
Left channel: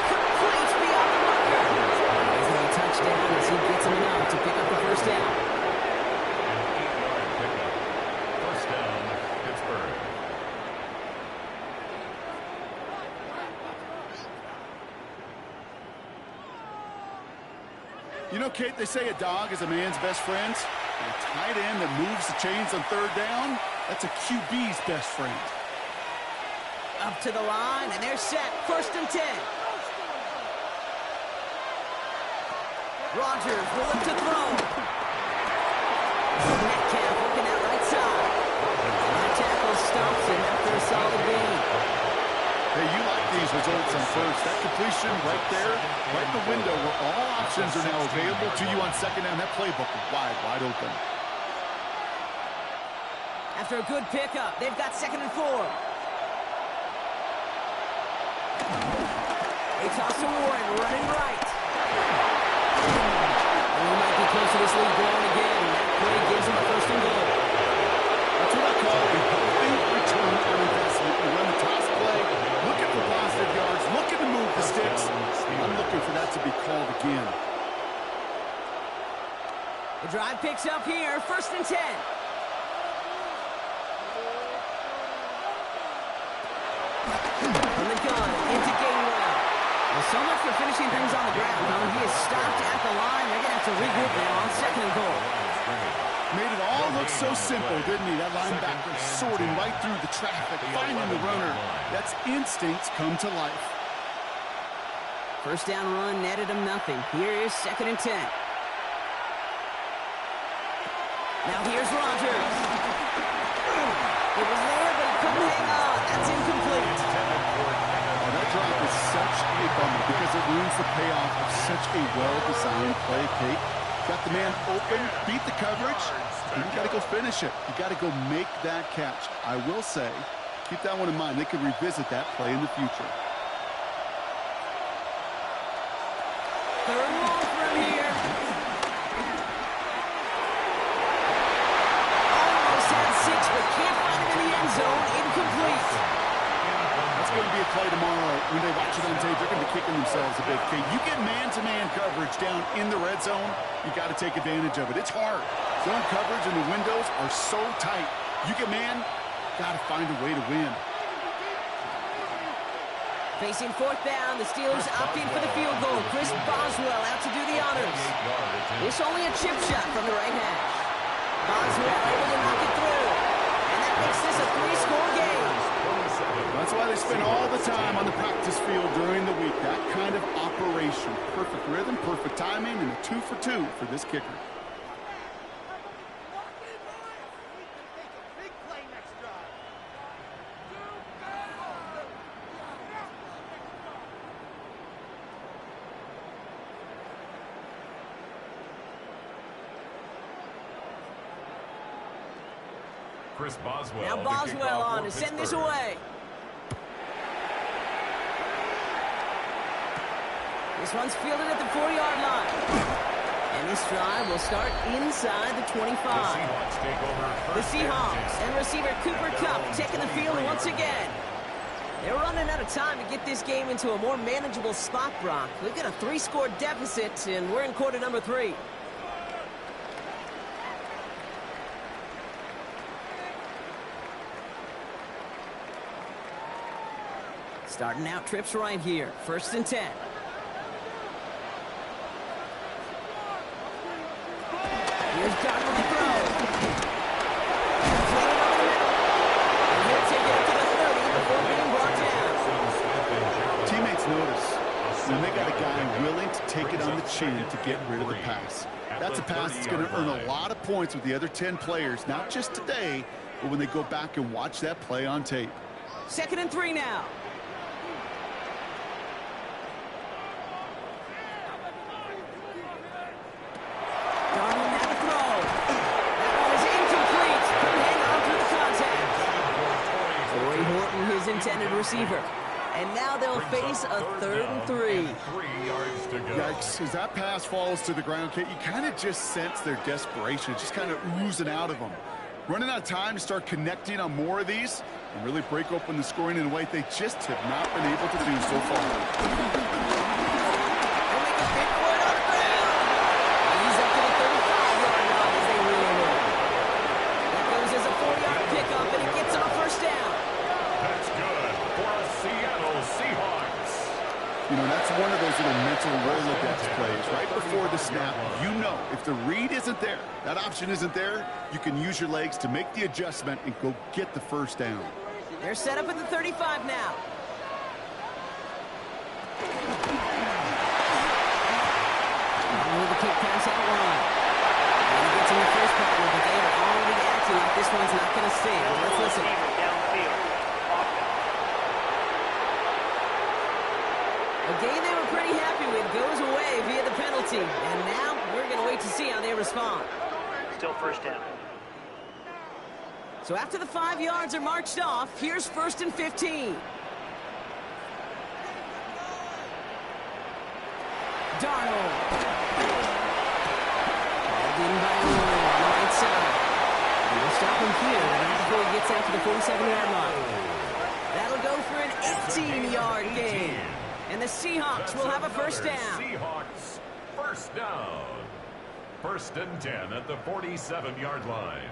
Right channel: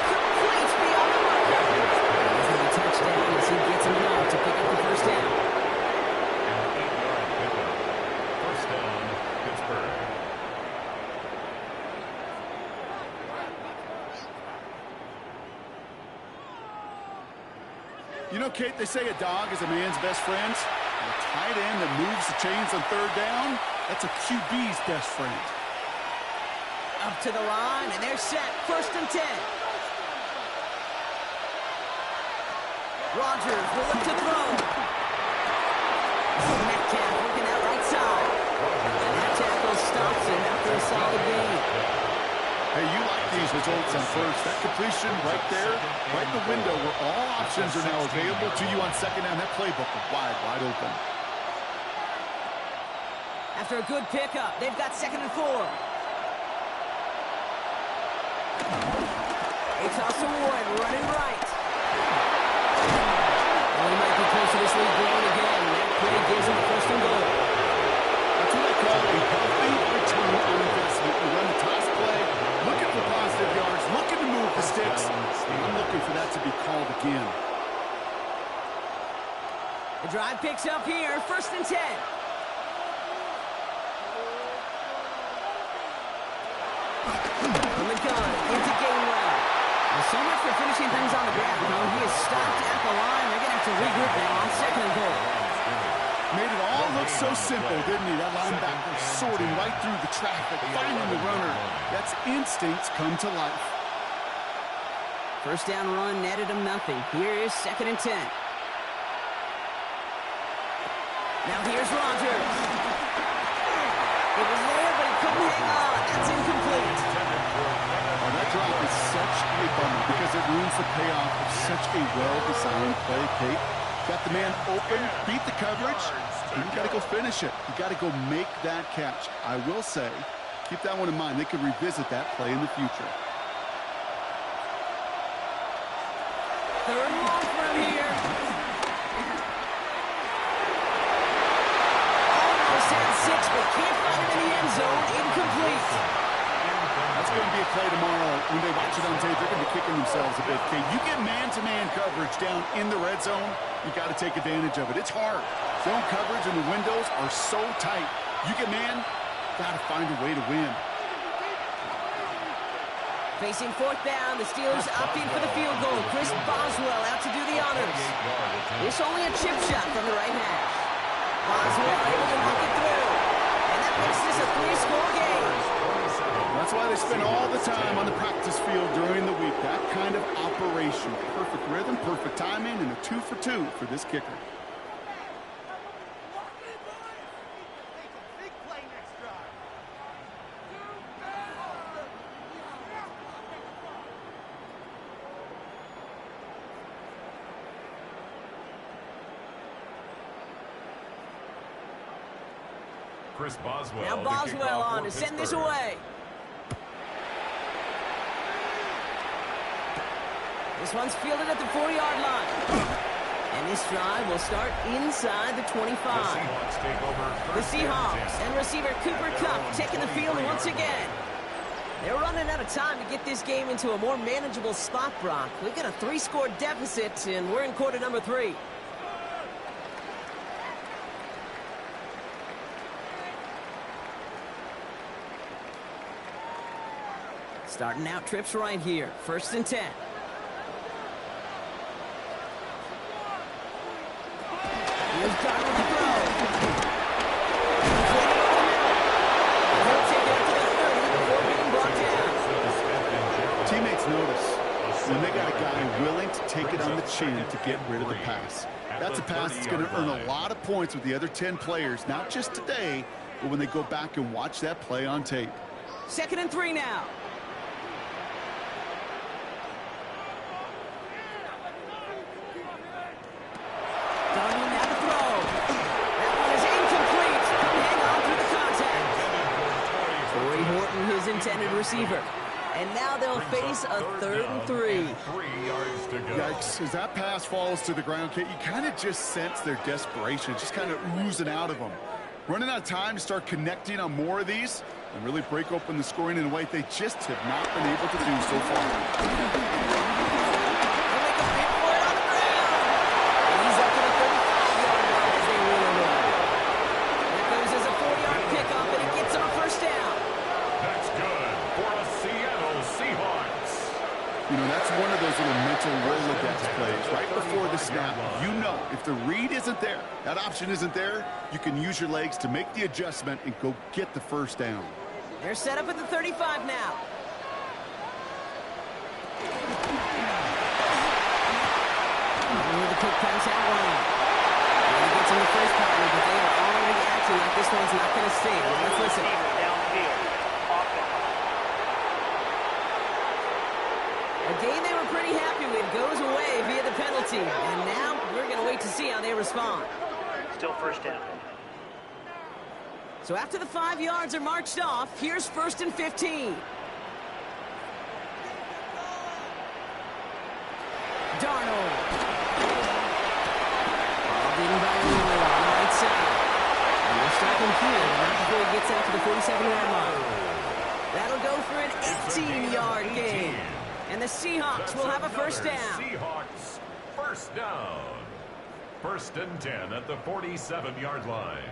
Complete beyond the marker. He's going to be touchdown as he gets him enough to pick up the first down. An 8-yard pickup. First down, Pittsburgh. You know, Kate, they say a dog is a man's best friend. And a tight end that moves the chains on 3rd down, that's a QB's best friend. Up to the line, and they're set. 1st and 10. Rogers will look to throw. Metcalf working that right side. And that tackle stops him after a solid gain. Hey, you like these results on first. That completion right there, right in the window where all options are now available to you on 2nd down. That playbook is wide, wide open. After a good pickup, they've got 2nd and 4. They toss to Warren, running right. And we might be close to this lead growing again. That play gives him a 1st and goal. That's what I call a healthy return on investment. You run the toss play, looking for positive yards, looking to move the sticks. I'm looking for that to be called again. The drive picks up here, 1st and 10. From the gun, into Gainwell. Well, so much for finishing things on the ground. No, he is stopped at the line. They're going to have to regroup now on 2nd and goal. Made it all look so simple, didn't he? That linebacker sorting right through the traffic, finding the runner. That's instincts come to life. First down run netted him nothing. Here is 2nd and 10. Now here's Rogers. It was there, but he couldn't hang on. That's incomplete. Oh, that drop is such a bummer because it ruins the payoff of such a well-designed play, Kate. Got the man open, beat the coverage, and you got to go finish it. You got to go make that catch. I will say, keep that one in mind. They could revisit that play in the future. 3rd and long for him here. Almost had 6, but can't find him in the end zone. Incomplete. That's going to be a play tomorrow. When they watch it on tape, they're going to be kicking themselves a bit. Okay, you get man-to-man coverage down in the red zone, you got to take advantage of it. It's hard. Zone coverage and the windows are so tight. You get man, got to find a way to win. Facing 4th down, the Steelers opting for the field goal. Chris Boswell out to do the honors. This only a chip shot from the right hash. Boswell able to knock it through. And that makes this a 3-score game. That's why they spend all the time on the practice field during the week. That kind of operation. Perfect rhythm, perfect timing, and a 2 for 2 for this kicker. Chris Boswell. Now Boswell on to send this away. This one's fielded at the 4-yard line. And this drive will start inside the 25. The Seahawks take over. The Seahawks and receiver Cooper Kupp taking the field once again. They're running out of time to get this game into a more manageable spot, Brock. We've got a 3-score deficit, and we're in quarter number 3. Starting out trips right here. 1st and 10. Here's Darnold to throw. Played it over the middle. And he'll take it up to the 30 before being brought down. Teammates notice when they got a guy willing to take it on the chin to get rid of the pass. That's a pass that's going to earn a lot of points with the other 10 players, not just today, but when they go back and watch that play on tape. 2nd and 3 now. Darnold now to throw. That one is incomplete. Couldn't hang on through the contact. Corey Horton, his intended receiver. And now they'll face a 3rd and 3. 3 yards to go. Yikes, as that pass falls to the ground, Kate, you kind of just sense their desperation, just kind of oozing out of them. Running out of time to start connecting on more of these and really break open the scoring in a way they just have not been able to do so far. They'll make a fit for it on the ground. And he's up to the 35-yard line as they reel him in. That goes as a 4-yard pickup, and it gets him a 1st down. That's good for a Seattle Seahawks. You know, that's one of those little mental Rolodex plays. Right before the snap, you know if the read isn't there, that option isn't there, you can use your legs to make the adjustment and go get the 1st down. They're set up at the 35 now. With the quick pass out wide. And he gets in the first partner, but they are already acting like this one's not going to stand. Let's listen. Downfield. Offense. A game they were pretty happy with goes away via the penalty. And now we're going to wait to see how they respond. Still 1st down. So after the 5 yards are marched off, here's 1st and 15. Darnold. Balled in by Roy on the right side. And we'll stop him here, but not before he gets out to the 47-yard line. That'll go for an 18-yard gain. And the Seahawks will have a 1st down. Seahawks 1st down. 1st and 10 at the 47-yard line.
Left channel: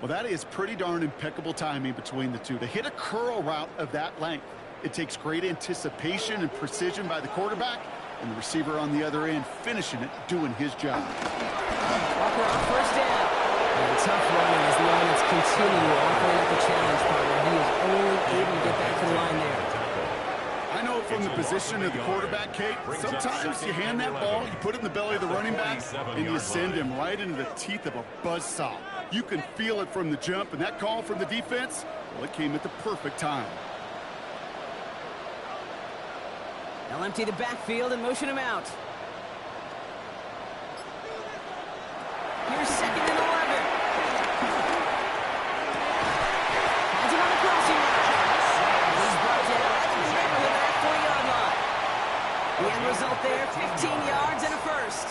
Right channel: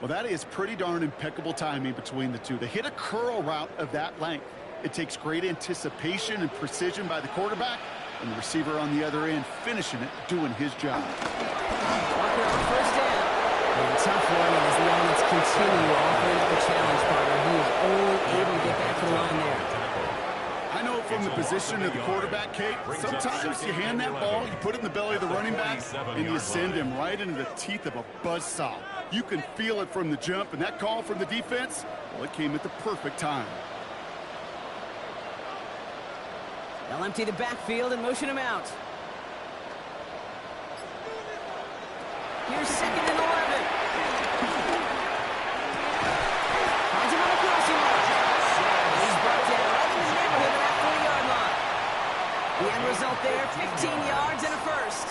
Well, that is pretty darn impeccable timing between the two. To hit a curl route of that length, it takes great anticipation and precision by the quarterback, and the receiver on the other end finishing it, doing his job. Walker on 1st down. And tough running as the elements continue offering up the challenge partner. He is only able to get back to the line there. I know from the position of the quarterback, Kate, sometimes you hand that ball, you put it in the belly of the running back, and you send him right into the teeth of a buzzsaw. You can feel it from the jump, and that call from the defense, well, it came at the perfect time. They'll empty the backfield and motion him out. Here's 2nd and 11. Finds him on the crossing route. And he's brought down right in the neighborhood of that 40-yard line. The end result there, 15 yards and a 1st.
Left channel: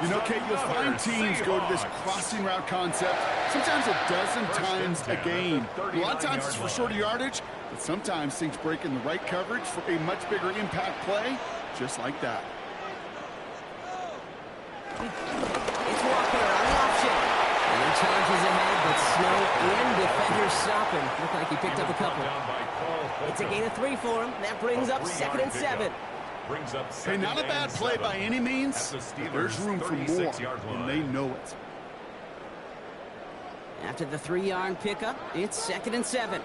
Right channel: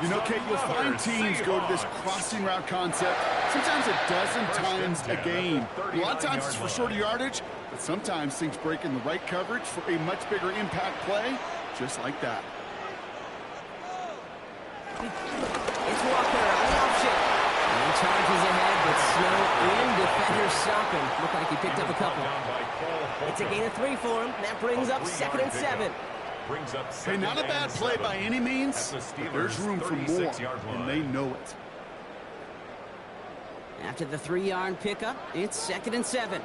You know, Kate, you'll find teams go to this crossing route concept sometimes a dozen times a game. A lot of times it's for shorter yardage, but sometimes things break in the right coverage for a much bigger impact play, just like that. It's Walker on the option. And he charges ahead, but Snow and defenders stop him. Look like he picked up a couple. It's a gain of 3 for him. That brings up 2nd and 7. Hey, not a bad play by any means, but there's room for more, and they know it. After the 3-yard pickup, it's 2nd and 7.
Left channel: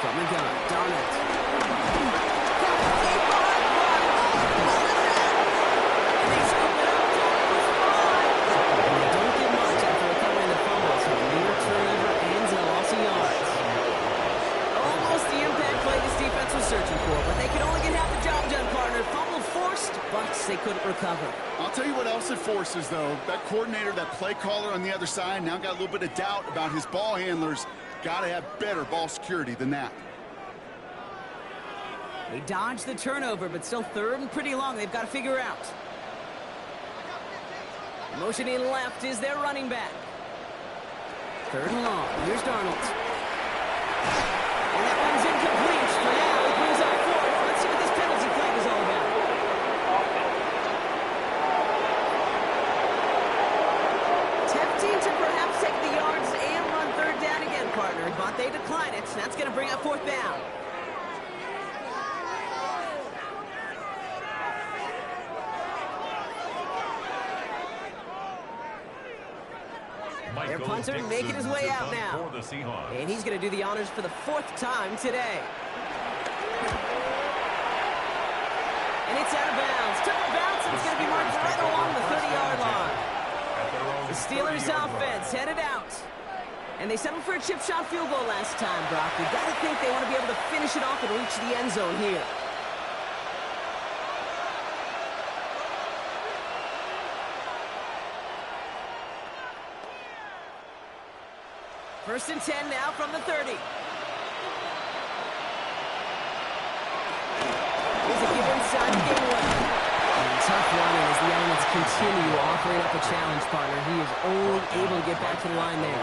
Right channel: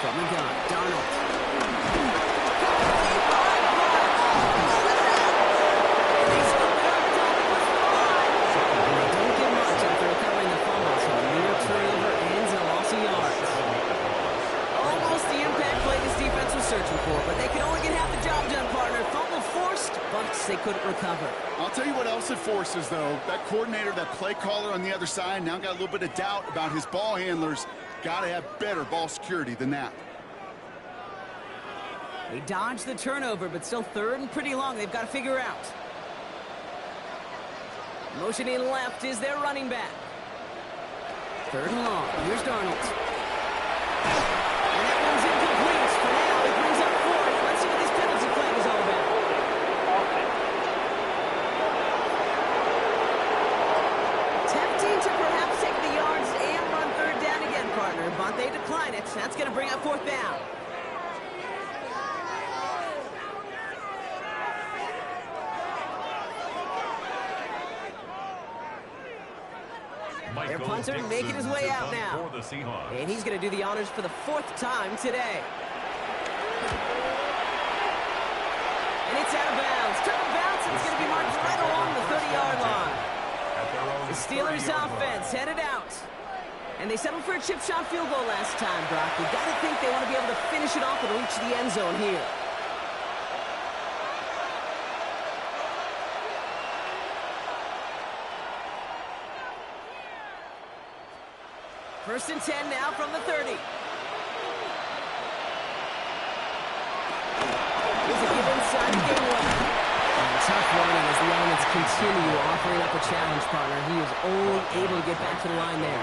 From the gun, Darnold. And they scoop it up. Darnold was fine. And they don't get much after recovering the fumble, so a near turnover ends in a loss of yards. Almost the impact play this defense was searching for. but they couldn't recover. I'll tell you what else it forces, though. That coordinator, that play caller on the other side, now got a little bit of doubt about his ball handlers. Got to have better ball security than that. They dodged the turnover, but still third and pretty long. They've got to figure out. Motioning left is their running back. Third and long. Here's Darnold. And that one's incomplete. For now, he brings up fourth. Let's see what this penalty flag is all about. Tempting to perhaps take the yards and run third down again, partner, but they decline it. That's going to bring up fourth down. Their punter making his way out now. And he's going to do the honors for the fourth time today. And it's out of bounds. Took a bounce, and it's going to be marked right along the 30-yard line. The Steelers offense headed out. And they settled for a chip shot field goal last time, Brock. You got to think they want to be able to finish it off and reach the end zone here. First and 10 now from the 30. Here's a give inside to gain one. Tough running as the elements continue offering up a challenge, partner. He is only able to get back to the line there.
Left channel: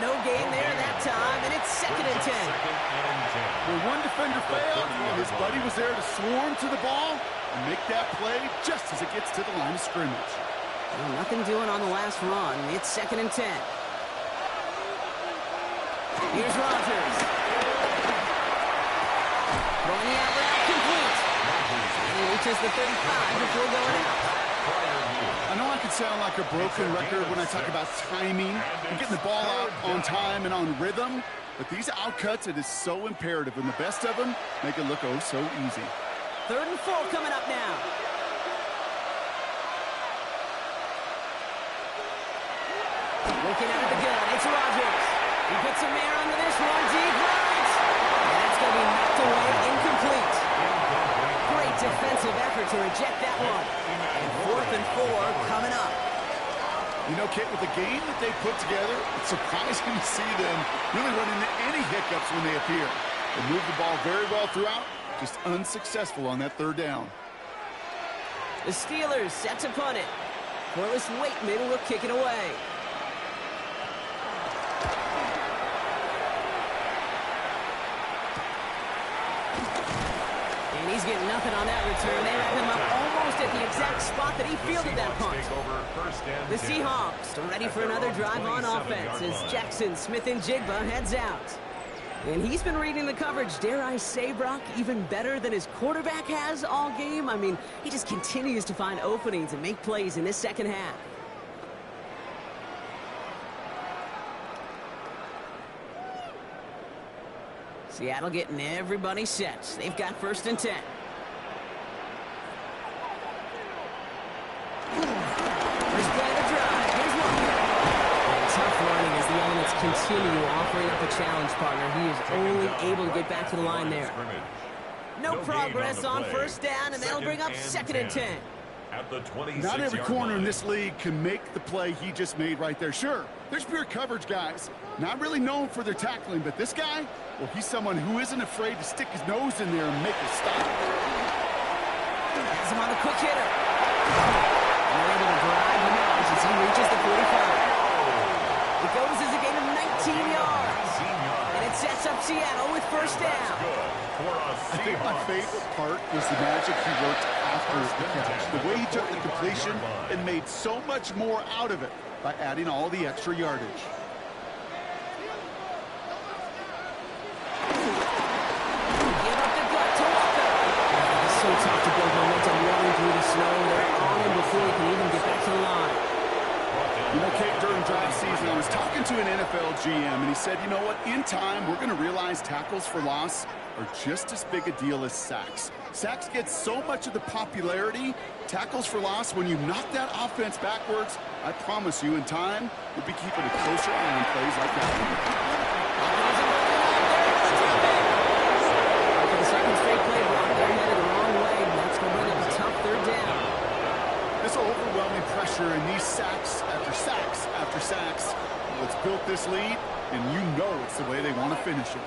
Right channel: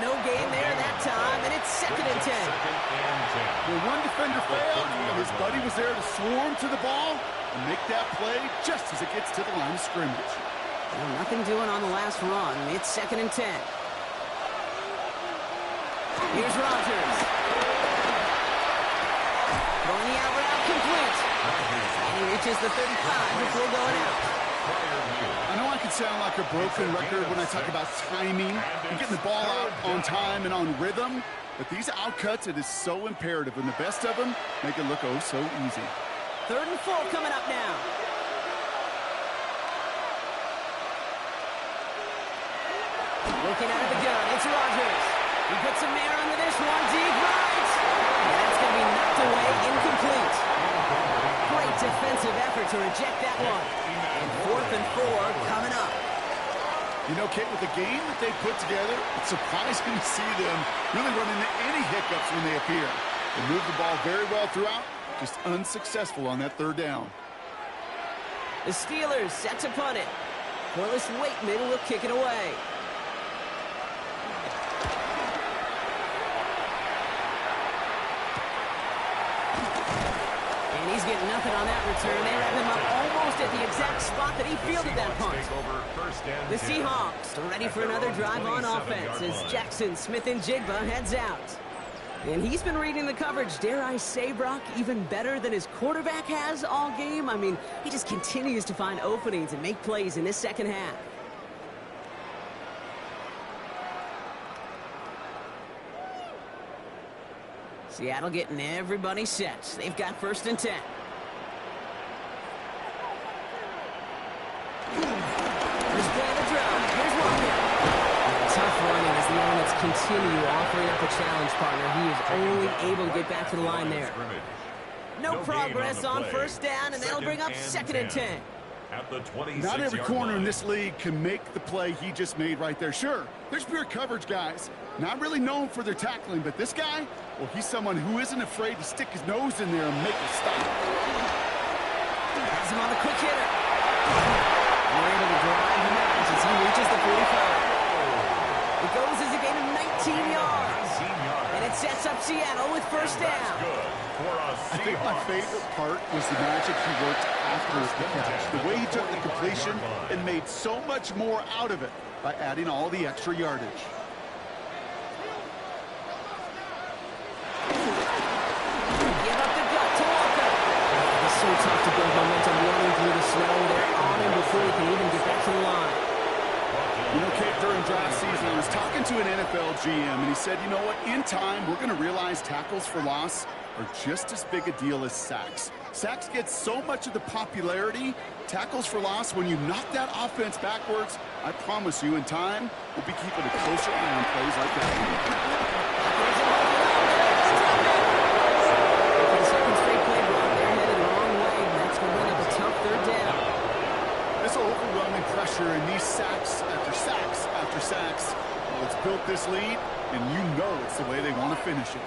No gain there that time, and it's second and 10. Where one defender failed, his buddy was there to swarm to the ball and make that play just as it gets to the line of scrimmage. Well, nothing doing on the last run. It's second and 10. Here's Rodgers. Throwing the out route complete. And he reaches the 35 before going out. I know I can sound like a broken record when I talk about timing and getting the ball out on time and on rhythm, but these outcuts, it is so imperative, and the best of them make it look oh so easy. Third and 4 coming up now. Looking out of the gun, it's Rodgers. He puts some air under this one, deep right. And that's going to be knocked away, incomplete. Great defensive effort to reject that one. And fourth and 4 coming up. You know, Kate, with the game that they put together, it's surprising to see them really run into any hiccups when they appear. They move the ball very well throughout, just unsuccessful on that third down. The Steelers set to punt it. Corliss Waitman will kick it away. And he's getting nothing on that return. They wrap him up almost at the exact spot that he fielded that punt. The Seahawks are ready for another drive on offense as Jackson Smith-Njigba heads out. And he's been reading the coverage, dare I say, Brock, even better than his quarterback has all game. I mean, he just continues to find openings and make plays in this second half. Seattle getting everybody set. They've got first and 10. First play of the drive. Here's Walker. Tough running as the elements continue offering up a challenge, partner. He is only able to get back to the line there. No progress on first down, and that'll bring up second and 10. Not every corner in this league can make the play he just made right there. Sure, there's pure coverage guys. Not really known for their tackling, but this guy, well, he's someone who isn't afraid to stick his nose in there and make a stop. Has him on the quick hitter. And they're able to drive him out as he reaches the 45. It goes as a gain of 19 yards. And it sets up Seattle with first down. I think my favorite part was the magic he worked after the catch. The way he took the completion and made so much more out of it by adding all the extra yardage. Give up the gut to Walker. It's so tough to build momentum running through the snow. They're on him before he can even get back to the line. You know, Kate, during draft season, I was talking to an NFL GM, and he said, you know what, in time, we're going to realize tackles for loss are just as big a deal as sacks. Sacks get so much of the popularity. Tackles for loss, when you knock that offense backwards, I promise you, in time, we'll be keeping a closer eye on plays like that one. For the second straight play block, they're headed the wrong way. That's going to bring up a tough third This overwhelming pressure and these sacks after sacks after sacks. Well, it's built this lead, and you know it's the way they want to finish it.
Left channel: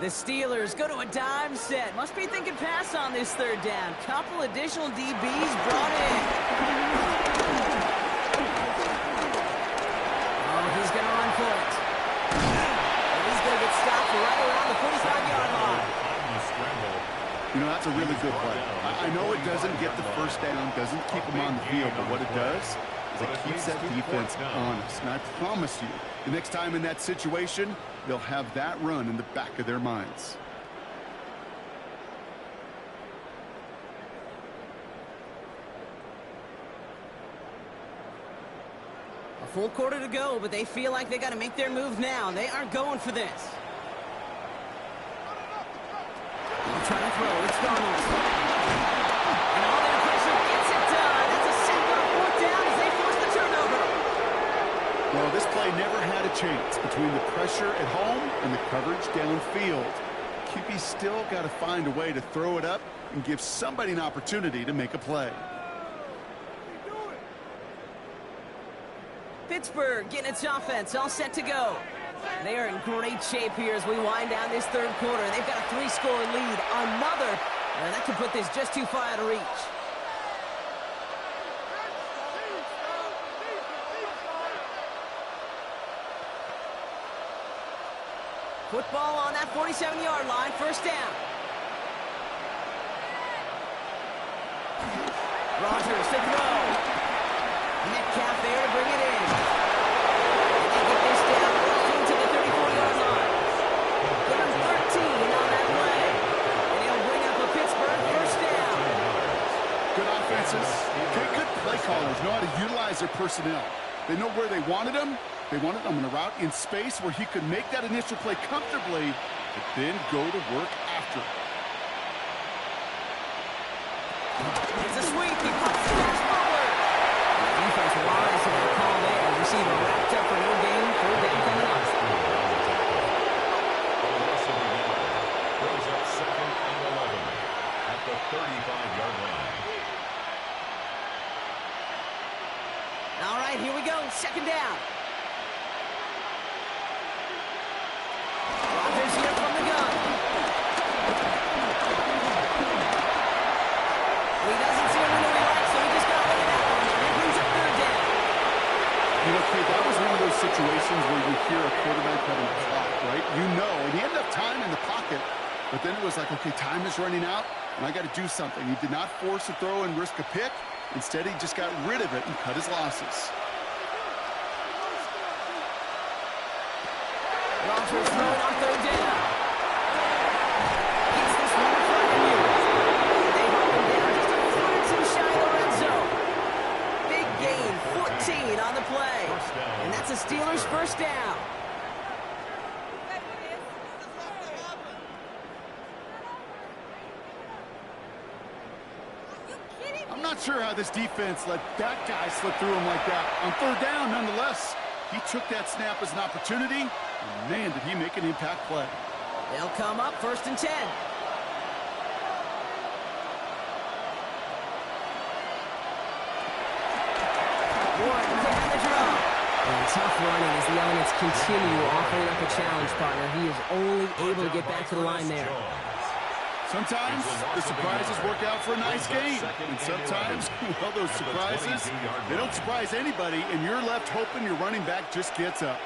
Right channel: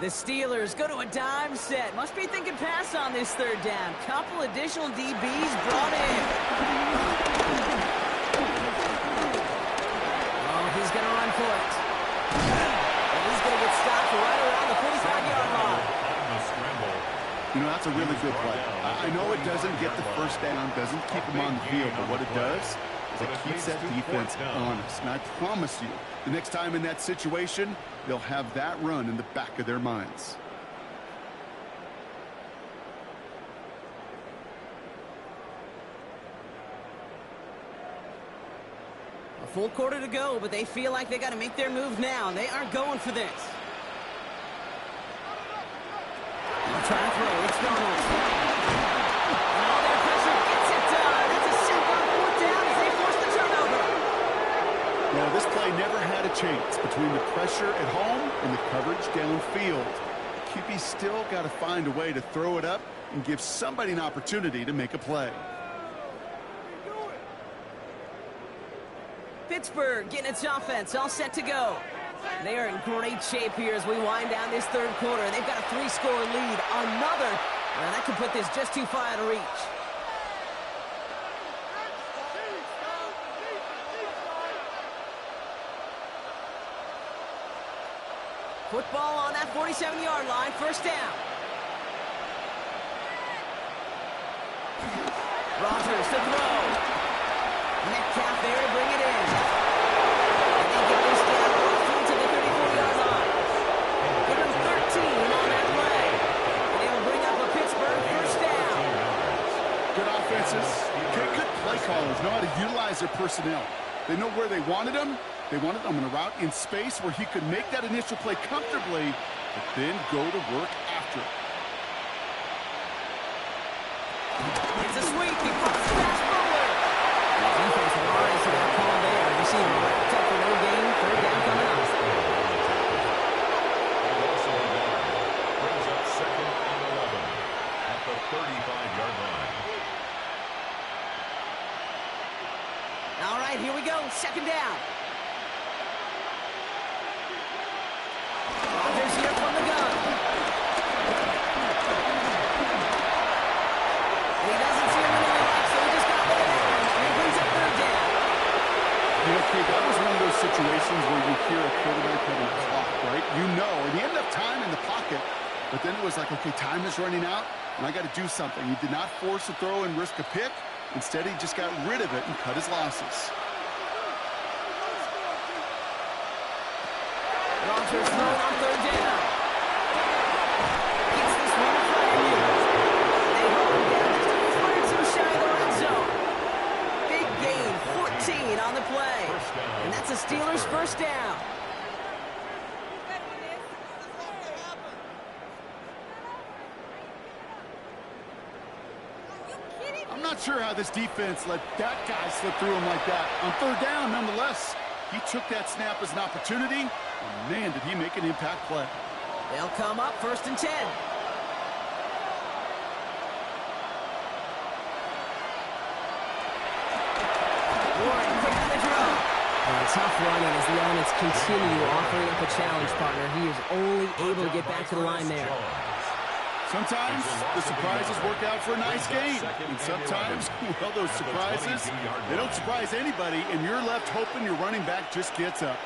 The Steelers go to a dime set. Must be thinking pass on this third down. Couple additional DBs brought in. Oh, he's going to run for it. And he's going to get stopped right around the 45-yard line. On the scramble. You know, that's a really good play. I know it doesn't get the first down, doesn't keep them on the field, but what it does is it keeps that defense honest. And I promise you, the next time in that situation, they'll have that run in the back of their minds. A full quarter to go, but they feel like they got to make their move now. They are going for this. They'll try to throw. It's Darnold. And all their pressure gets it done. That's a sack on fourth down as they force the turnover. Well, this play never had a chance between the pressure at home and the coverage downfield. QB still got to find a way to throw it up and give somebody an opportunity to make a play. Pittsburgh getting its offense all set to go. They are in great shape here as we wind down this third quarter. They've got a 3-score lead. Another, and that could put this just too far out of reach. Football on that 47-yard line, first down. Rodgers to throw. Metcalf there to bring it in. And they get this down roughly to the 34-yard line. Give him 13 on that play. And they'll bring up a Pittsburgh first down. Good offenses. Okay, good play callers know how to utilize their personnel. They know where they wanted them. They wanted them in a route in space where he could make that initial play comfortably, but then go to work after it. It's a sweep. He pops the pass forward. The defense lies to that call there. Receiver wrapped up for no gain. Third down coming up. Brings up 2nd and 11 at the 35-yard line. All right, here we go. Second down. Rodgers here from the gun. He doesn't see a window he likes, so he just got rid of that one. And it brings up third down. You know, Kate, that was one of those situations where you hear a quarterback having a clock, right? You know, and he ended up time in the pocket, but then it was like, okay, time is running out, and I got to do something. He did not force a throw and risk a pick. Instead, he just got rid of it and cut his losses. Rodgers throwing on third down. Gets this one in front of you. They haul him down just a foot or two shy of the red zone. Big gain, 14 on the play. And that's a Steelers first down. I'm not sure how this defense let that guy slip through him like that. On third down, nonetheless, he took that snap as an opportunity, and man, did he make an impact play. They'll come up first and 10. Warren quick on the draw. And tough running as the elements continue offering up a challenge partner. He is only able to get back to the line there. Sometimes the surprises work out for a nice game. And sometimes, well, those surprises, they don't surprise anybody, and you're left hoping your running back just gets up.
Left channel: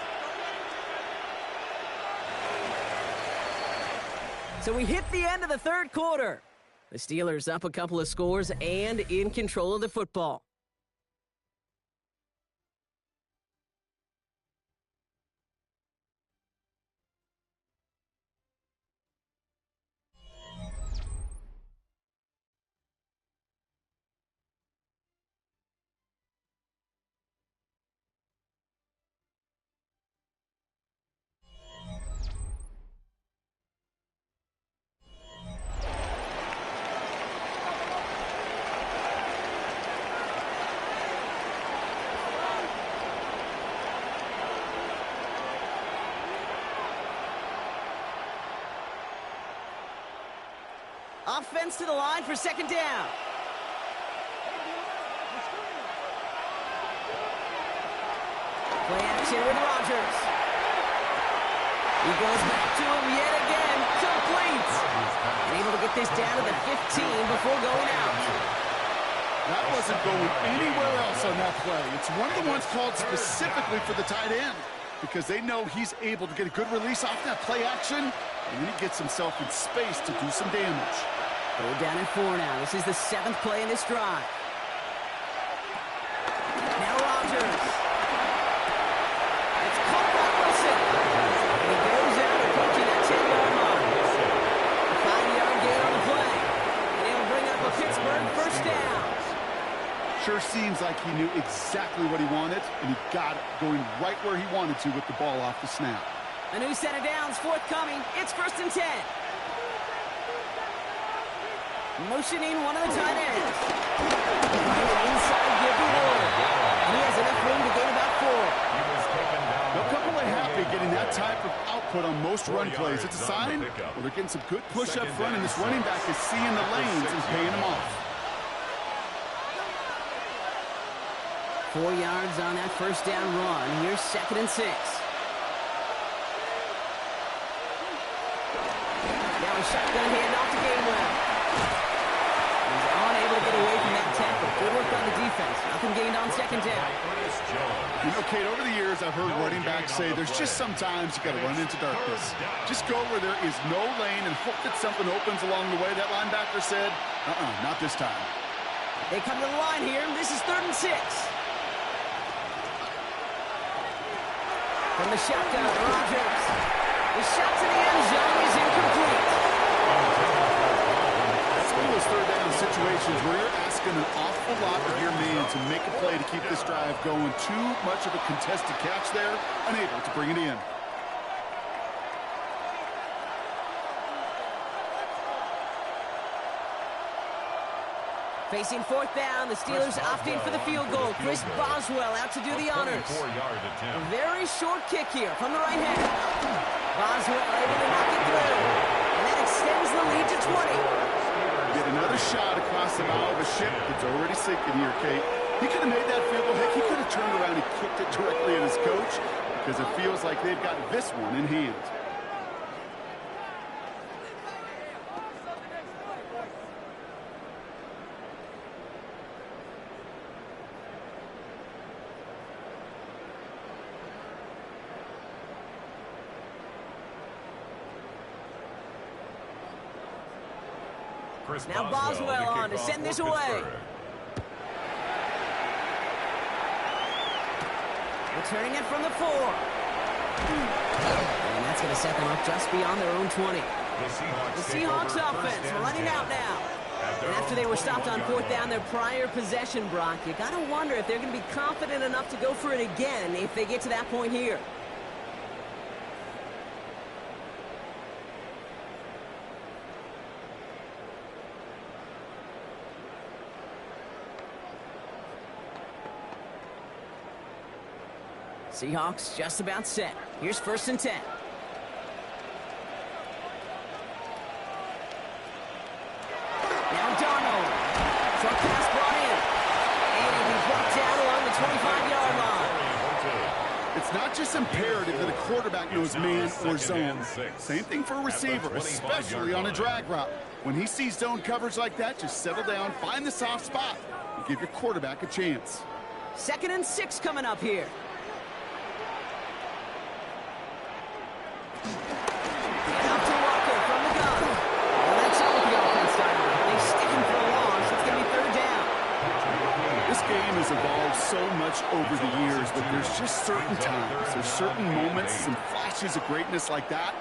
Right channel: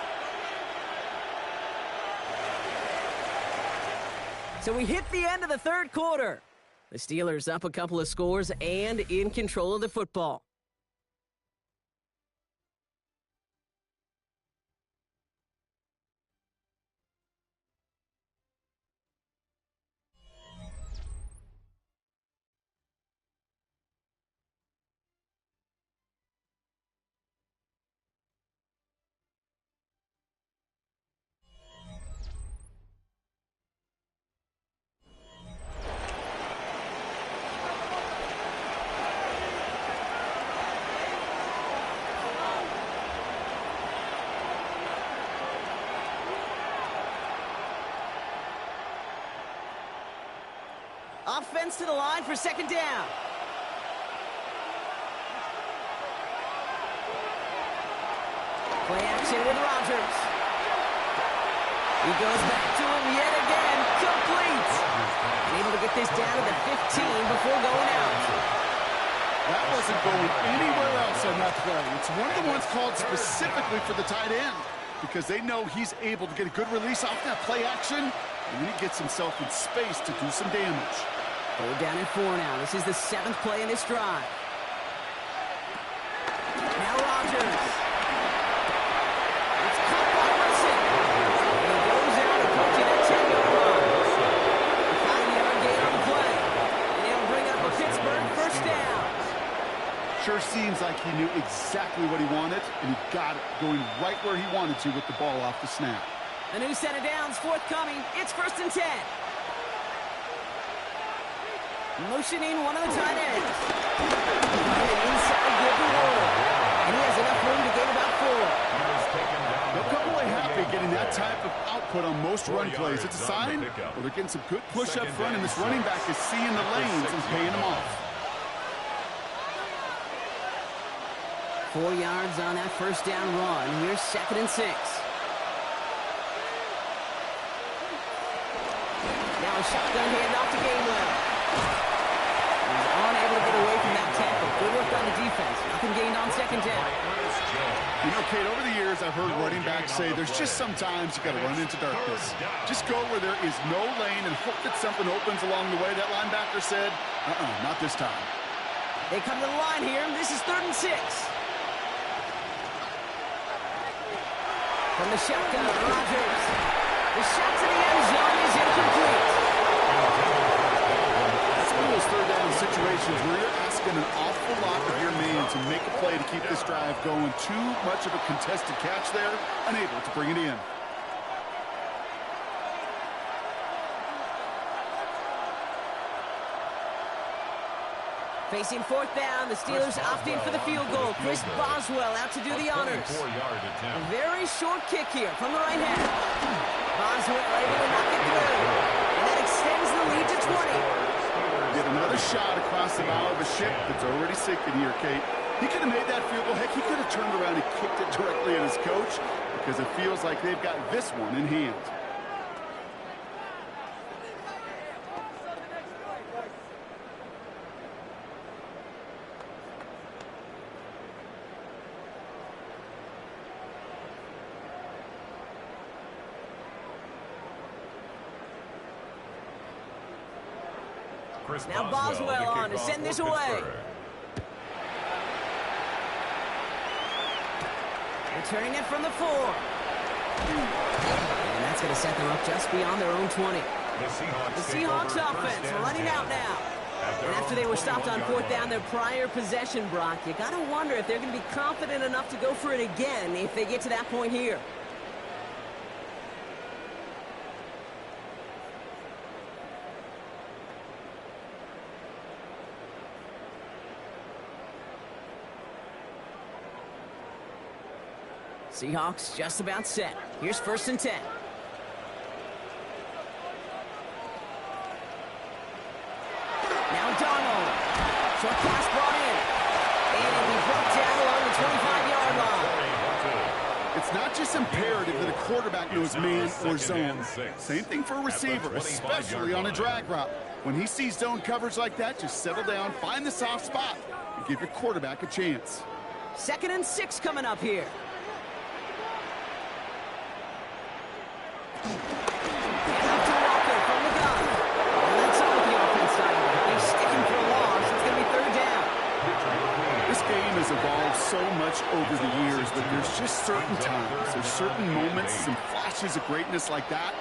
So we hit the end of the third quarter. The Steelers up a couple of scores and in control of the football. Offense to the line for second down. Play action with Rodgers. He goes back to him yet again. Complete. And able to get this down to the 15 before going out. That wasn't going anywhere else on that play. It's one of the ones called specifically for the tight end because they know he's able to get a good release off that play action, and then he gets himself in space to do some damage. 3rd down and 4 now. This is the 7th play in this drive. Now Rodgers. It's caught by Wilson. And he goes out approaching that 10-yard line. A 5-yard gain on the play. And he'll bring up a Pittsburgh first down. Sure seems like he knew exactly what he wanted, and he got it going right where he wanted to with the ball off the snap. A new set of downs forthcoming. It's 1st and 10. Motioning one of the tight ends. Trying an inside give to Ward. And he has enough room to gain about 4. They'll come away happy getting that type of output on most run plays. It's a sign, well, they're getting some good push up front, and this running back is seeing the lanes and paying them off. 4 yards on that first down run. Here's 2nd and 6. Now a shotgun handoff to Gainwell. He's unable to get away from that tackle. Good work on the defense. Nothing gained on 2nd down. You know, Kate, over the years I've heard running backs say there's just sometimes you got to run into darkness. Just go where there is no lane and hope that something opens along the way. That linebacker said, not this time. They come to the line here. This is 3rd and 6. From the shotgun, Rodgers. The shot to the end zone is incomplete. That's one of those 3rd down situations where you're asking an awful lot of your man to make a play to keep this drive going. Too much of a contested catch there, unable to bring it in. Facing 4th down, the Steelers opting for the field goal. Chris Boswell out to do the honors. A very short kick here from the right hand. Boswell able to knock it through. And that extends the lead to 20. Get another shot across the bow of a ship that's already sinking here, Kate. He could have made that field goal. Heck, he could have turned around and kicked it directly at his coach because it feels like they've got this one in hand. Now Boswell on to send this away. Returning it from the 4. And that's going to set them up just beyond their own 20. The Seahawks offense running out now. And after they were stopped on 4th down their prior possession, Brock, you got to wonder if they're going to be confident enough to go for it again if they get to that point here. Seahawks just about set. Here's 1st and 10. Now Darnold. Short pass brought in. And it'll be brought down along the 25-yard line. It's not just imperative that a quarterback knows man or zone. Same thing for a receiver, especially on a drag route. When he sees zone coverage like that, just settle down, find the soft spot, and give your quarterback a chance. 2nd and 6 coming up here. And up to Walker from the gun. And that's all with the offense side. They stick him for a loss. It's going to be 3rd down. This game has evolved so much over the years, but there's just certain times, there's certain moments, some flashes of greatness like that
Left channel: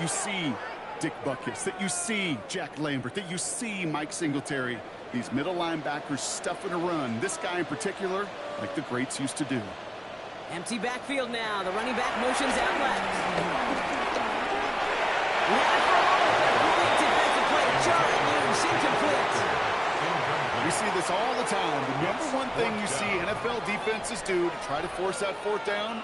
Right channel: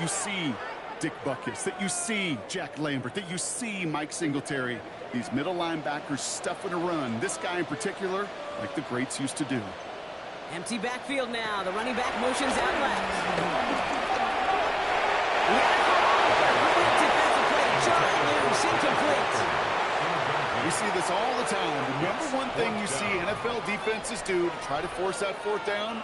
you see Dick Butkus, that you see Jack Lambert, that you see Mike Singletary. These middle linebackers stuffing a run. This guy in particular, like the greats used to do. Empty backfield now. The running back motions out left. He had it for a moment, but a complete defensive play to Charlie loose, incomplete. We see this all the time. The number one thing you see NFL defenses do to try to force that 4th down,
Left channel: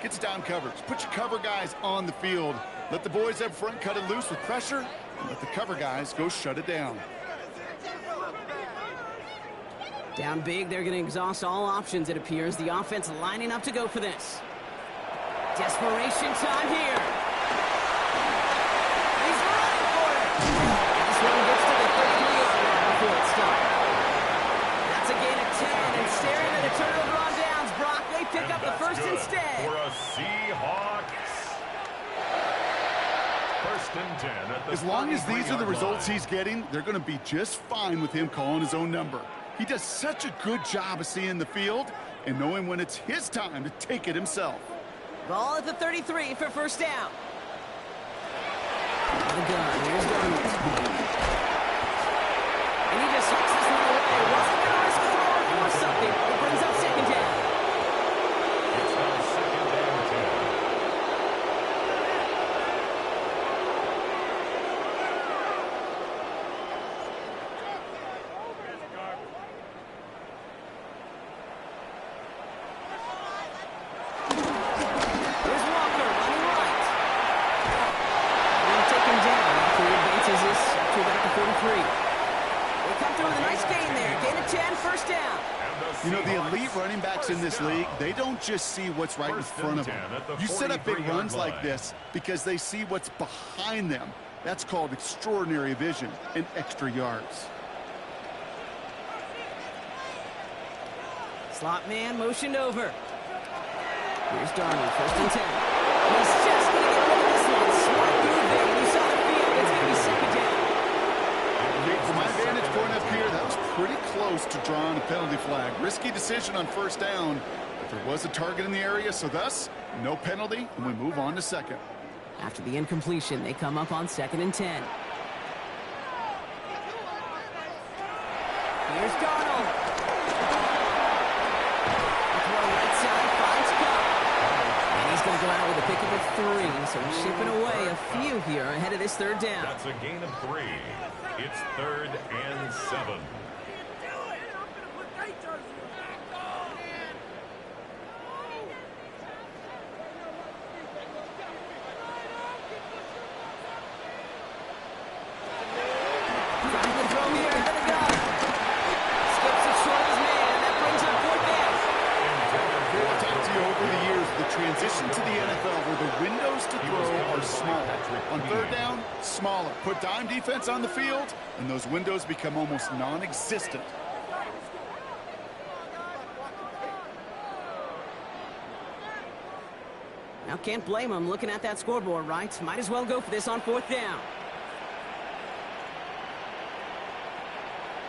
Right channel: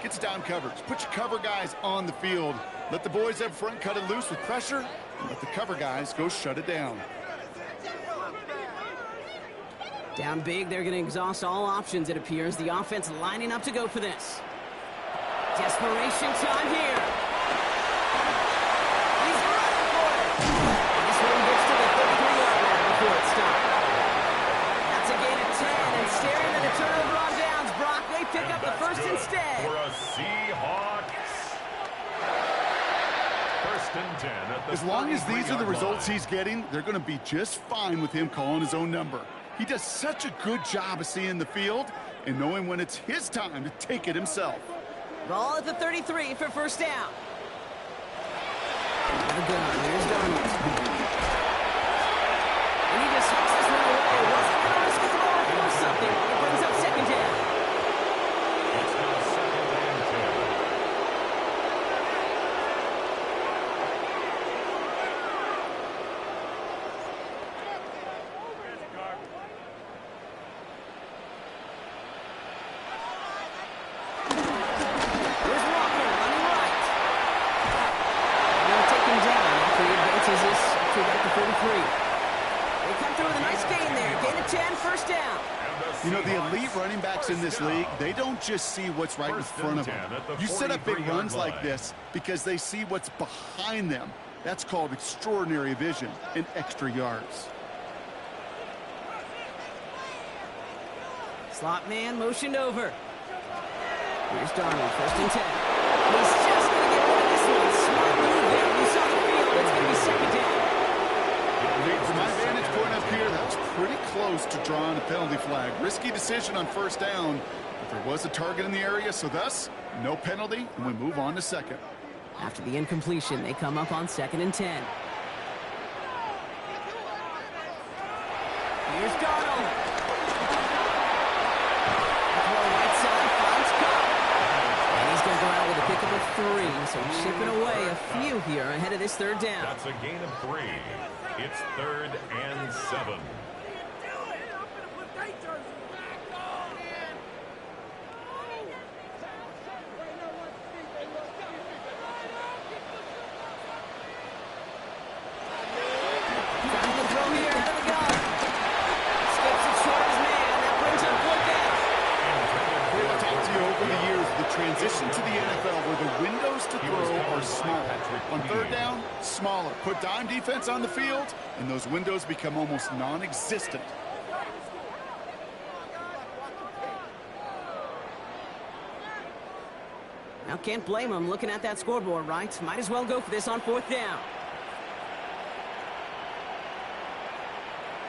gets down coverage. Put your cover guys on the field. Let the boys up front cut it loose with pressure, Let the cover guys go shut it down. Down big, they're going to exhaust all options, it appears. The offense lining up to go for this. Desperation time here. He's running for it. And this one gets to the 33-yard line before it stopped. That's a gain of 10, and staring at a turnover on downs. Brock, they pick up the first instead. For a Seahawks. First and 10 at the As long as these are the 33-yard results line. he's getting, they're going to be just fine with him calling his own number. He does such a good job of seeing the field and knowing when it's his time to take it himself. Ball at the 33 for first down. The gun, here's Darnold. And he just hooks this one away. Wasn't going to risk a throw or force something. It brings up second down. It's now second and 10. Here's Walker running right. And they'll take him down after he advances this to about the 43. They come through with a nice gain there. Gain of 10, first down. You know, the elite running backs in this league, they don't just see what's right in front of them. You set up big runs like this because they see what's behind them. That's called extraordinary vision and extra yards. Slot man motioned over. Here's Darnold, first and 10. He's just going to get rid of this one. Smart move there. When you saw the field, it's going to be second down. From my vantage point up here, that was pretty close to drawing a penalty flag. Risky decision on first down, but there was a target in the area, so thus, no penalty, and we move on to second. After the incompletion, they come up on second and 10. Here's Darnold. Throw right side, finds Cup. And he's going to go out with a pickup of 3, so chipping away a few here ahead of this third down. That's a gain of 3. It's third and 7. Trying to throw here ahead of the gun. Skips it short of his man. That brings up fourth down. I've talked to you over the years, the transition to the NFL where the windows to throw are small. On third down, smaller. Put dime defense on the field, and those windows become almost non-existent. Now, can't blame him looking at that scoreboard, right? Might as well go for this on fourth down.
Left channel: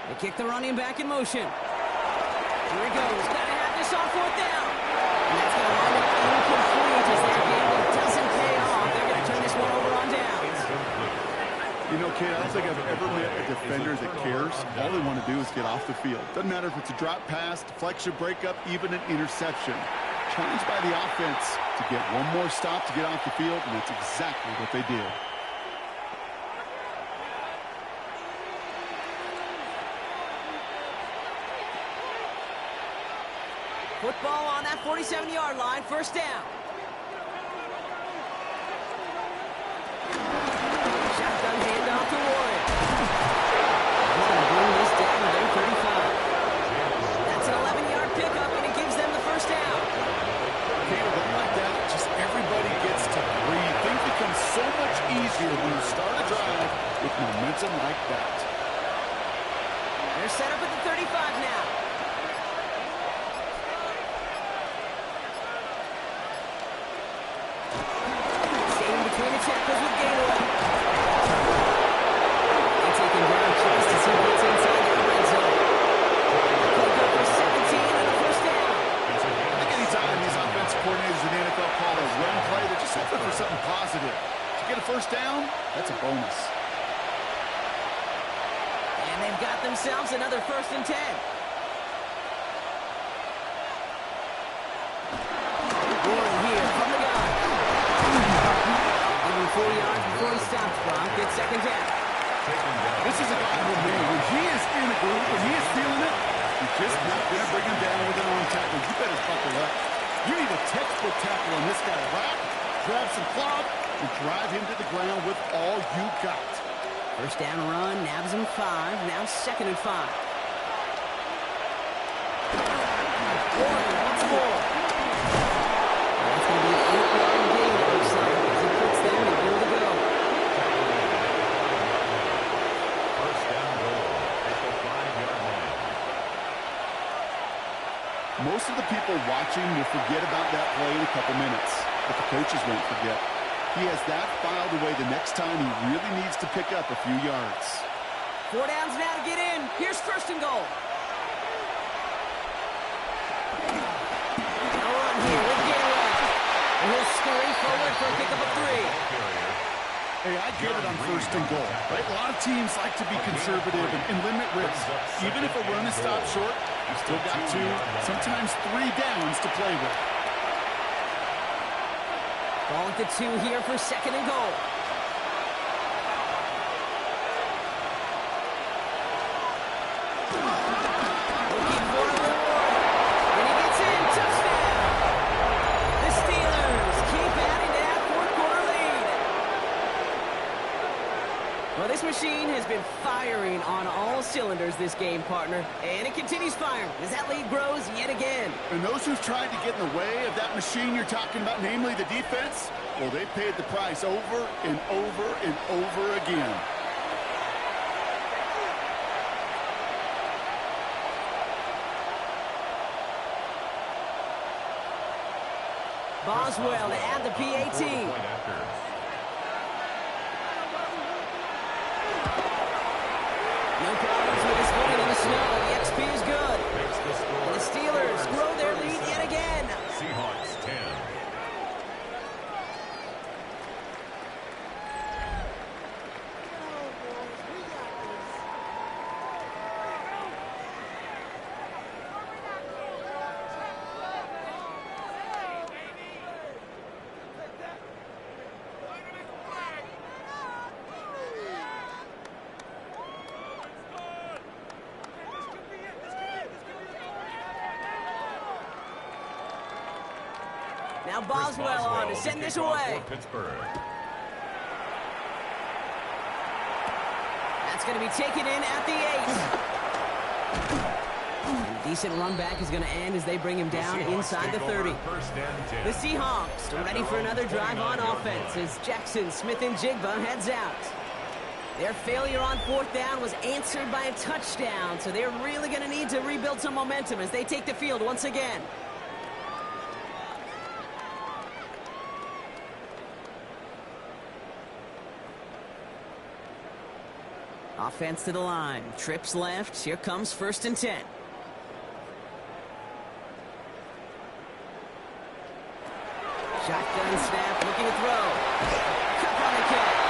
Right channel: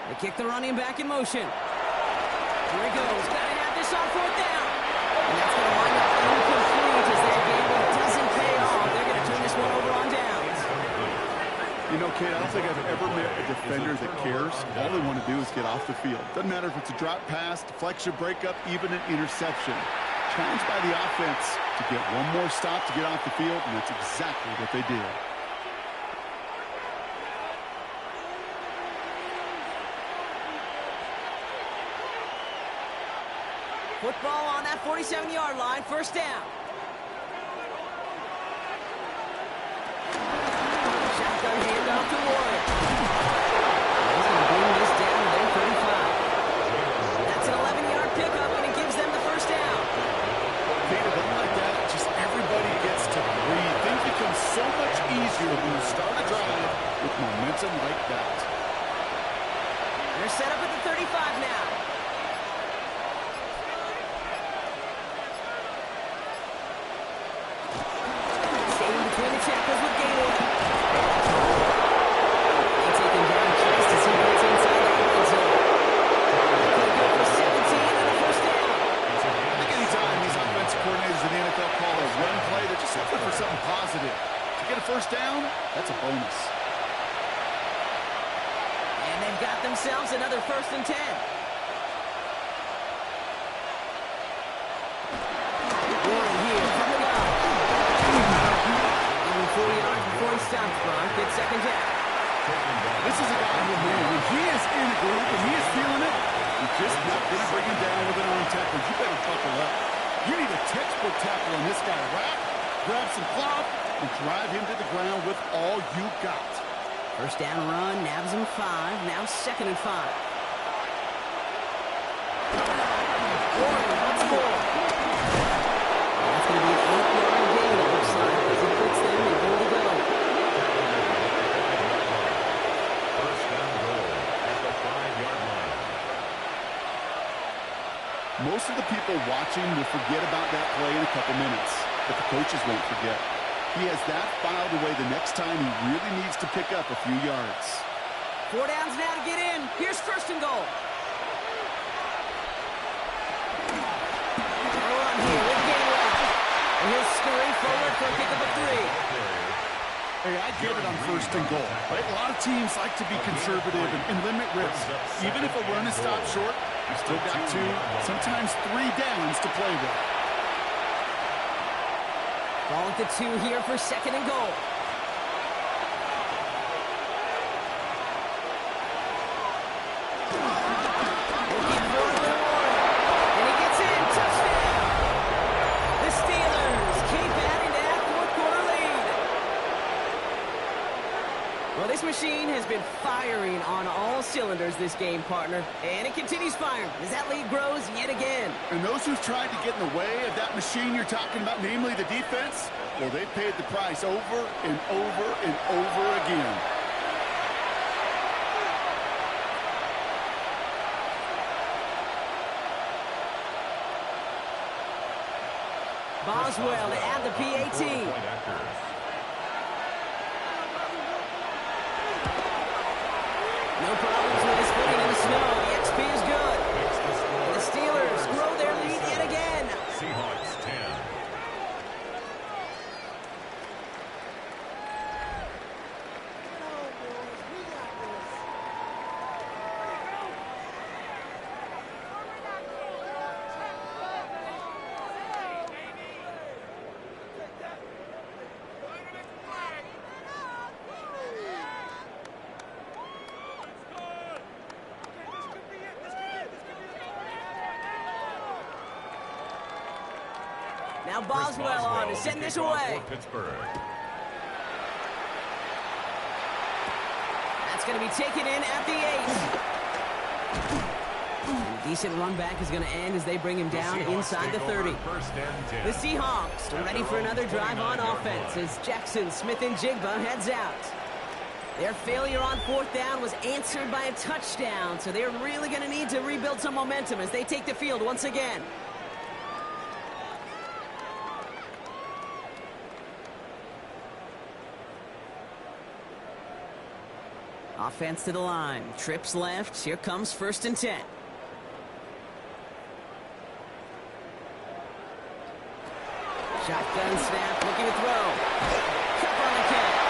They kick the running back in motion. Here he goes. Got to have this on fourth down. And that's going to wind up incomplete as their gamble doesn't pay off. They're going to turn this one over on downs. You know, Kate, I don't think I've ever met a defender that cares. All they want to do is get off the field. Doesn't matter if it's a drop pass, deflection, breakup, even an interception. Challenged by the offense to get one more stop to get off the field, and that's exactly what they did. Football on that 47-yard line, first down. Shotgun handoff to Warren. He's going to bring this down to their 35. That's an 11-yard pickup, and it gives them the first down. Kate, a run like that, just everybody gets to breathe. Things become so much easier when you start a drive with momentum like that. They're set up at the 35 now. Between the tackles with Gainwell. They take him down just as he gets inside the red zone. Could go for 17 and a first down. I think anytime these offensive coordinators in the NFL call a run play, they're just looking for something positive. To get a first down, that's a bonus. And they've got themselves another first and 10. Warren here from the gun. 4 yards before he stops, Brock. It's second down. This is a guy who, man, when he is in a group, when he is feeling it, you're just not going to bring him down with an arm tackle. You better buckle up. You need a textbook tackle on this guy. Wrap, grab some cloth, and drive him to the ground with all you got. First down run, nabs him 5. Now 2nd and 5. Warren once more. That's going to be an 8-yard gain, it looks like, as he puts them in goal to go. First down goal at the 5-yard line. Most of the people watching will forget about that play in a couple minutes, but the coaches won't forget. He has that filed away the next time he really needs to pick up a few yards. 4 downs now to get in. Here's 1st and goal. No run here with game left. And he'll scurry forward for a pickup of 3. Hey, I get it on 1st and goal, right? A lot of teams like to be conservative and limit risk. Even if a run is stopped short, you still got 2, sometimes 3 downs to play with. Ball at the 2 here for 2nd and goal. Looking for a reward. And he gets in. Touchdown. The Steelers keep adding to that 4th quarter lead. Well, this machine has been firing on all cylinders this game, partner. And it continues firing as that lead grows yet again. And those who've tried to get in the way of that machine you're talking about, namely the defense, well, they paid the price over and over and over again. Boswell to add the PAT. No problems with his footing in the snow. The XP is good. And the Steelers grow their lead yet again. Seahawks 10. Now Boswell on to send this away. Pittsburgh. That's going to be taken in at the 8. And a decent run back is going to end as they bring him down inside the 30. The Seahawks are ready for another drive on offense as Jackson, Smith, and Jigba heads out. Their failure on 4th down was answered by a touchdown, so they're really going to need to rebuild some momentum as they take the field once again. Offense to the line. Trips left. Here comes 1st and 10. Shotgun snap. Looking to throw. Cup on the catch.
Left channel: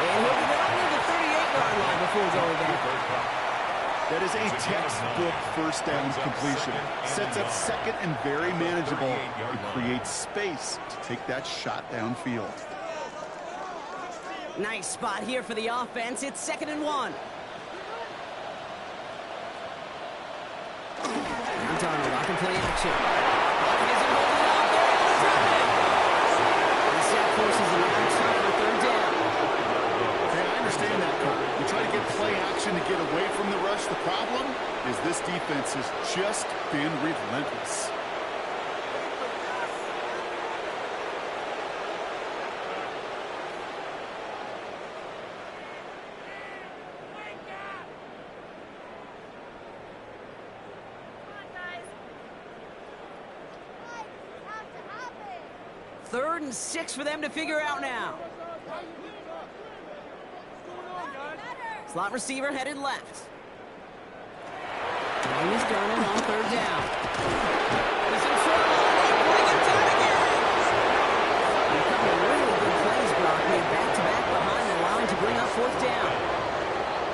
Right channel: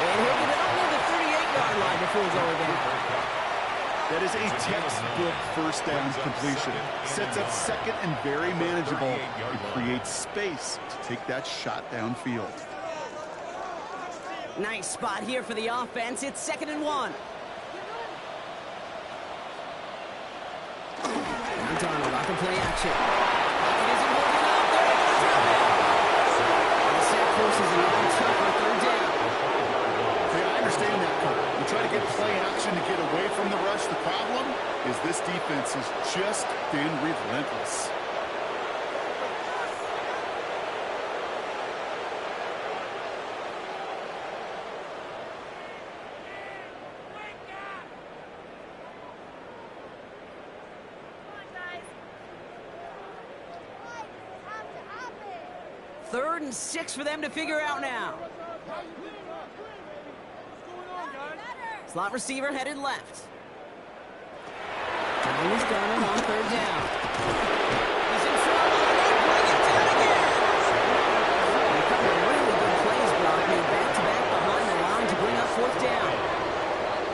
And he'll get it up near the 38-yard line before it's over there. That is a textbook 1st down completion. Sets up 2nd and very manageable. It creates space to take that shot downfield. Nice spot here for the offense. It's 2nd and 1. Now Darnold off in play action. Pocket isn't holding up. They're able to drop it. And the set forces a now tougher 3rd down. Hey, I understand that, Cole. You try to get play action to get away from the rush. The problem is this defense has just been relentless. Third and 6 for them to figure out now. Slot receiver headed left. And he's Darnold on 3rd down. He's in trouble, and they bring him down again. And a couple of really good plays, Brock, made back-to-back behind the line to bring up 4th down.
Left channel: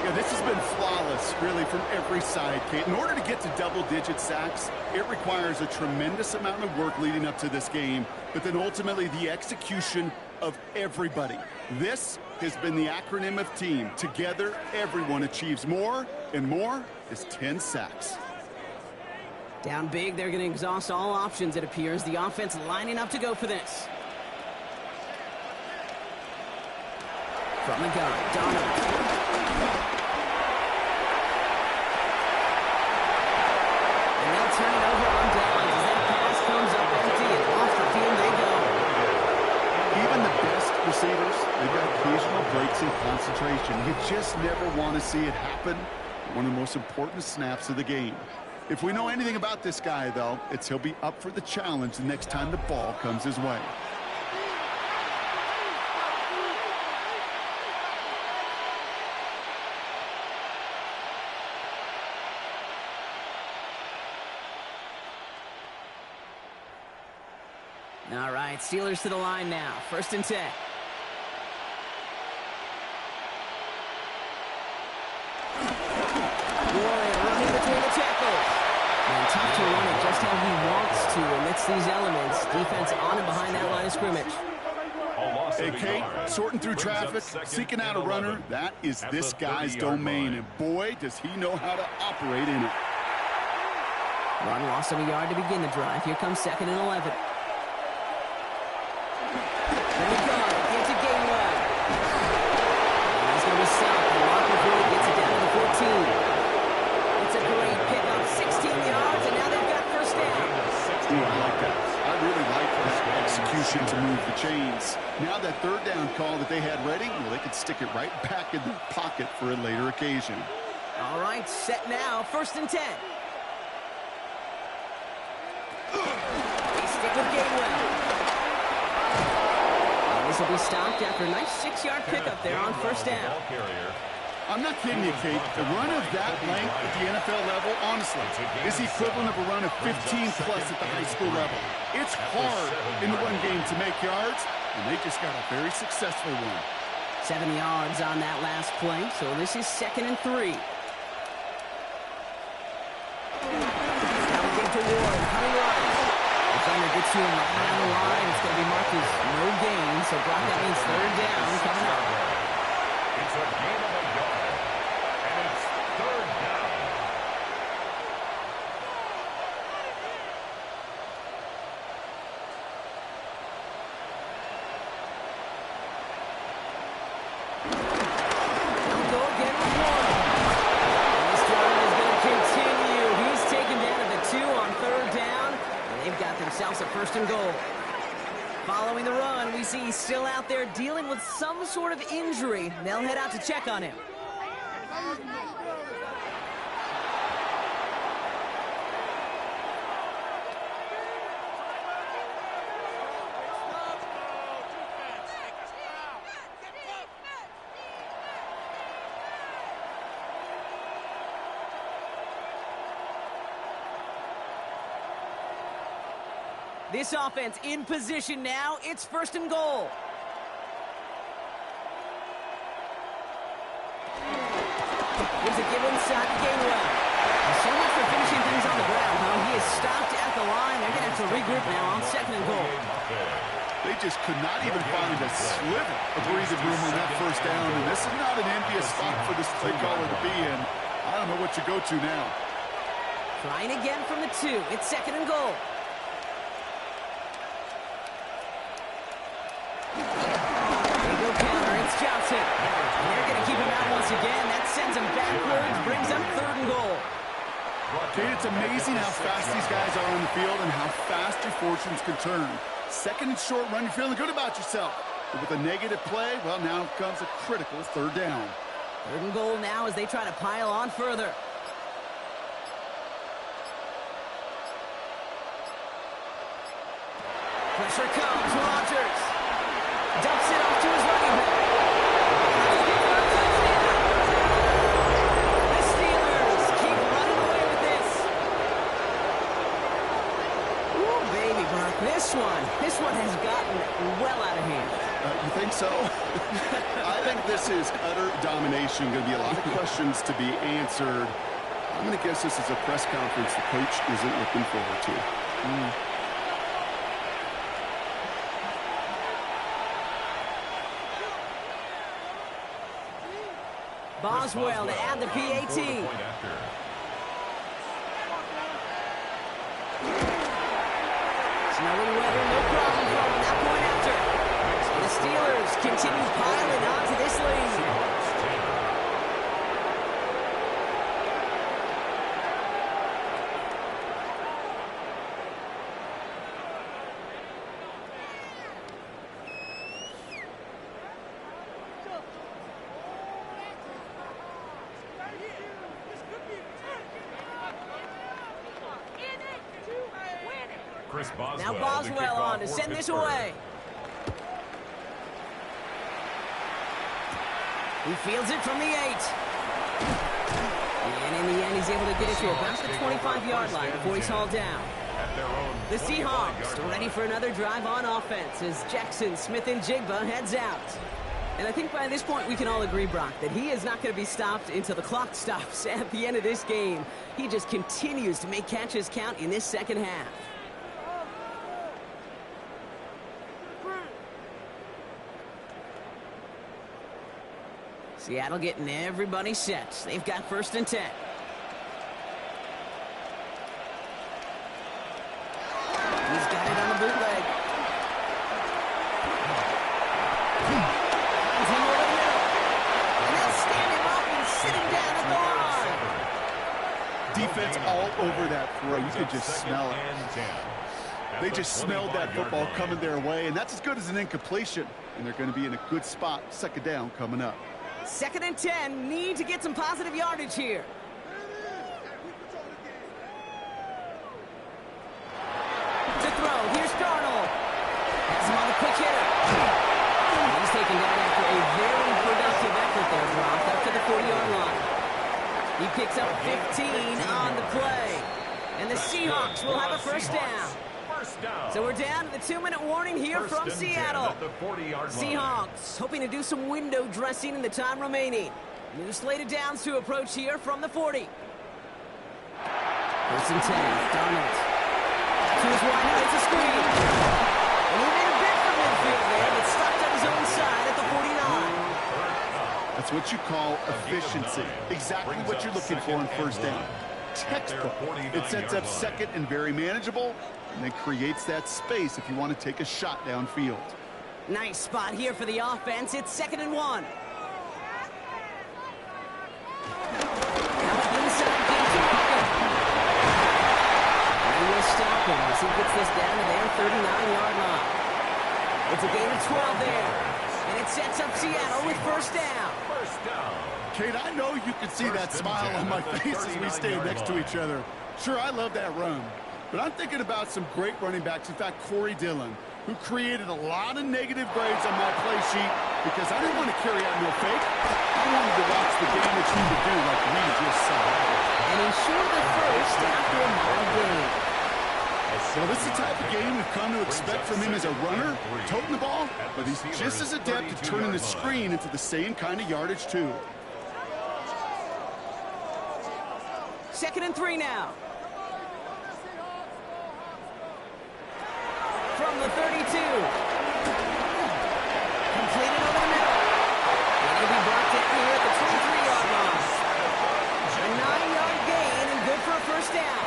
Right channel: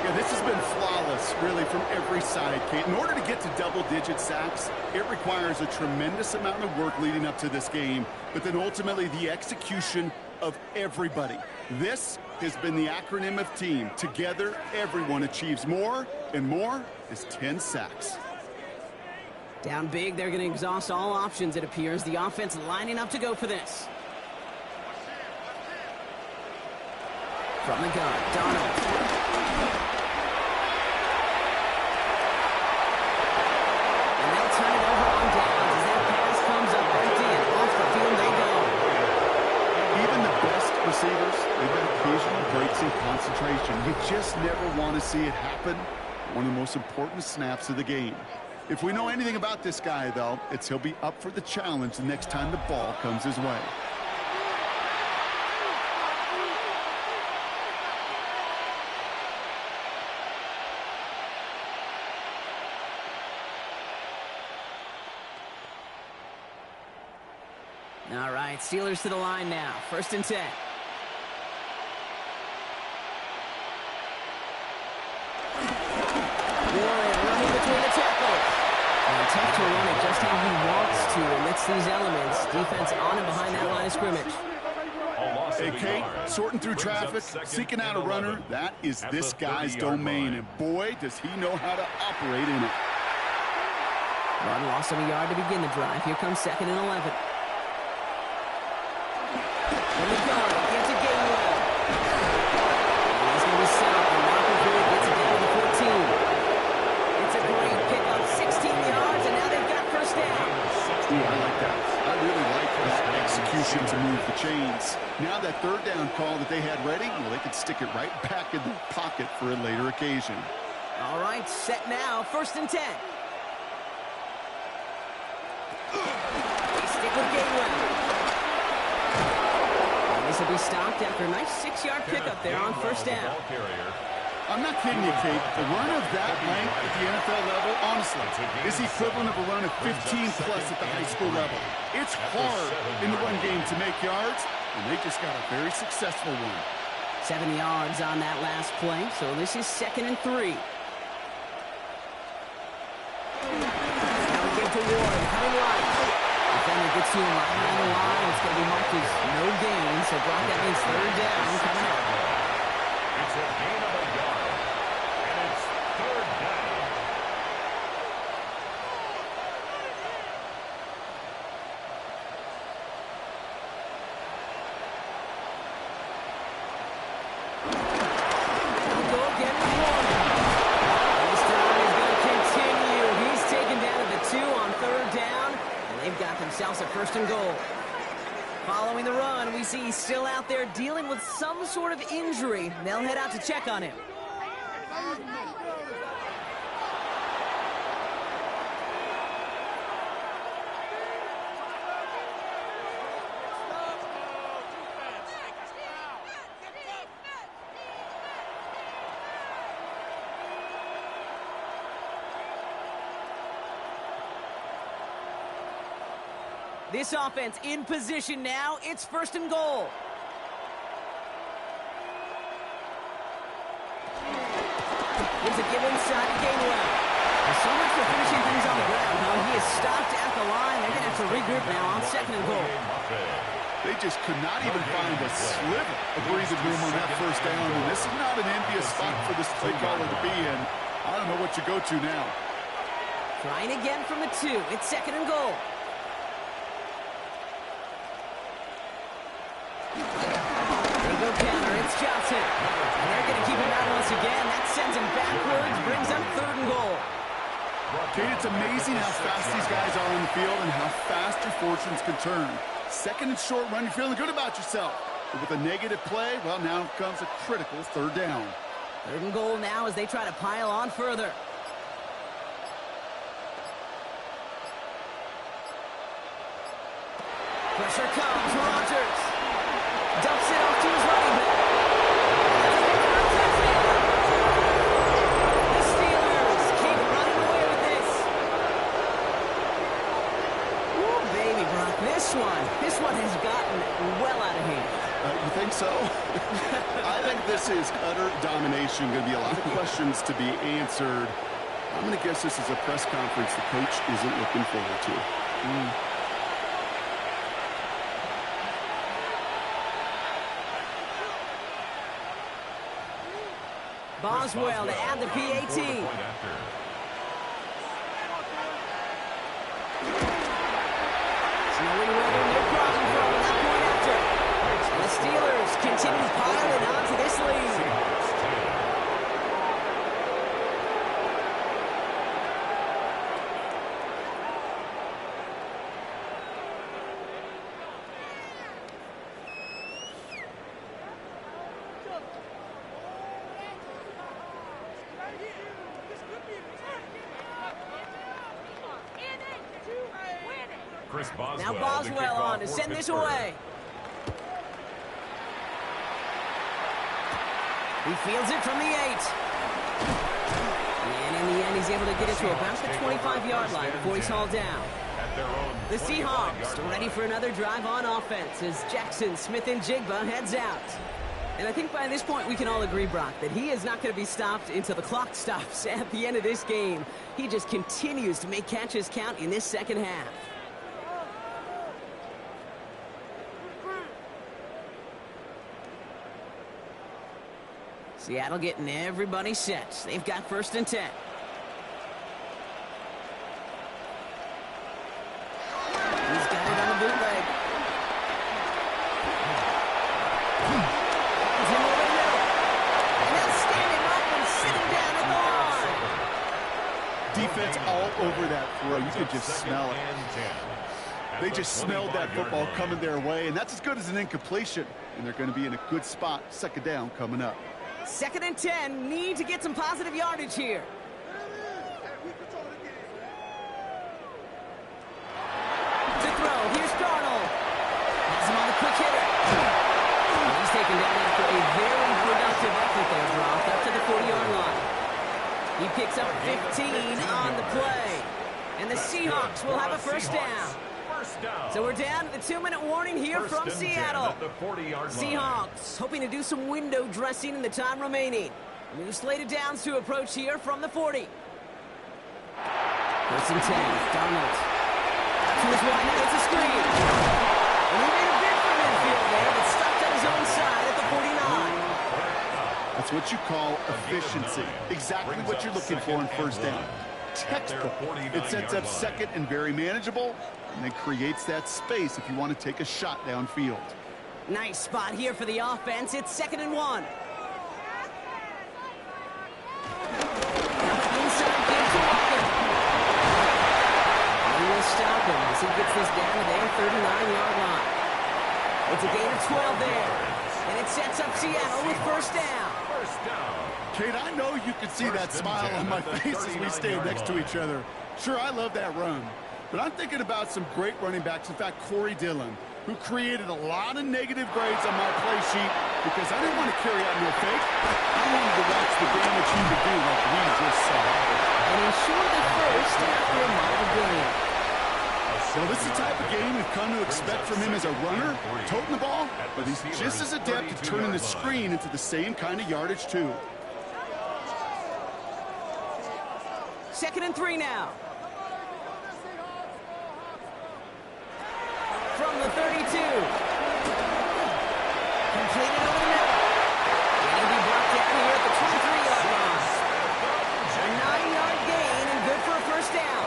Yeah, this has been flawless, really, from every side, Kate. In order to get to double-digit sacks, it requires a tremendous amount of work leading up to this game, but then ultimately the execution of everybody. This has been the acronym of team. Together, everyone achieves more, and more is 10 sacks. Down big, they're going to exhaust all options, it appears. The offense lining up to go for this. From the gun, Donald. And they'll turn it over on downs as that pass comes up empty and off the field they go. Even the best receivers, they've got occasional breaks in concentration. You just never want to see it happen. One of the most important snaps of the game. If we know anything about this guy, though, it's he'll be up for the challenge the next time the ball comes his way. All right, Steelers to the line now. 1st and 10. Warren running between the tackles. And tough to run it just how he wants to amidst these elements. Defense on and behind that line of scrimmage. Hey, Kate, sorting through traffic, seeking out a runner, that is this guy's domain. And boy, does he know how to operate in it. Run loss of a yard to begin the drive. Here comes 2nd and 11. From the gun, into Gainwell. And he's going to be stopped. And Marker Floyd gets it down to the 14. It's a great pickup, 16 yards, and now they've got 1st down. Ooh, I like that. I really like that execution to move the chains. Now that 3rd down call that they had ready, well, they could stick it right back in their pocket for a later occasion. All right, set now, 1st and 10. They stick with Gainwell. This will be stopped after a nice 6-yard pickup there on 1st down. I'm not kidding you, Kate. A run of that length at the NFL level, honestly, is the equivalent of a run of 15-plus at the high school level. It's hard in the run game to make yards, and they just got a very successful one. 7 yards on that last play, so this is 2nd and 3. Now we get to Ward, coming right. Defender gets to him right around the line. It's going to be marked as no gain. So, Brock, that means 3rd down coming up. It's a gain of a yard. And it's 3rd down. They'll go again with Warren. And this drive is going to continue. He's taken down at the 2 on 3rd down. They've got themselves a 1st and goal. Following the run, we see he's still out there dealing with some sort of injury. They'll head out to check on him. This offense in position now. It's 1st and goal. Gives a give inside to Gainwell. So much for finishing things on the ground, huh? He is stopped at the line. They're going to have to regroup now on 2nd and goal. They just could not even find a sliver of breathing room on that 1st down, and this is not an envious spot for this play caller to be in. I don't know what you go to now. Trying again from the 2. It's 2nd and goal. They go counter. It's Johnson. And they're going to keep him out once again. That sends him backwards, brings up 3rd and goal. Kate, it's amazing how fast these guys are on the field and how fast your fortunes can turn. 2nd and short run, you're feeling good about yourself. But with a negative play, well, now comes a critical 3rd down. 3rd and goal now as they try to pile on further. Pressure comes. Rodgers dumps it off to his running back. The Steelers keep running away with this. Ooh, baby, Brock. This one has gotten well out of hand. You think so? I think this is utter domination. Going to be a lot of questions to be answered. I'm going to guess this is a press conference the coach isn't looking forward to. Boswell to add the PAT. Snowy weather, no problem from him. That point after. And the Steelers continue piling onto this lead. Seahawks 10. Chris Boswell, Now Boswell on to send this away. He fields it from the 8. And in the end, he's able to get it to about the 25-yard line before he's hauled down. The Seahawks are ready for another drive on offense as Jackson, Smith, and Jigba heads out. And I think by this point we can all agree, Brock, that he is not going to be stopped until the clock stops at the end of this game. He just continues to make catches count in this second half. Seattle getting everybody set. They've got 1st and 10. He's got it on the bootleg. Finds him over the middle. And they'll stand him up and sit him down at the line. Defense all over that throw. You could just smell it. They just smelled that football coming their way, and that's as good as an incompletion. And they're going to be in a good spot. 2nd down coming up. 2nd and 10. Need to get some positive yardage here. To throw. Here's Darnold. Has him on the quick hitter. And he's taken down after a very productive effort there, Brock, up to the 40-yard line. He picks up 15 on the play. And the Seahawks will have a 1st down. So we're down to the 2-minute warning here from Seattle. Seahawks hoping to do some window dressing in the time remaining. New slated downs to approach here from the 40. 1st and 10. Darnold. To his wide out, it's a screen. And he made a bid for midfield there, but stopped on his own side at the 49. That's what you call efficiency. Exactly what you're looking for in 1st down. Textbook. It sets up 2nd and very manageable, and then creates that space if you want to take a shot downfield. Nice spot here for the offense. It's 2nd and 1. Now inside game to Walker. And he will stop him as he gets this down to their 39-yard line. It's a gain of 12 there. And it sets up Seattle with 1st down. Kate, I know you can see that smile on my face as we stand next to each other. Sure, I love that run. But I'm thinking about some great running backs. In fact, Corey Dillon, who created a lot of negative grades on my play sheet because I didn't want to carry out no fake. I wanted to watch the damage he would do like we just saw. And he's short of the 1st after a mile gain. Well, this is the type of game we've come to expect from him as a runner, toting the ball, but he's just as adept at turning the screen into the same kind of yardage, too. 2nd and 3 now. From the 32. Completed over the middle. And he'll be brought down here at the 23-yard line. A 9-yard gain and good for a 1st down.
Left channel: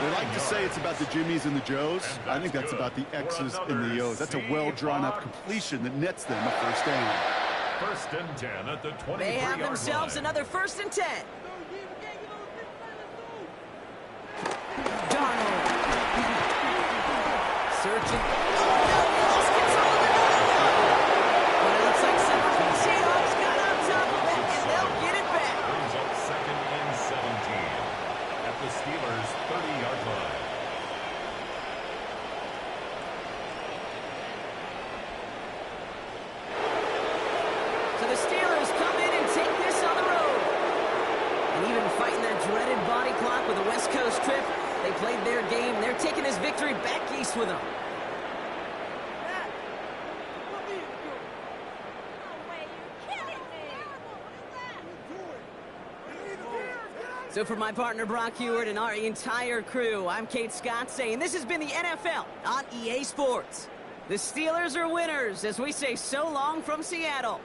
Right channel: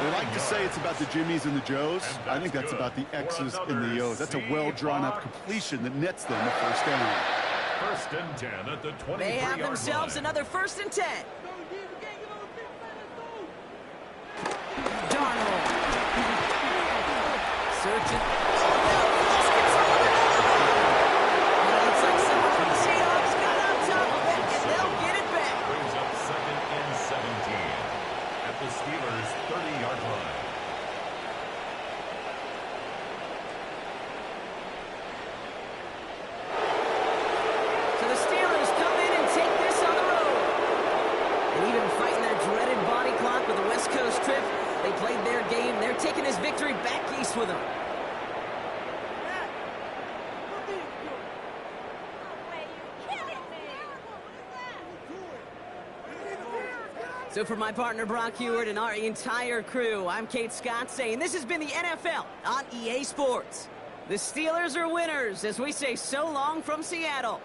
They like to say it's about the Jimmies and the Joes. I think that's about the X's and the O's. That's a well-drawn-up completion that nets them a 1st down. 1st and 10 at the 23-yard line. They have themselves another 1st and 10. Darnold. Searching. Oh, no, he lost control of the ball. But it looks like someone from the Seahawks got on top of it, and they'll get it back. Brings up 2nd and 17 at the Steelers' 30-yard line. So the Steelers come in and take this on the road. And even fighting that dreaded body clock with the West Coast trip, they played their game. They're taking this victory back east with them. So for my partner Brock Heward and our entire crew, I'm Kate Scott saying this has been the NFL on EA Sports. The Steelers are winners as we say so long from Seattle.